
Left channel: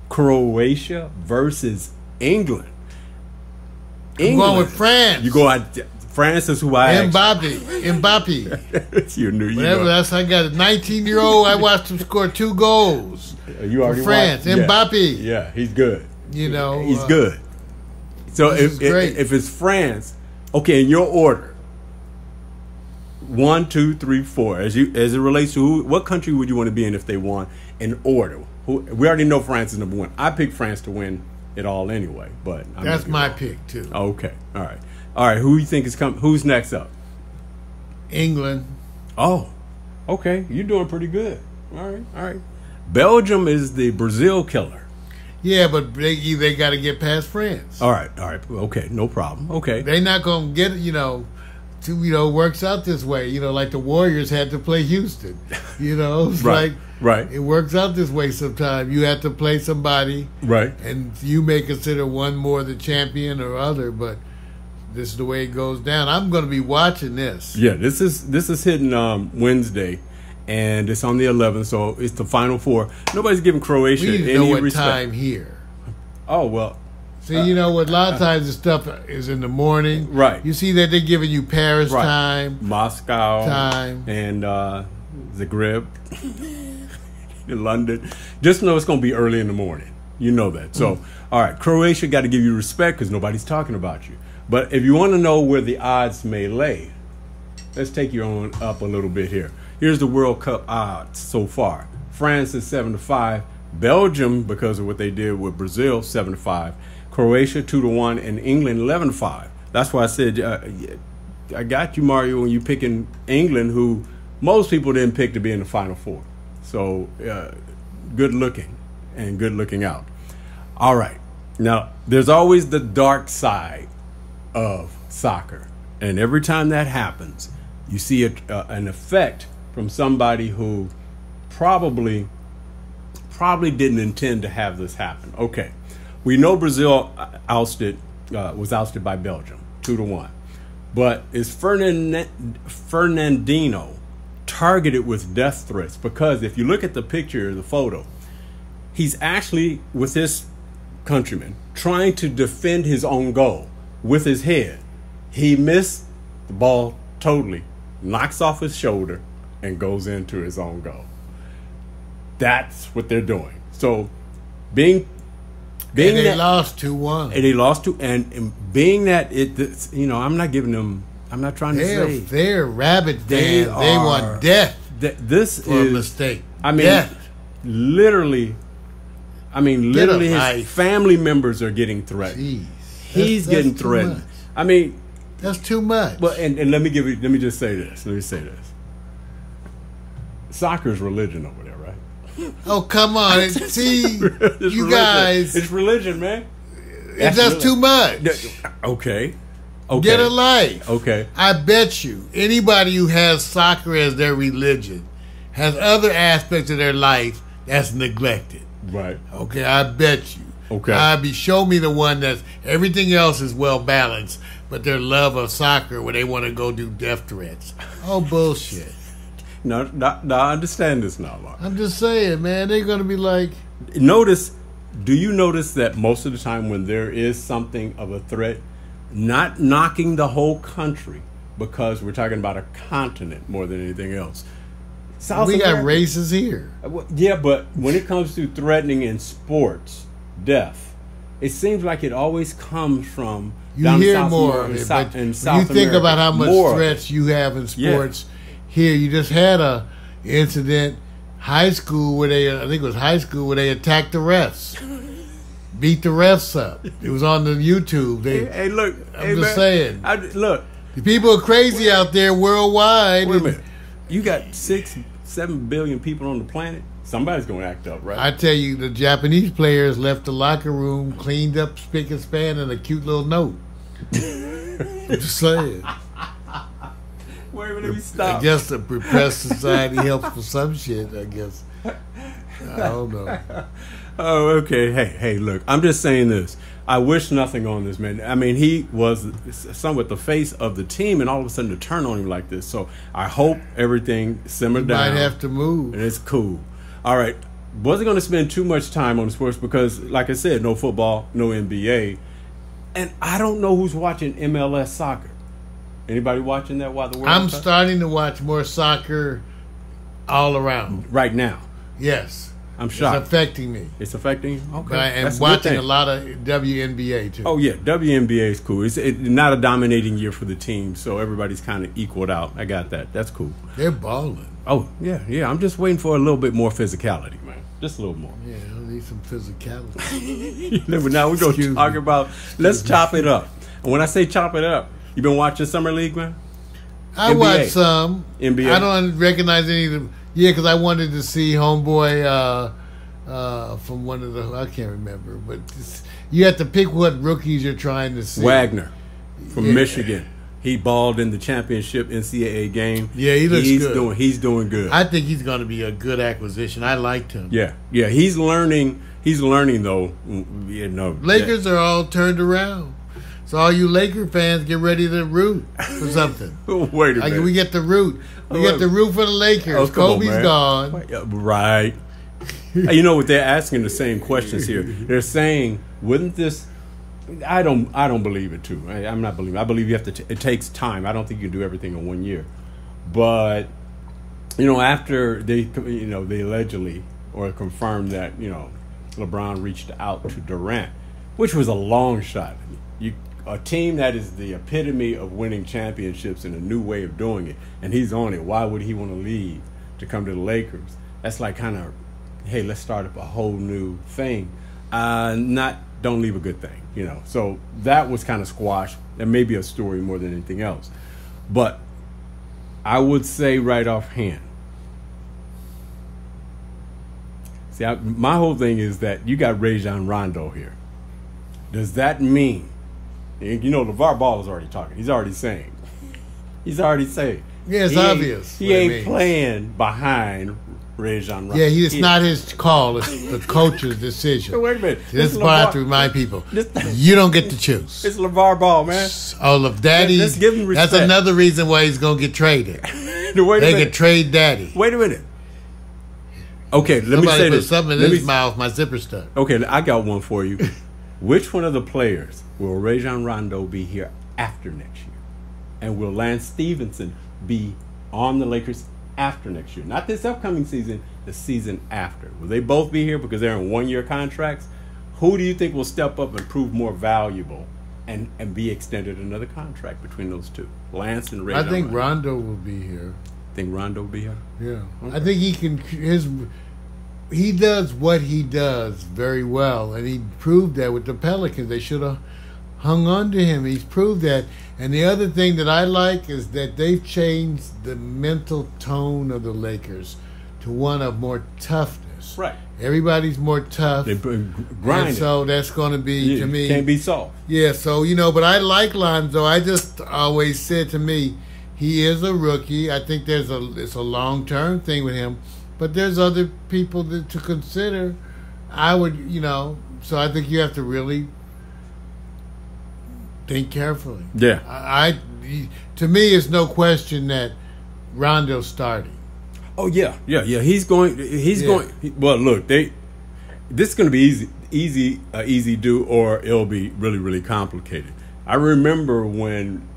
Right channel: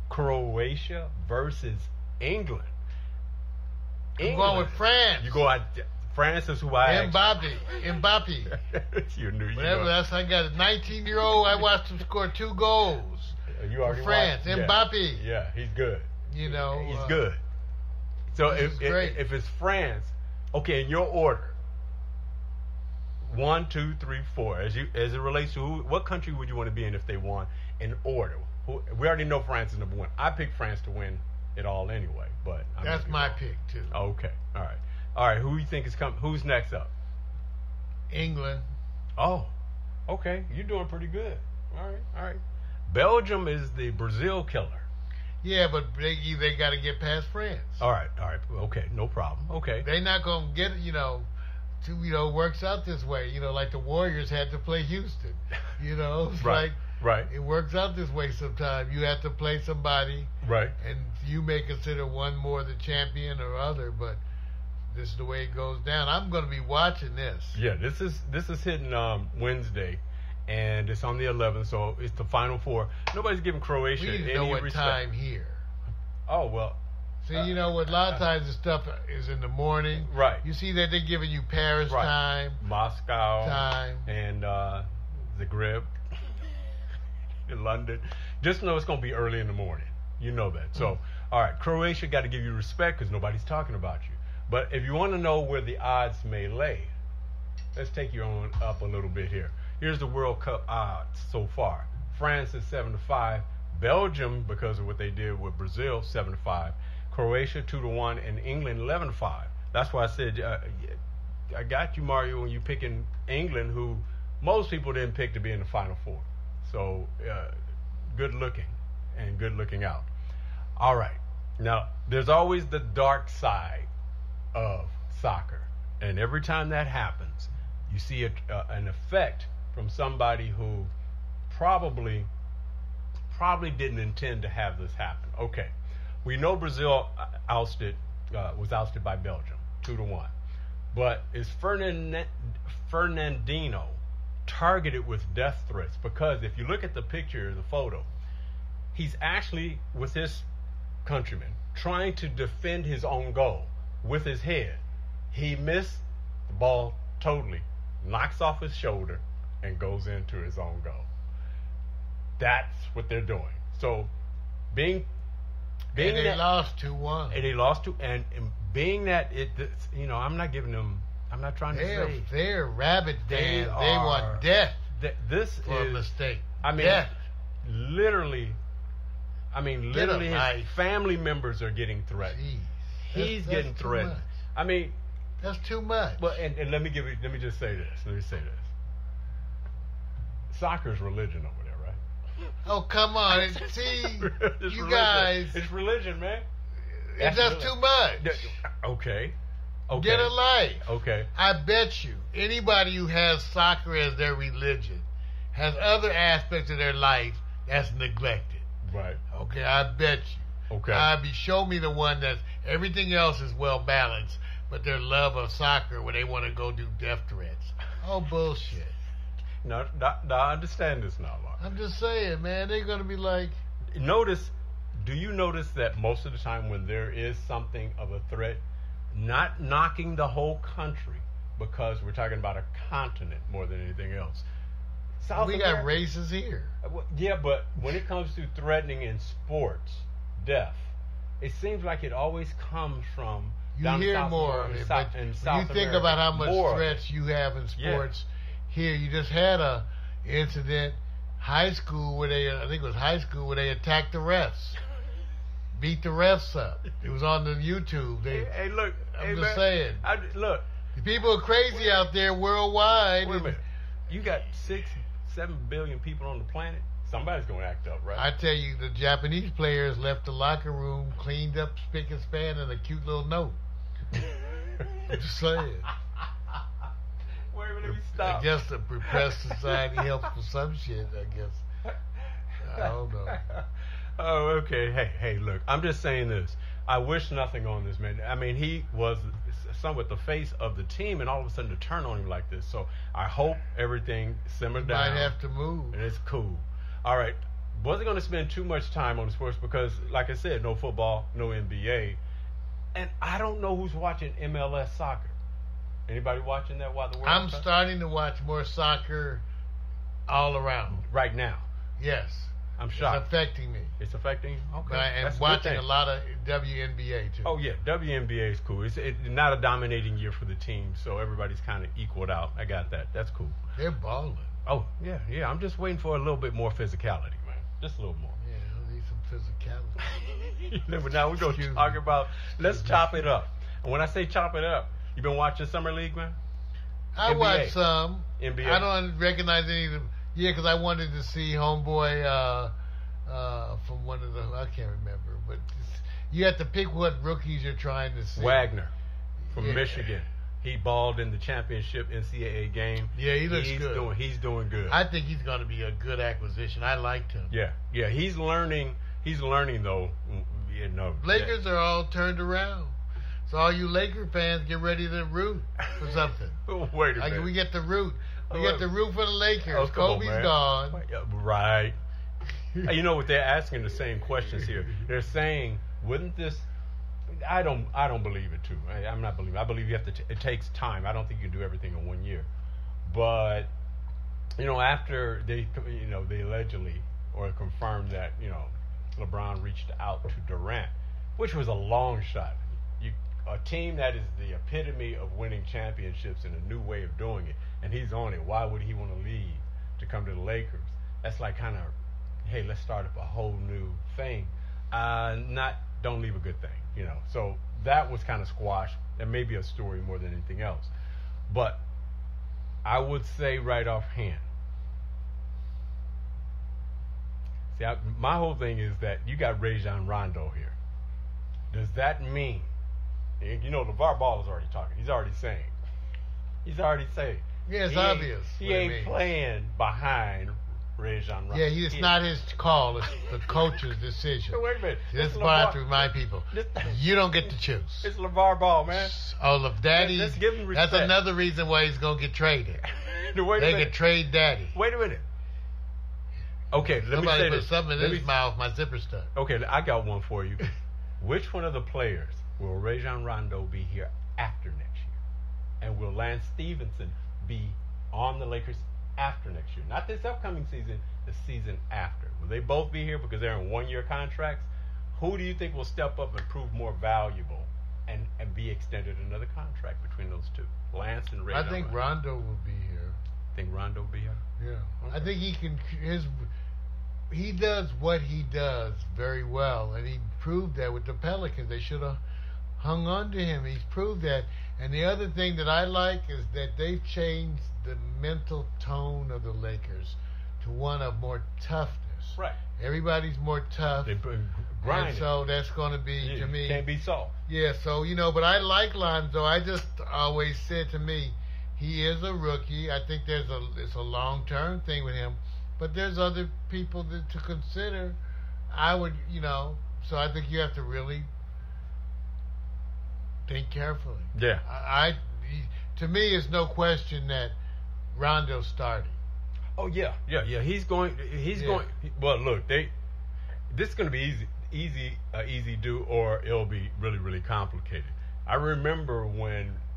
Croatia versus England. I'm going with France. You go out. France is who I Mbappe. It's your new. Whatever. That's I got a 19-year-old. I watched him score 2 goals. You already for France. watched? Mbappe. Yeah, he's good. You know, he's good. So if it's France, okay, in your order, 1, 2, 3, 4, as it relates to what country would you want to be in if they won in order? We already know France is number 1. I picked France to win it all anyway, but that's my pick too. Okay, all right. Who you think is coming? Who's next up? England. Oh, okay. You're doing pretty good. All right. Belgium is the Brazil killer. Yeah, but they got to get past France. All right. Okay, no problem. Okay. They're not going to get it, works out this way. Like the Warriors had to play Houston. It's right. It works out this way sometimes. You have to play somebody. Right. And you may consider one more the champion or other, but this is the way it goes down. I'm going to be watching this. Yeah, this is hitting Wednesday, and it's on the 11th, so it's the Final Four. Nobody's giving Croatia we need to any know what respect. time here. Oh, well. See, a lot of times the stuff is in the morning. Right. You see that they're giving you Paris time. Moscow. Time. And Zagreb. London. Just know it's going to be early in the morning. You know that. So, all right, Croatia got to give you respect because nobody's talking about you. But if you want to know where the odds may lay, let's take you on up a little bit here. Here's the World Cup odds so far. France is 7-5. Belgium, because of what they did with Brazil, 7-5. Croatia 2-1, and England 11-5. That's why I said I got you, Mario, when you picking England, who most people didn't pick to be in the Final Four. So good looking and good looking out. All right, now there's always the dark side of soccer, and every time that happens, you see an effect from somebody who probably didn't intend to have this happen. Okay, we know Brazil was ousted by Belgium 2-1, but is Fernandinho targeted with death threats? Because if you look at the picture, the photo, he's actually with his countrymen trying to defend his own goal with his head. He missed the ball totally, knocks off his shoulder, and goes into his own goal. That's what they're doing. So being and they lost 2-1. And they lost 2, and being that I'm not giving them. I'm not trying to say they're rabid fans. They want death. This for is a mistake. I mean, death. literally, his family members are getting threatened. Jeez. He's getting threatened. I mean, that's too much. Well, and let me just say this. Soccer is religion over there, right? Oh, come on. See, you religion. guys. It's religion, man. That's too much. Okay. Get a life. Okay. I bet you anybody who has soccer as their religion has other aspects of their life that's neglected. Right. Okay, I bet you. Okay. Show me the one that's everything else is well balanced, but their love of soccer where they want to go do death threats. Oh, bullshit. No, I understand this now, Mark. I'm just saying, man, they're going to be like... Do you notice that most of the time when there is something of a threat, not knocking the whole country, because we're talking about a continent more than anything else. We got races here. Yeah, but when it comes to threatening in sports, death, it seems like it always comes from you hear more of it, but when you think about how much threats you have in sports here, you just had a incident high school where they they attacked the refs, beat the refs up. It was on the YouTube. Hey, look, I'm just saying. Look, the people are crazy out there worldwide. Wait a minute, you got 6-7 billion people on the planet. somebody's going to act up, right? I tell you, the Japanese players left the locker room cleaned up, spick and span, and a cute little note. Just saying. Wait a minute, let me stop. I guess the repressed society helps for some shit, I guess. I don't know. Oh, okay. Hey, look, I'm just saying this. I wish nothing on this man. I mean, he was somewhat the face of the team, and all of a sudden to turn on him like this. So I hope everything simmered down. Might have to move. And it's cool. All right. Wasn't going to spend too much time on sports because, like I said, no football, no NBA. And I don't know who's watching MLS soccer. Anybody watching that while the World I'm Cup? starting to watch more soccer all around. Right now. Yes. I'm shocked. It's affecting me. It's affecting you? Okay. But I am That's a good watching thing. a lot of WNBA too. Oh, yeah. WNBA is cool. It's not a dominating year for the team, so everybody's kind of equaled out. I got that. That's cool. They're balling. Oh, yeah. I'm just waiting for a little bit more physicality, man. Just a little more. Yeah, I need some physicality. But now we're going Excuse to talk me. about, let's chop it up. And when I say chop it up, you been watching Summer League, man? I NBA. watched some. NBA. I don't recognize any of them. Yeah, because I wanted to see Homeboy from one of the, I can't remember, but you have to pick what rookies you're trying to see. Wagner from Yeah. Michigan. He balled in the championship NCAA game. Yeah, he looks good. He's doing good. I think he's going to be a good acquisition. I liked him. Yeah. He's learning. He's learning though. You know, Lakers are all turned around. So all you Laker fans, get ready to root for something. Wait a minute. We get the root. We get the root for the Lakers. Oh, come on, Kobe's man. gone. Right. You know what? They're asking the same questions here. They're saying, wouldn't this? I don't believe it too. I'm not believing. I believe you have to. It takes time. I don't think you can do everything in 1 year. But after they allegedly or confirmed that LeBron reached out to Durant, which was a long shot. A team that is the epitome of winning championships and a new way of doing it, and he's on it. Why would he want to leave to come to the Lakers? That's like kind of, hey, let's start up a whole new thing. Don't leave a good thing, So that was kind of squashed. That may be a story more than anything else. But I would say right offhand, my whole thing is that you got Rajon Rondo here. Does that mean, LeVar Ball is already talking. He's already saying. Yeah, it's he obvious. He ain't playing behind Rajon Rondo. Yeah, it's not his call. It's the coach's decision. Wait a minute. This is what I have to remind people. This- You don't get to choose. It's LeVar Ball, man. Oh, look, Daddy. Let's give him respect. That's another reason why he's going to get traded. Wait a They minute. could trade Daddy. Wait a minute. Okay, let me Somebody say put this. something in Let his me- mouth. My zipper stuck. Okay, I got one for you. Which one of the players will Rajon Rondo be here after next year? And will Lance Stevenson be on the Lakers after next year? Not this upcoming season, the season after. Will they both be here because they're in 1-year contracts? Who do you think will step up and prove more valuable and be extended another contract between those two? Lance and Rajon I think Rondo. Rondo will be here. Think Rondo will be here? Yeah. Okay. I think he can. He does what he does very well, and he proved that with the Pelicans. They should have hung on to him. He's proved that. And the other thing that I like is that they've changed the mental tone of the Lakers to one of more toughness. Right. Everybody's more tough. They And grind. so that's going to be, to me. Can't be soft. Yeah, so, but I like Lonzo. I just always said to me, he is a rookie. I think it's a long-term thing with him. But there's other people to consider. I would, so I think you have to really think carefully. Yeah. To me, it's no question that Rondo's starting. Oh yeah. He's going. Well, look, this is going to be easy do, or it'll be really, really complicated. I remember when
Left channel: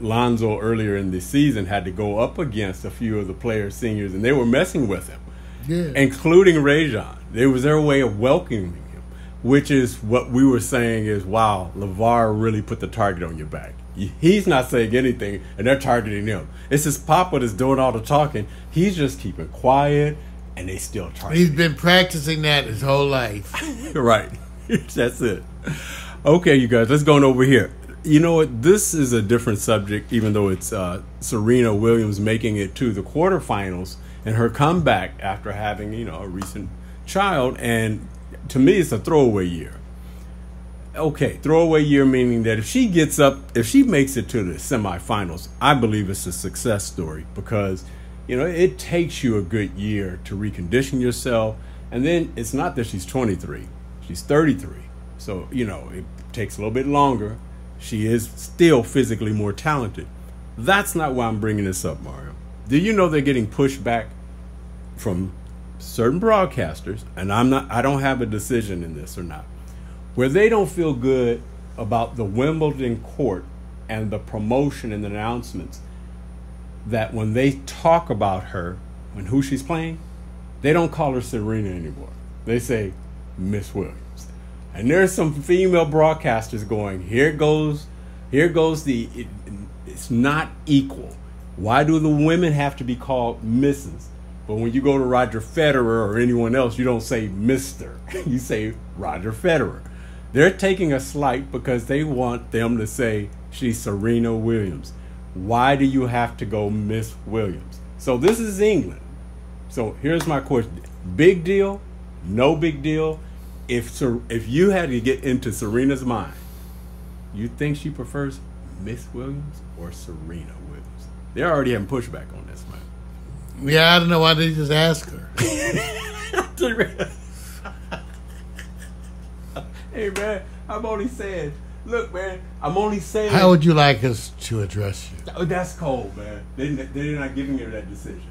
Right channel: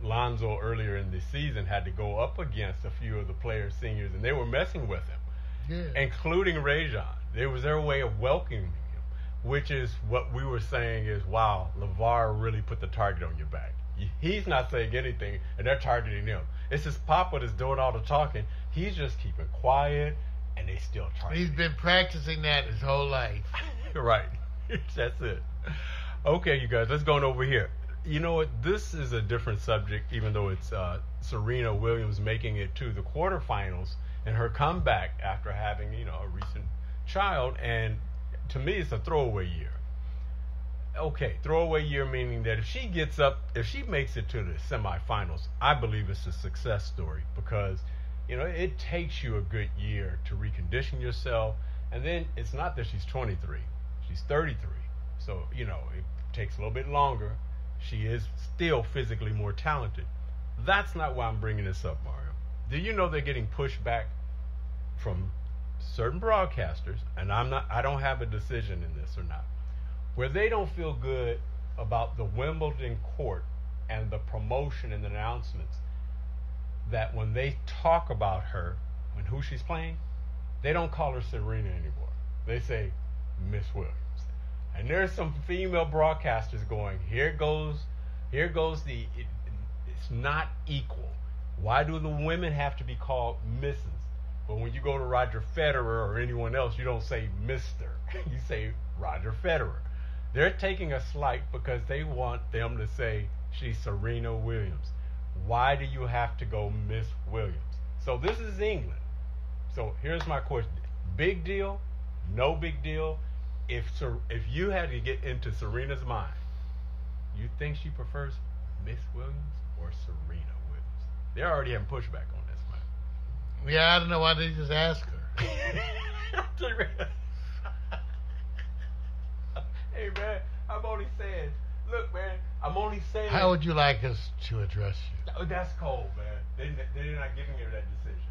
Lonzo earlier in the season had to go up against a few of the players, seniors, and they were messing with him, including Rajon. It was their way of welcoming him, which is what we were saying is, wow, LeVar really put the target on your back. He's not saying anything, and they're targeting him. It's his papa that's doing all the talking. He's just keeping quiet, and they still target He's him. been practicing that his whole life. Right. That's it. Okay, you guys, let's go on over here. You know what? This is a different subject, even though it's Serena Williams making it to the quarterfinals and her comeback after having, you know, a recent child. And to me, it's a throwaway year. Okay, throwaway year meaning that if she makes it to the semifinals, I believe it's a success story, because, you know, it takes you a good year to recondition yourself. And then it's not that she's 23, she's 33. So, you know, it takes a little bit longer. She is still physically more talented. That's not why I'm bringing this up, Mario. Do you know they're getting pushback from certain broadcasters, and I don't have a decision in this or not, where they don't feel good about the Wimbledon court and the promotion and the announcements, that when they talk about her and who she's playing, they don't call her Serena anymore. They say Miss Williams. And there's some female broadcasters going, here goes it's not equal. Why do the women have to be called Mrs.? But when you go to Roger Federer or anyone else, you don't say Mr. You say Roger Federer. They're taking a slight because they want them to say she's Serena Williams. Why do you have to go Miss Williams? So this is England. So here's my question. Big deal? No big deal? If you had to get into Serena's mind, you think she prefers Miss Williams or Serena Williams? They're already having pushback on this, man. Yeah, I don't know why they just ask her. Hey, man, I'm only saying. Look, man, I'm only saying. How would you like us to address you? Oh, that's cold, man. They're not giving her that decision.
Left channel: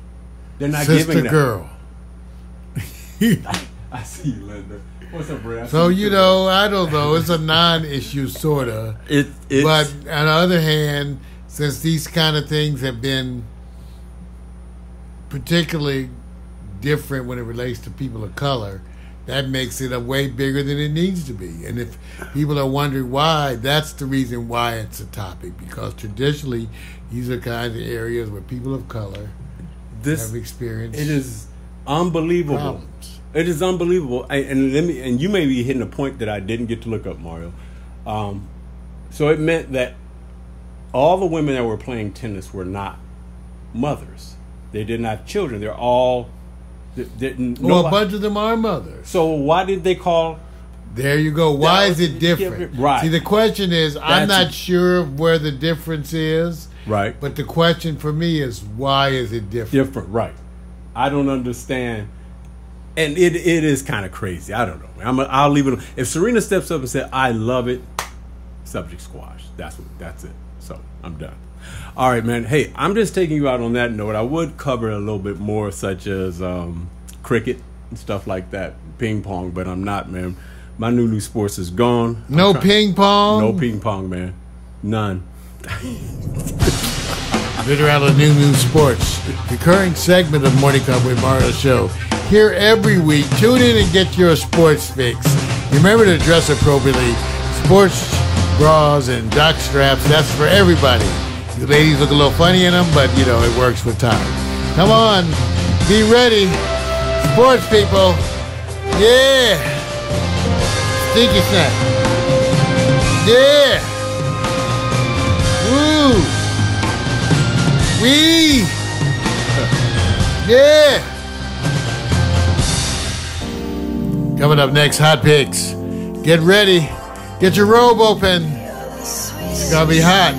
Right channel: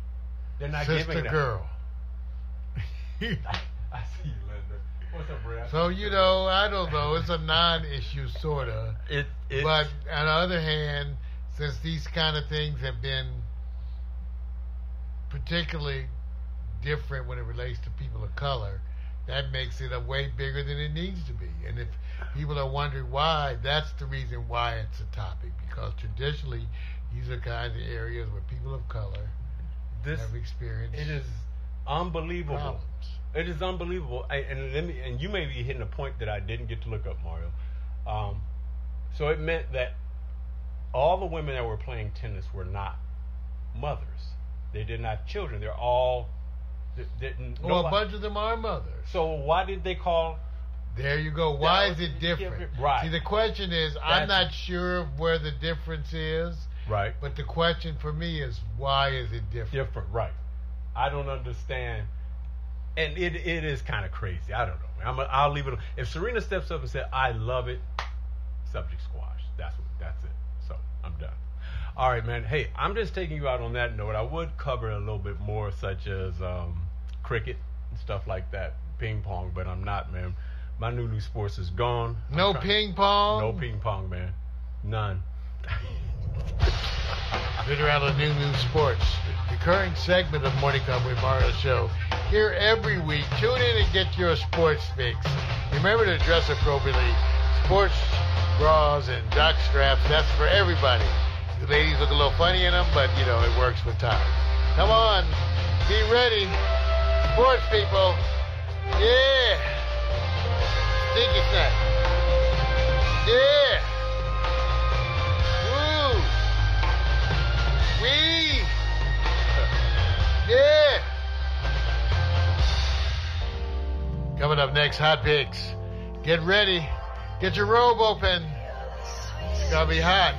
They're not Sister giving that. girl. I see you, Linda. What's up, Brad? So, you know, I don't know. It's a non-issue, sort of. But on the other hand, since these kind of things have been particularly different when it relates to people of color, that makes it a way bigger than it needs to be. And if people are wondering why, that's the reason why it's a topic. Because traditionally, these are kinds of areas where people of color have experienced. It is unbelievable. Problems. It is unbelievable. And you may be hitting a point that I didn't get to look up, Mario. So it meant that all the women that were playing tennis were not mothers. They didn't have children. They're all didn't. Well, a bunch of them are mothers. So why did they call? There you go. Why is it different? Right. See, the question is, I'm not sure where the difference is. Right. But the question for me is, why is it different? Different, right. I don't understand. And it is kind of crazy. I don't know. I'll leave it. If Serena steps up and says, I love it, subject squash. That's it. So I'm done. All right, man. Hey, I'm just taking you out on that note. I would cover a little bit more, such as cricket and stuff like that, ping pong, but I'm not, man. My new sports is gone. No ping pong? No ping pong, man. None. Literally new sports. Recurring segment of Morning Cup with Mario Show. Here every week. Tune in and get your sports fix. Remember to dress appropriately. Sports bras and jock straps, that's for everybody. You ladies look a little funny in them, but, you know, it works with time. Come on. Be ready. Sports people. Yeah. Stinky snack. Yeah. Woo. Wee. Yeah. Coming up next, Hot Picks. Get ready. Get your robe open. It's going to be hot.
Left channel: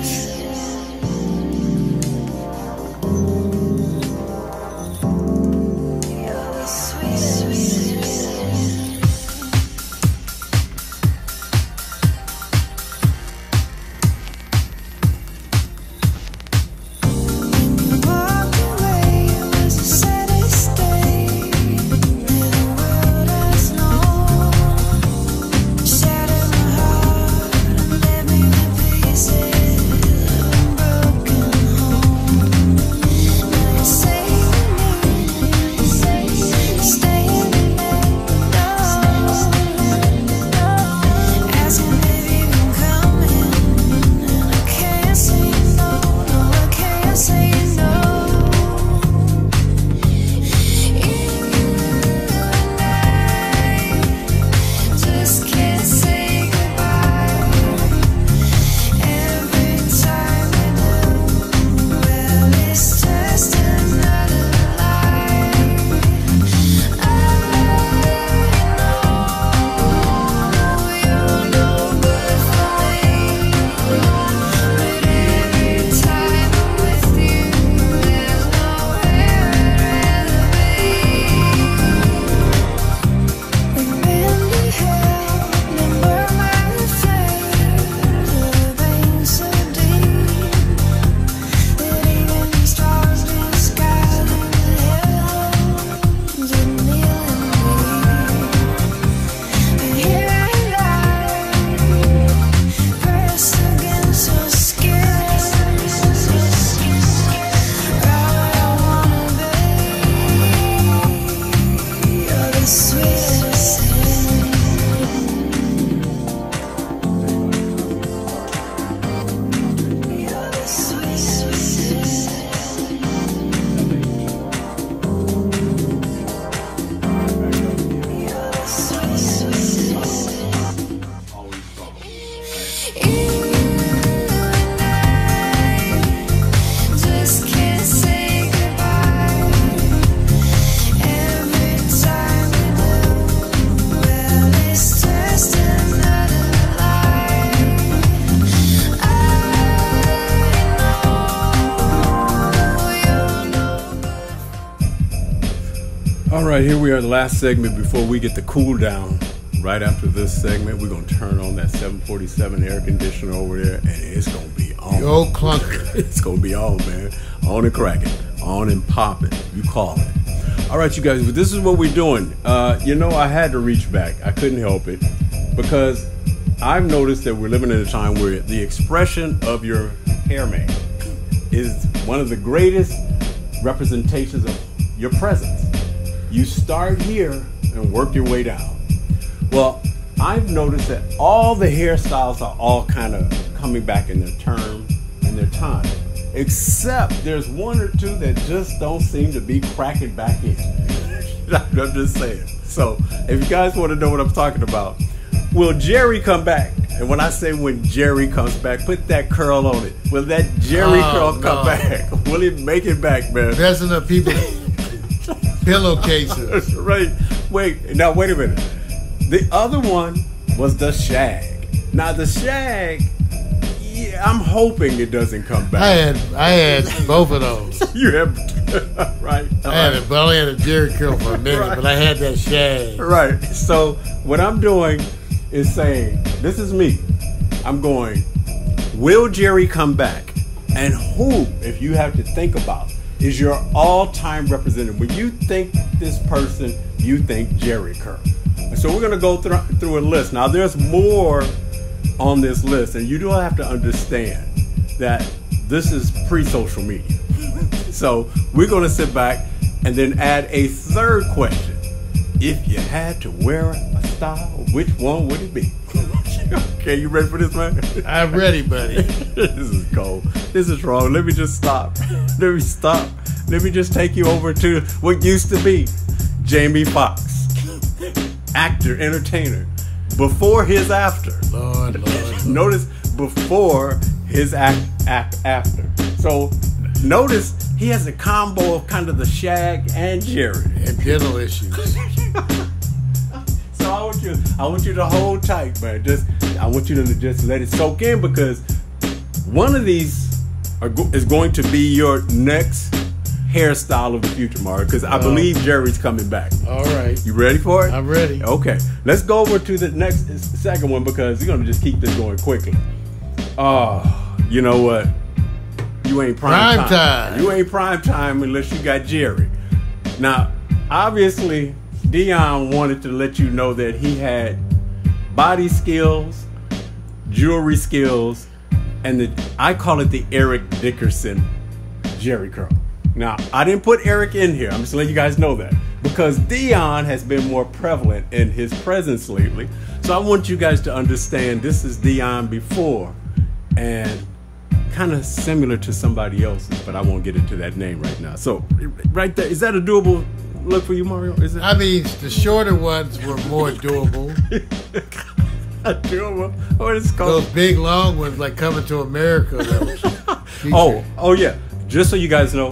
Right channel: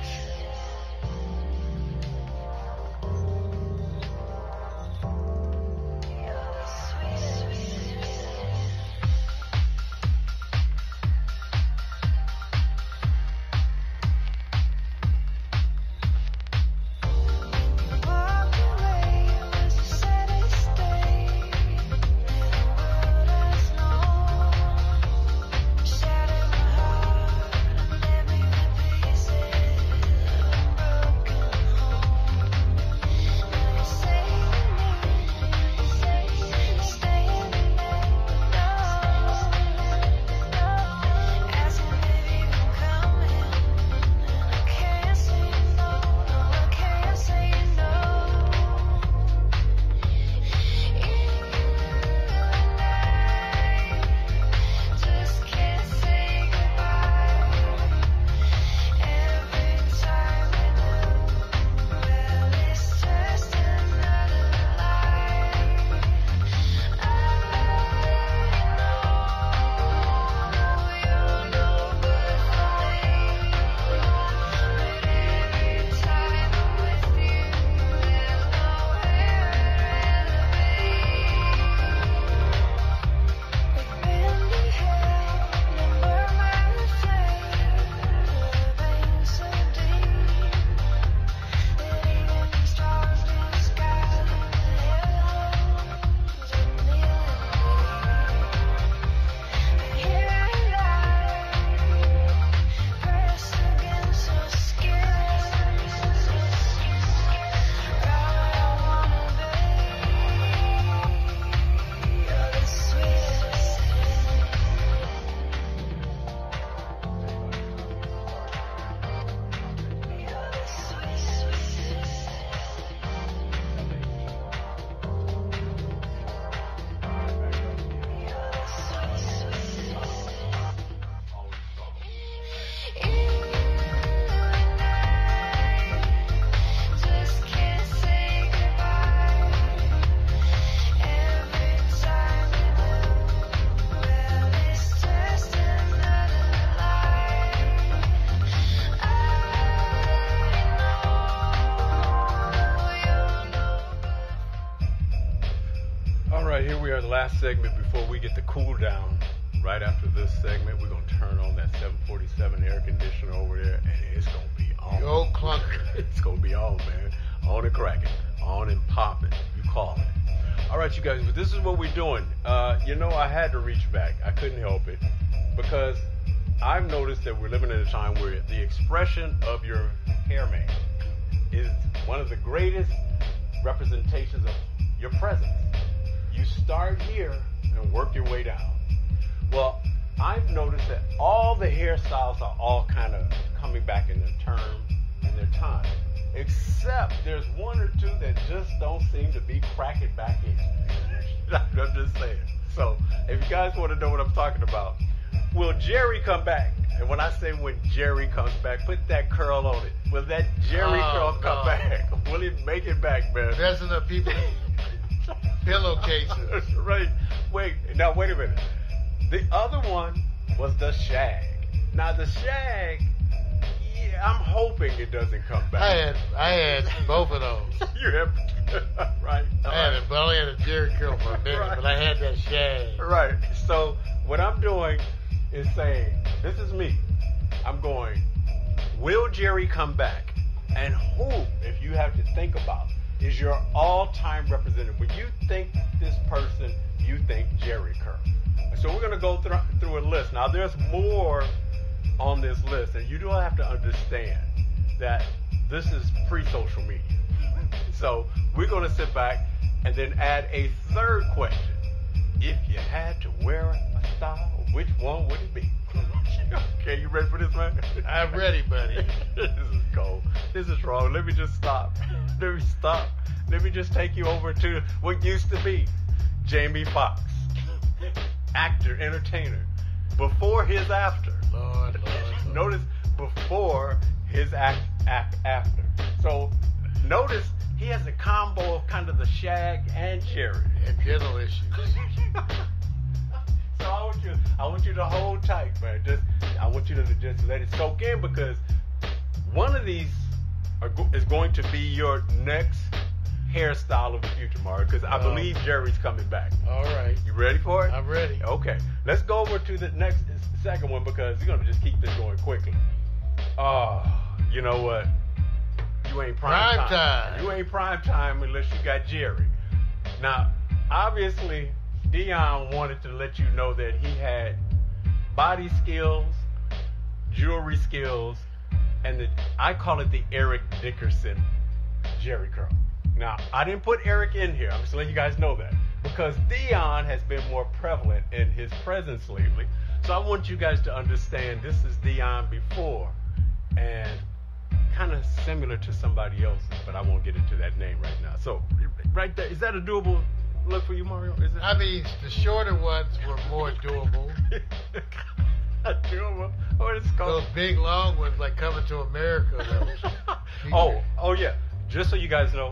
right, here we are, the last segment before we get the cool down. Right after this segment, we're going to turn on that 747 air conditioner over there, and it's going to be on. The old clunker. It's going to be on, man. On and cracking. On and popping. You call it. All right, you guys, but this is what we're doing. I had to reach back. I couldn't help it because I've noticed that we're living in a time where the expression of your hair man is one of the greatest representations of your presence. You start here and work your way down. Well, I've noticed that all the hairstyles are all kind of coming back in their term and their time, except there's one or two that just don't seem to be cracking back in. I'm just saying. So, if you guys want to know what I'm talking about, will Jerry come back? And when I say when Jerry comes back, put that curl on it. Will that Jerry curl come back? Will it make it back, man? Messing up people's pillowcases. Right. Wait a minute. The other one was the shag. Now the shag, yeah, I'm hoping it doesn't come back. I had both of those. You have, right? I had it, but I only had a Jerry curl for a minute, Right. but I had that shag. Right. So what I'm doing is saying, this is me. I'm going, will Jerry come back? And who, if you have to think about, is your all-time representative? When you think this person, you think Jerry Curl. So we're going to go through a list. Now, there's more on this list, and you do have to understand that this is pre-social media. So we're going to sit back and then add a third question. If you had to wear a style, which one would it be? Okay, you ready for this, man? I'm ready, buddy. This is cold. This is wrong. Let me just stop. Let me stop. Let me just take you over to what used to be Jamie Foxx. Actor, entertainer. Before his after. Lord. Notice before his after. So notice he has a combo of kind of the shag and Jerry. And dental issues. So I want you to hold tight, man. I want you to just let it soak in because one of these is going to be your next hairstyle of the future, Mario, because I believe Jerry's coming back. All right. You ready for it? I'm ready. Okay. Let's go over to the second one because we're going to just keep this going quickly. Oh, you know what? You ain't prime time. You ain't prime time unless you got Jerry. Now, obviously, Dion wanted to let you know that he had body skills, jewelry skills, and I call it the Eric Dickerson Jerry curl. Now, I didn't put Eric in here. I'm just letting you guys know that because Dion has been more prevalent in his presence lately. So I want you guys to understand this is Dion before and kind of similar to somebody else's, but I won't get into that name right now. So right there, is that a doable look for you, Mario? Is it? I mean, the shorter ones were more doable. Doable? What is it called? Those big, long ones, like Coming to America. That was Oh, yeah. Just so you guys know,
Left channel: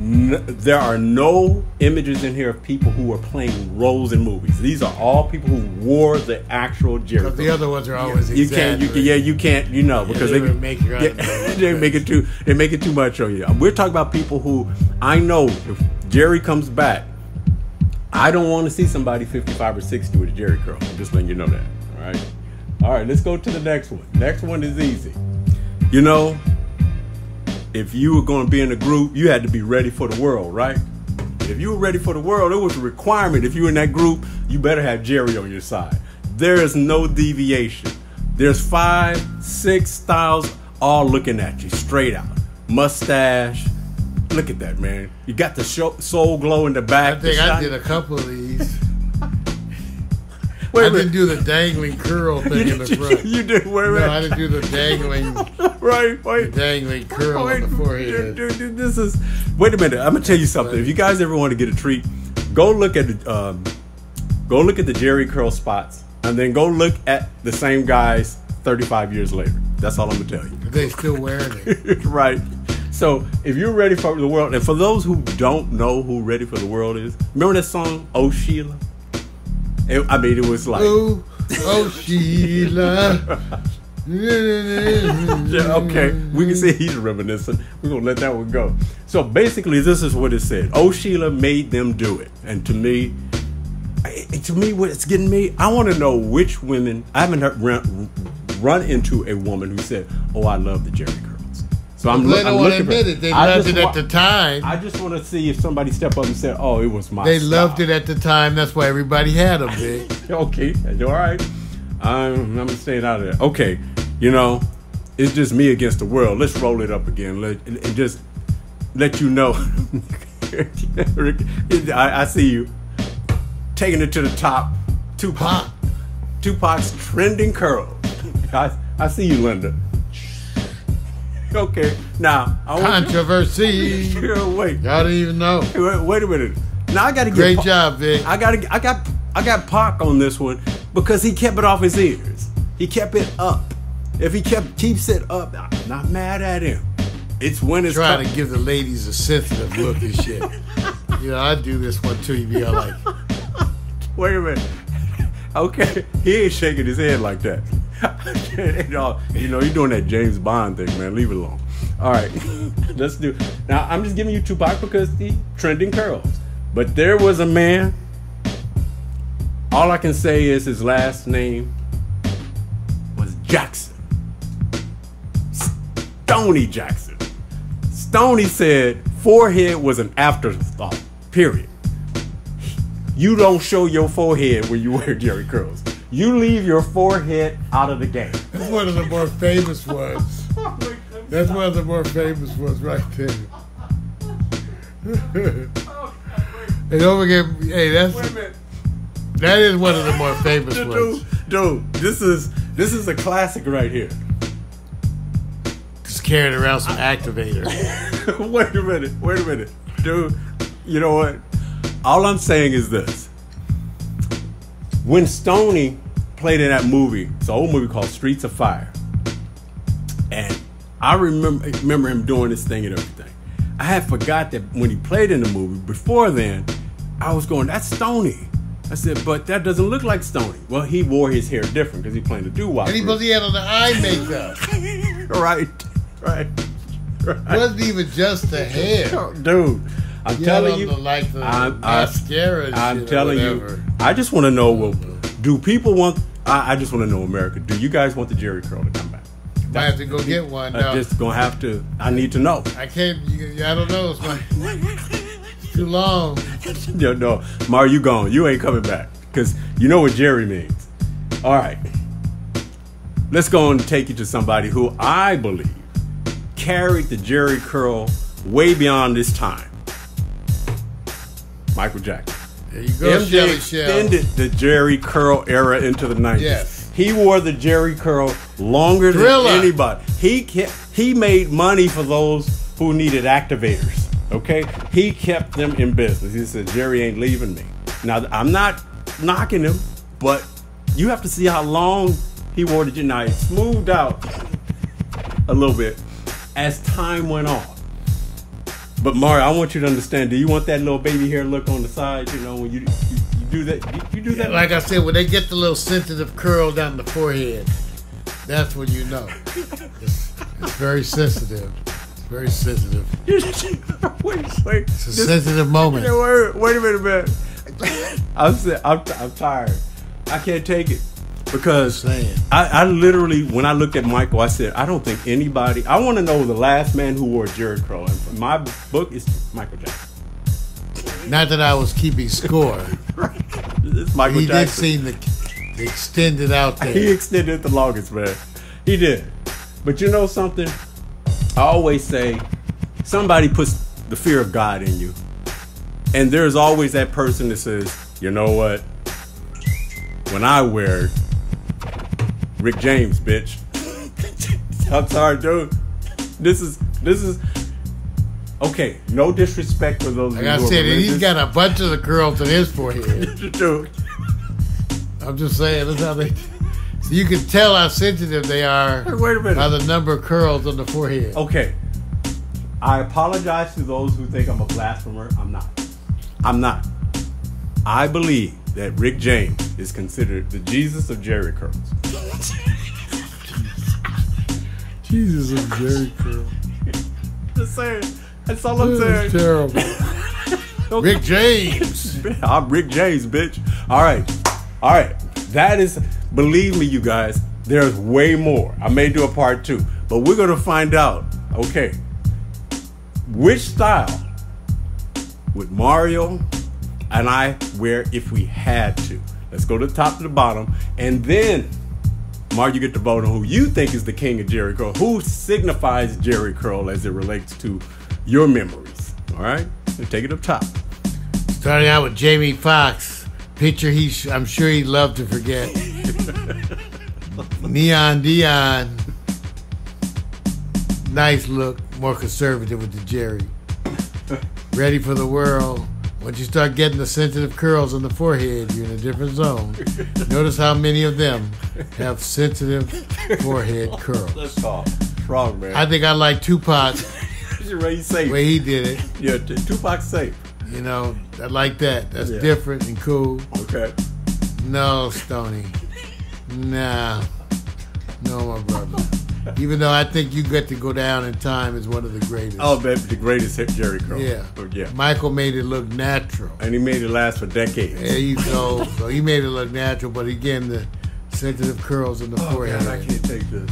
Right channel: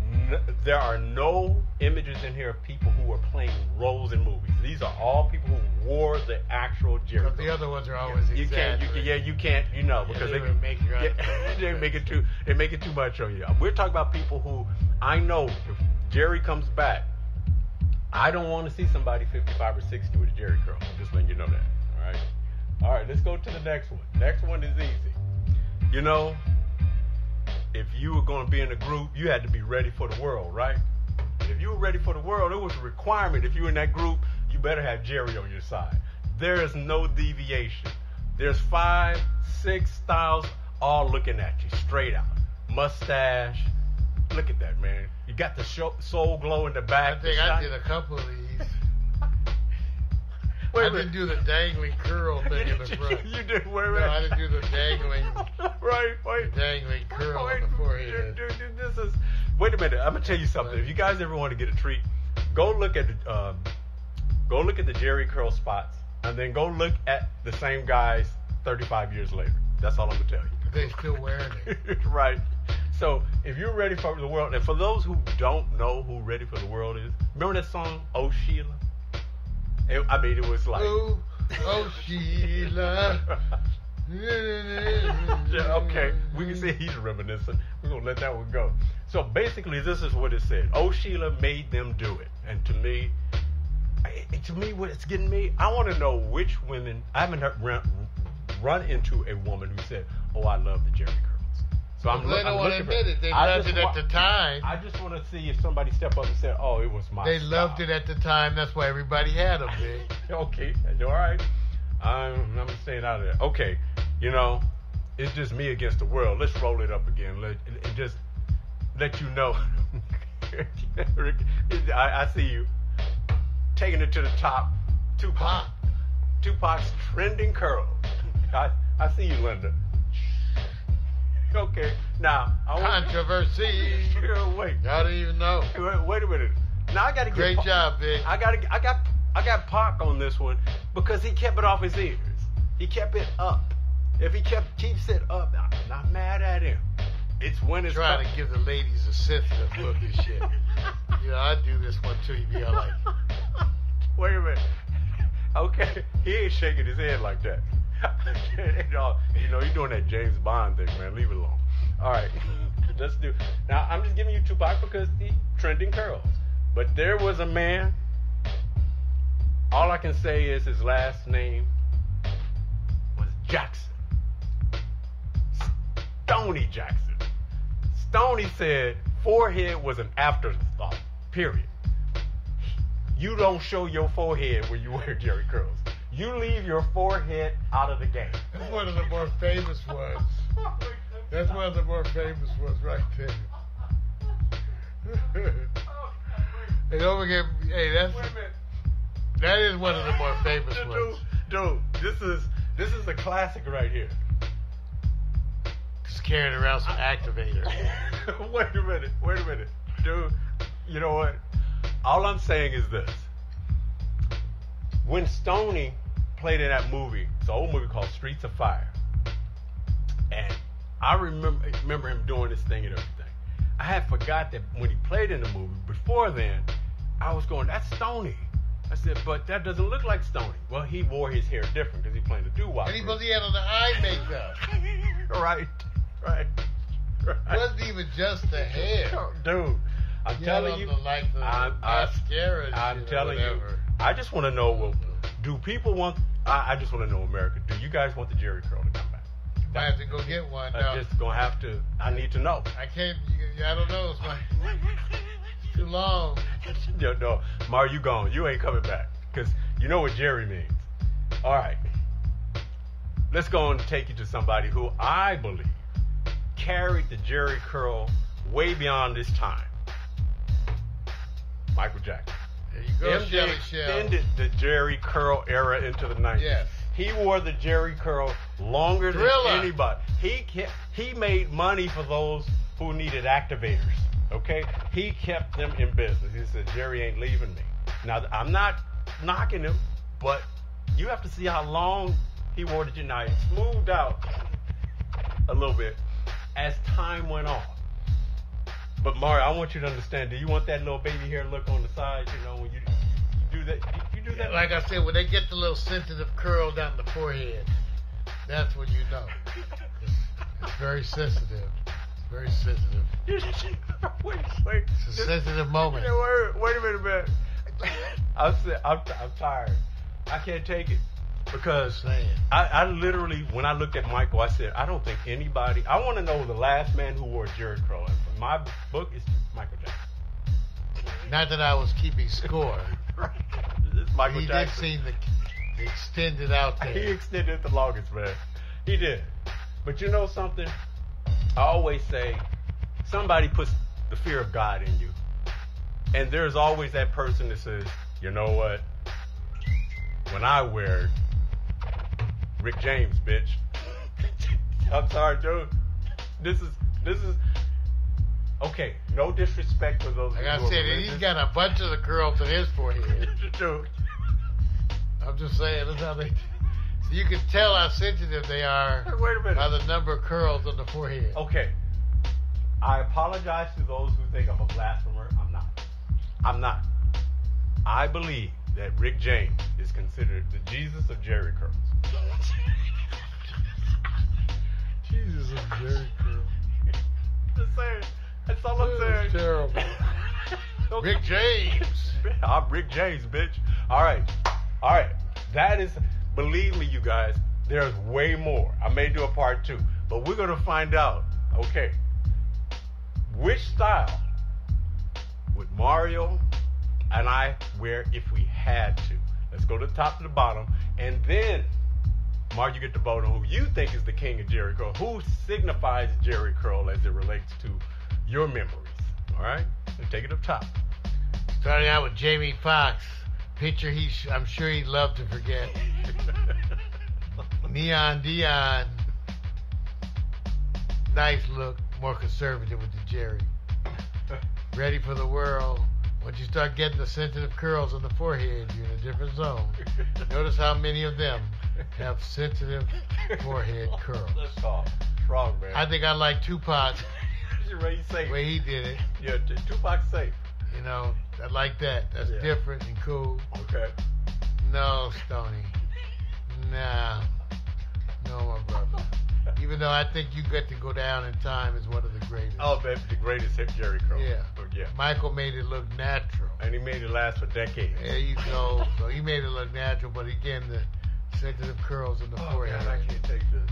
there are no images in here of people who are playing roles in movies. These are all people who wore the actual Jerry. But the other ones are always exaggerated. You can't, because they would make you right. they make it too much on you. We're talking about people who I know if Jerry comes back, I don't want to see somebody 55 or 60 with a Jerry curl. I'm just letting you know that. All right, let's go to the next one. Next one is easy. If you were going to be in a group, you had to be ready for the world, right? If you were ready for the world, it was a requirement. If you were in that group, you better have Jerry on your side. There is no deviation. There's 5, 6 styles all looking at you straight out. Mustache. Look at that, man. You got the soul glow in the back. I think I did a couple of these. Wait a I didn't minute. do the dangling curl thing in the front. You did. Wait a minute. No, I didn't do the dangling, Wait. dangling curl on the forehead. Dude, this is. Wait a minute. I'm gonna tell you something. If you guys ever want to get a treat, go look at the Jerry curl spots, and then go look at the same guys 35 years later. That's all I'm gonna tell you. They still wearing it. Right. So if you're ready for the world, and for those who don't know who Ready for the World is, remember that song, Oh Sheila? It was like, Oh Sheila. Yeah, okay, we can say he's reminiscent. We're gonna let that one go. So basically, this is what it said. Oh, Sheila made them do it, and to me, what it's getting me, I want to know which women. I haven't run into a woman who said, "Oh, I love the Jerry curls." So I'm looking. They don't want to admit it. They loved it at the time. I just want to see if somebody step up and said, "Oh, it was my." They style. loved it at the time. That's why everybody had them. Big. Okay, all right. I'm staying out of there. Okay, it's just me against the world. Let's roll it up again. And just let you know. I see you taking it to the top. Tupac's trending curl. I see you, Linda. Okay, now controversy. Wait, y'all don't even know. Wait a minute. Now I got to get great job, Vic. I got Pac on this one because he kept it off his ears. He kept it up. If he keeps it up, I'm not mad at him. It's when it's trying to give the ladies a sensitive look and shit. I do this one too. You be all like, wait a minute. Okay, he ain't shaking his head like that. You're doing that James Bond thing, man. Leave it alone. All right, let's do. Now I'm just giving you Tupac because the trending curls. But there was a man. All I can say is his last name was Jackson. Stoney Jackson. Stoney said forehead was an afterthought, period. You don't show your forehead when you wear Jerry curls. You leave your forehead out of the game. That's one of the more famous ones. That's one of the more famous ones right there. And don't forget, hey, that is one of the more famous ones. Dude, this is a classic right here. Just carrying around some activator. Wait a minute. Dude, you know what? All I'm saying is this. When Stoney played in that movie, it's an old movie called Streets of Fire. And I remember him doing this thing and everything. I had forgot that when he played in the movie, before then, I was going, that's Stoney. I said, but that doesn't look like Stoney. Well, he wore his hair different because he played the doo-wop. And he had on the eye makeup. Right. It wasn't even just the hair. Dude, I'm telling you. The mascara I'm telling you. I just want to know, well, do people want, I just want to know, America, do you guys want the Jerry curl to come back? I have to go get one. I'm just going to have to, I need to know. I can't, I don't know. It's too long. No, Mar, you gone. You ain't coming back. Because you know what Jerry means. All right. Let's go and take you to somebody who I believe carried the Jerry curl way beyond this time. Michael Jackson. There you go, MJ extended the Jerry curl era into the 90s. Yes. He wore the Jerry curl longer than anybody. He made money for those who needed activators. Okay? He kept them in business. He said, Jerry ain't leaving me. Now, I'm not knocking him, but you have to see how long he wore the Jerry. Now, it smoothed out a little bit as time went on. But Mario, I want you to understand, do you want that little baby hair look on the side, when you do that? You do that? Like I said, when they get the little sensitive curl down the forehead, that's when you know. It's very sensitive. It's very sensitive. Wait. It's a sensitive moment. Wait a minute, man. I'm tired. I can't take it. Because I literally, when I looked at Michael, I said, I don't think anybody, I want to know the last man who wore a Jerry curl. And my book is Michael Jackson. Not that I was keeping score. It's Michael Jackson. Did seem to extend it out there. He extended it the longest, man. He did. But you know something? I always say, somebody puts the fear of God in you. And there's always that person that says, you know what? When I wear it, Rick James, bitch. I'm sorry, dude. This is okay. No disrespect for those. Like I said, he's got a bunch of the curls on his forehead. Dude. I'm just saying, that's how they. So you can tell how sensitive they are. Wait a minute. By the number of curls on the forehead. Okay. I apologize to those who think I'm a blasphemer. I'm not. I believe that Rick James is considered the Jesus of Jerry curls. Jesus and Jerry curl. Just saying. That's all I'm saying. It's terrible. Rick James. I'm Rick James, bitch. All right. That is, believe me, you guys, there's way more. I may do a part 2, but we're going to find out, okay, which style would Mario and I wear if we had to. Let's go to the top to the bottom, and then Mario, you get to vote on who you think is the king of Jerry curl, who signifies Jerry curl as it relates to your memories. All right, so take it up top. Starting out with Jamie Foxx, picture I'm sure he'd love to forget. Neon Dion, nice look, more conservative with the Jerry. Ready for the world. Once you start getting the sensitive curls on the forehead, you're in a different zone. Notice how many of them have sensitive forehead curls. That's strong, man. I think I like Tupac's the way he did it. Yeah, Tupac's safe. You know, I like that. That's Yeah. different and cool. Okay. No, Stoney. Nah. No, my brother. Even though I think you get to go down in time as one of the greatest. Oh, baby, the greatest hit Jerry curl. Yeah. Yeah. Michael made it look natural. And he made it last for decades. There you go. So he made it look natural, but again, the sensitive curls in the forehead. God, I can't take this.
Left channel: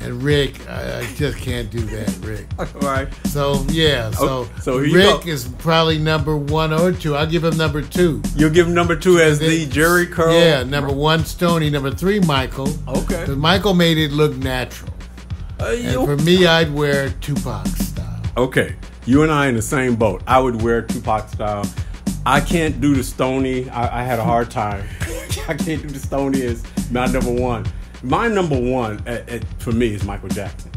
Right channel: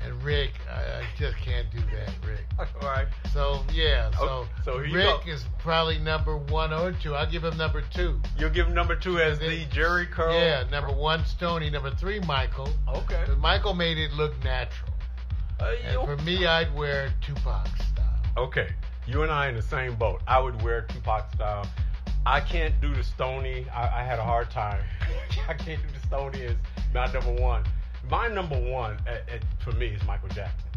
And Rick, I just can't do that, Rick. All right. So, yeah. So here you Rick go. is probably number 1 or 2. I'll give him number 2. You'll give him number 2 as the Jerry curl? Yeah, number 1, Stoney. Number 3, Michael. Okay. Because Michael made it look natural. And for me, I'd wear Tupac style. Okay. You and I in the same boat. I would wear Tupac style. I can't do the Stoney. I had a hard time. I can't do the Stoney as my number 1. My number 1 for me is Michael Jackson.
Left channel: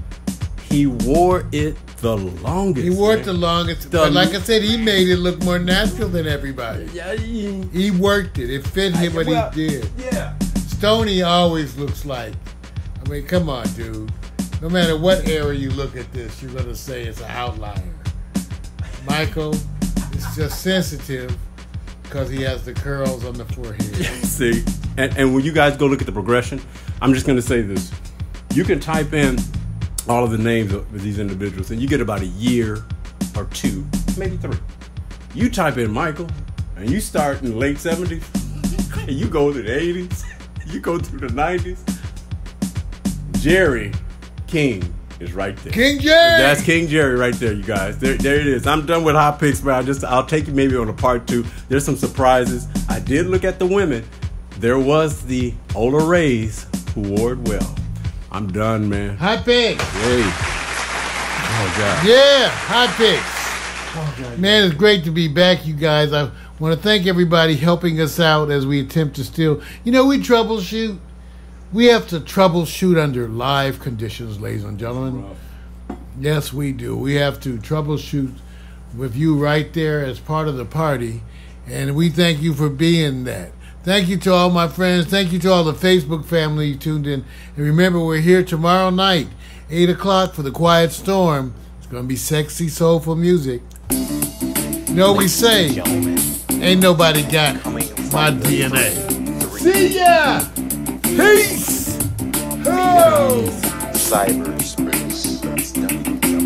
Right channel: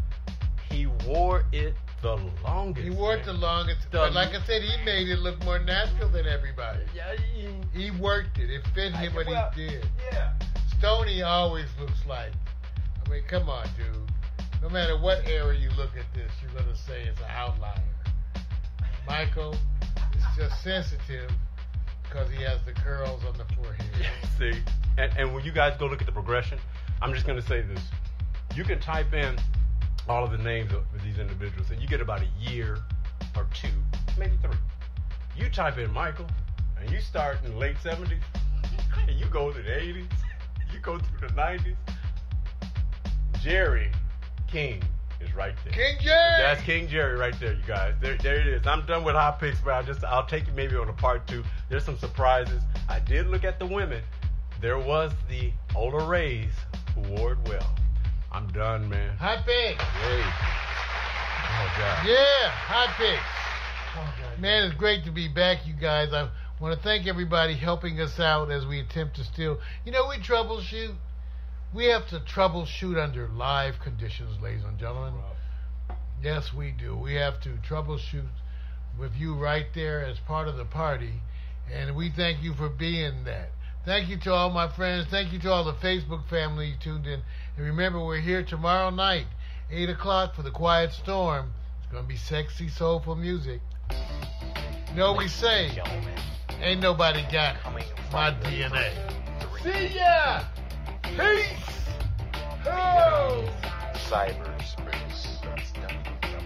He wore it the longest. He wore it the longest. But like I said, he made it look more natural than everybody. Yeah, He worked it. It fit him what he did. Yeah. Stoney always looks like, I mean, come on, dude. No matter what era you look at this, you're going to say it's an outlier. Michael is just sensitive because he has the curls on the forehead. See, and when you guys go look at the progression, I'm just going to say this. You can type in all of the names of these individuals, and you get about a year or 2, maybe 3. You type in Michael, and you start in the late 70s, and you go to the 80s, you go through the 90s. Jerry King is right there. King Jerry! That's King Jerry right there, you guys. There it is. I'm done with hot picks, but I'll take you maybe on a part 2. There's some surprises. I did look at the women. There was the Ola Rays who wore it well. I'm done, man. Hot picks. Hey. Oh, God. Yeah, hot picks. Oh, God. Man, it's great to be back, you guys. I want to thank everybody helping us out as we attempt to still, we troubleshoot. We have to troubleshoot under live conditions, ladies and gentlemen. Yes, we do. We have to troubleshoot with you right there as part of the party, and we thank you for being that. Thank you to all my friends. Thank you to all the Facebook family who tuned in. And remember, we're here tomorrow night, 8 o'clock for the Quiet Storm. It's going to be sexy, soulful music. We say, ain't nobody got my DNA. See ya! Peace! Oh! Cyberspace.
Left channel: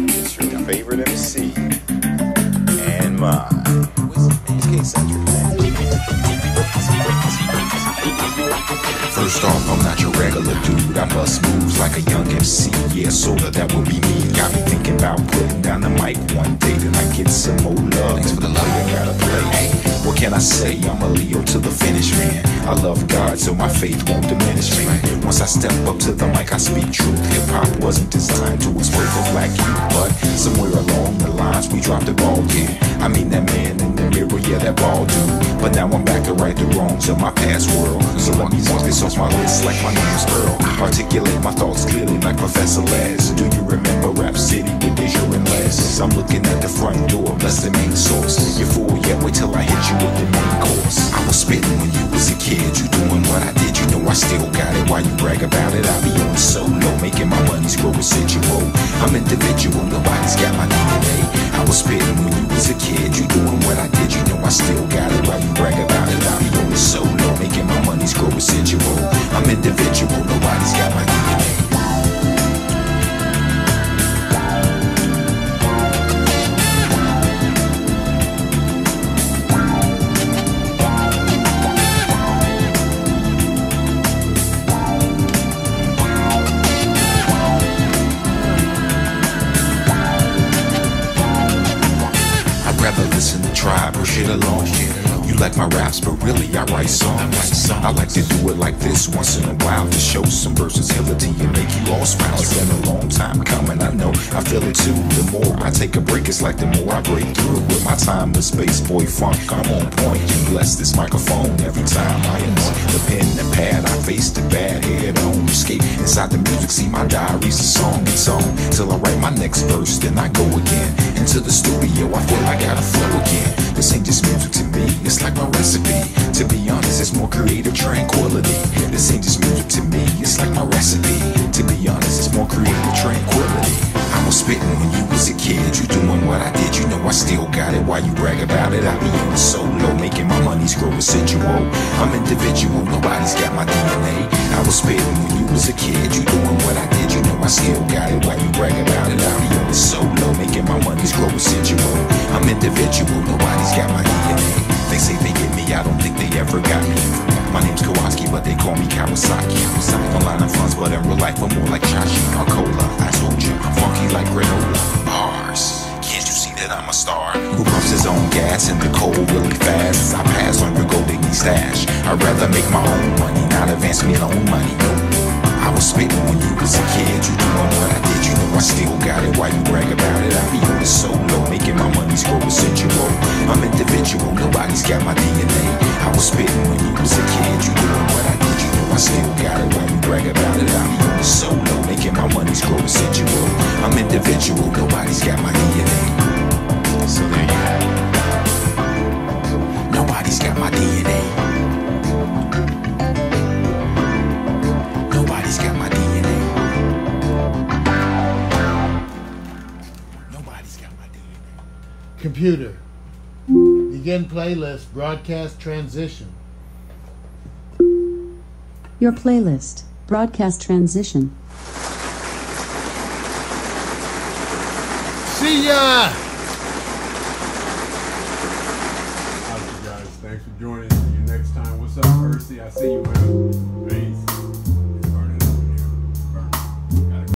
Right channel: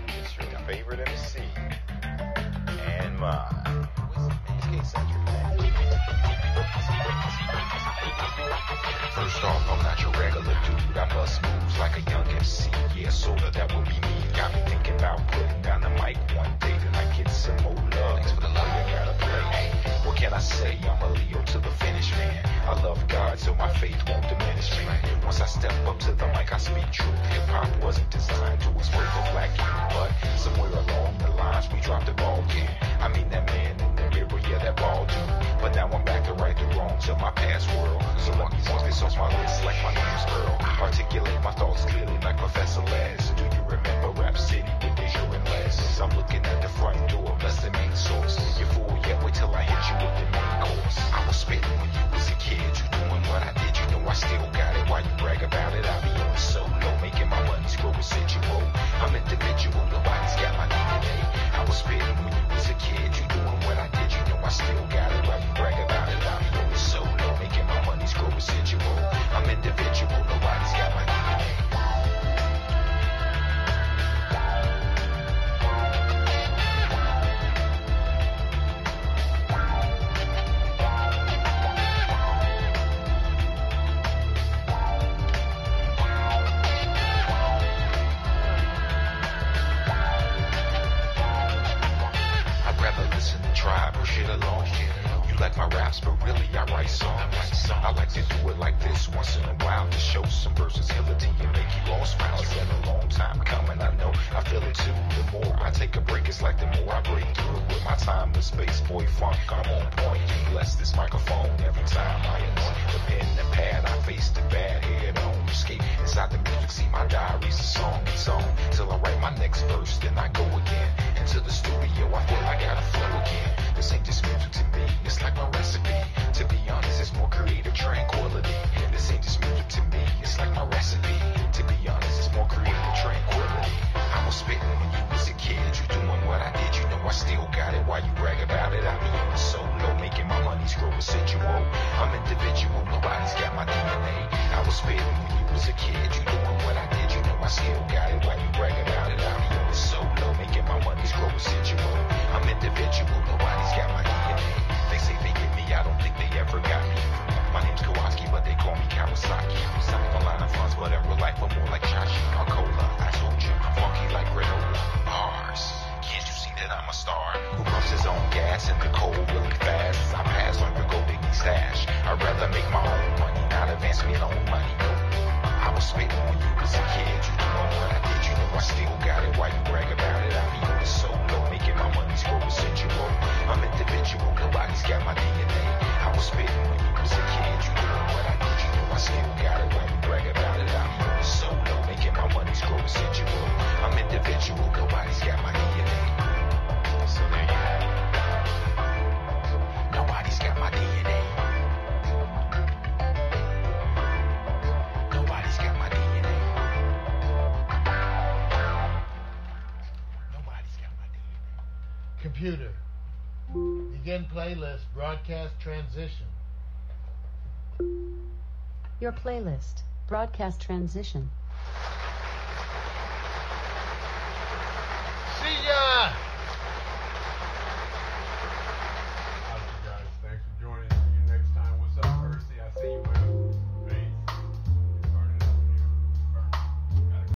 It's your favorite MC and mine. First off, I'm not your regular dude. I bust moves like a young MC. Yeah, sorta, that would be me. Got me thinking about putting down the mic one day. Then I get some more love. Thanks for the love I gotta play. Hey, what can I say? I'm a Leo to the finish, man. I love God, so my faith won't diminish me. Once I step up to the mic, I speak truth. Hip-hop wasn't designed to exploit for black youth, but somewhere along the lines, we dropped the ball, yeah. I mean that man in the mirror, yeah, that ball dude. But now I'm back to right the wrongs of my past world. So let me walk this off my list like my name's Earl. Articulate my thoughts clearly like Professor Les. Do you remember Rap City with Deja and Les? I'm looking at the front door, that's the main source. You're full yet, wait till I hit you with the main course. I was spitting when you was a kid, you doing what I did, you know I still got it. Why you brag about it? I be on solo, making my money's grow residual. I'm individual, nobody's got my DNA. I was spitting when you was a kid, you doing what I did, you know I still got it. Why you brag about it? I be on solo, making my money's grow residual. I'm individual, nobody's got my DNA. shit alone. You like my raps, but really I write songs. I like to do it like this once in a while to show some versatility and make you all smile. It's been a long time coming, I know, I feel it too. The more I take a break, it's like the more I break through. With my time with space boy funk, I'm on point. You bless this microphone every time I am on the pen and pad. I face the bad head on, escape inside the music. See my diary's a song, it's on till I write my next verse. Then I go again into the studio. I feel I gotta flow again. This ain't just music to me, it's like my recipe. To be honest, it's more creative tranquility. This ain't just music to me, it's like my recipe. To be honest, it's more creative tranquility. I was spitting when you was a kid, you doing what I did, you know I still got it. Why you brag about it? I be on the solo, making my money's grow residual. I'm individual, nobody's got my DNA. I was spitting when you was a kid, you doing what I did, you know I still got it. Why you brag about it? I be on the solo, making my money's grow residual. I'm individual, nobody's got my DNA. They say they get me, I don't think they ever got me. My name's Kowalski, but they call me Kawasaki. I'm line of funds, but in real life I'm more like Chachi or Cola. I told you, I'm funky like granola. Bars, can't you see that I'm a star? Who pumps his own gas in the cold really fast? I pass on your golden stash. I'd rather make my own money, not advance me loan money. Nope. I was spitting when you was a kid, you doing what I did, you know I still got it. Why you brag about it? I be on the solo, making my money's grow residual. I'm individual, nobody's got my DNA. I was spitting when you was a kid, you doing what I did, you know I still got it. Why you brag about it? I be on the solo, making my money's grow residual. I'm individual, nobody's got my DNA. So there you have it. Nobody's got my DNA. Nobody's got my DNA. Nobody's got my DNA. Computer. Begin playlist. Broadcast transition. Your playlist, broadcast transition. See ya! All right, you guys. Thanks for joining. See you next time. What's up, Percy? I see you, man. Peace.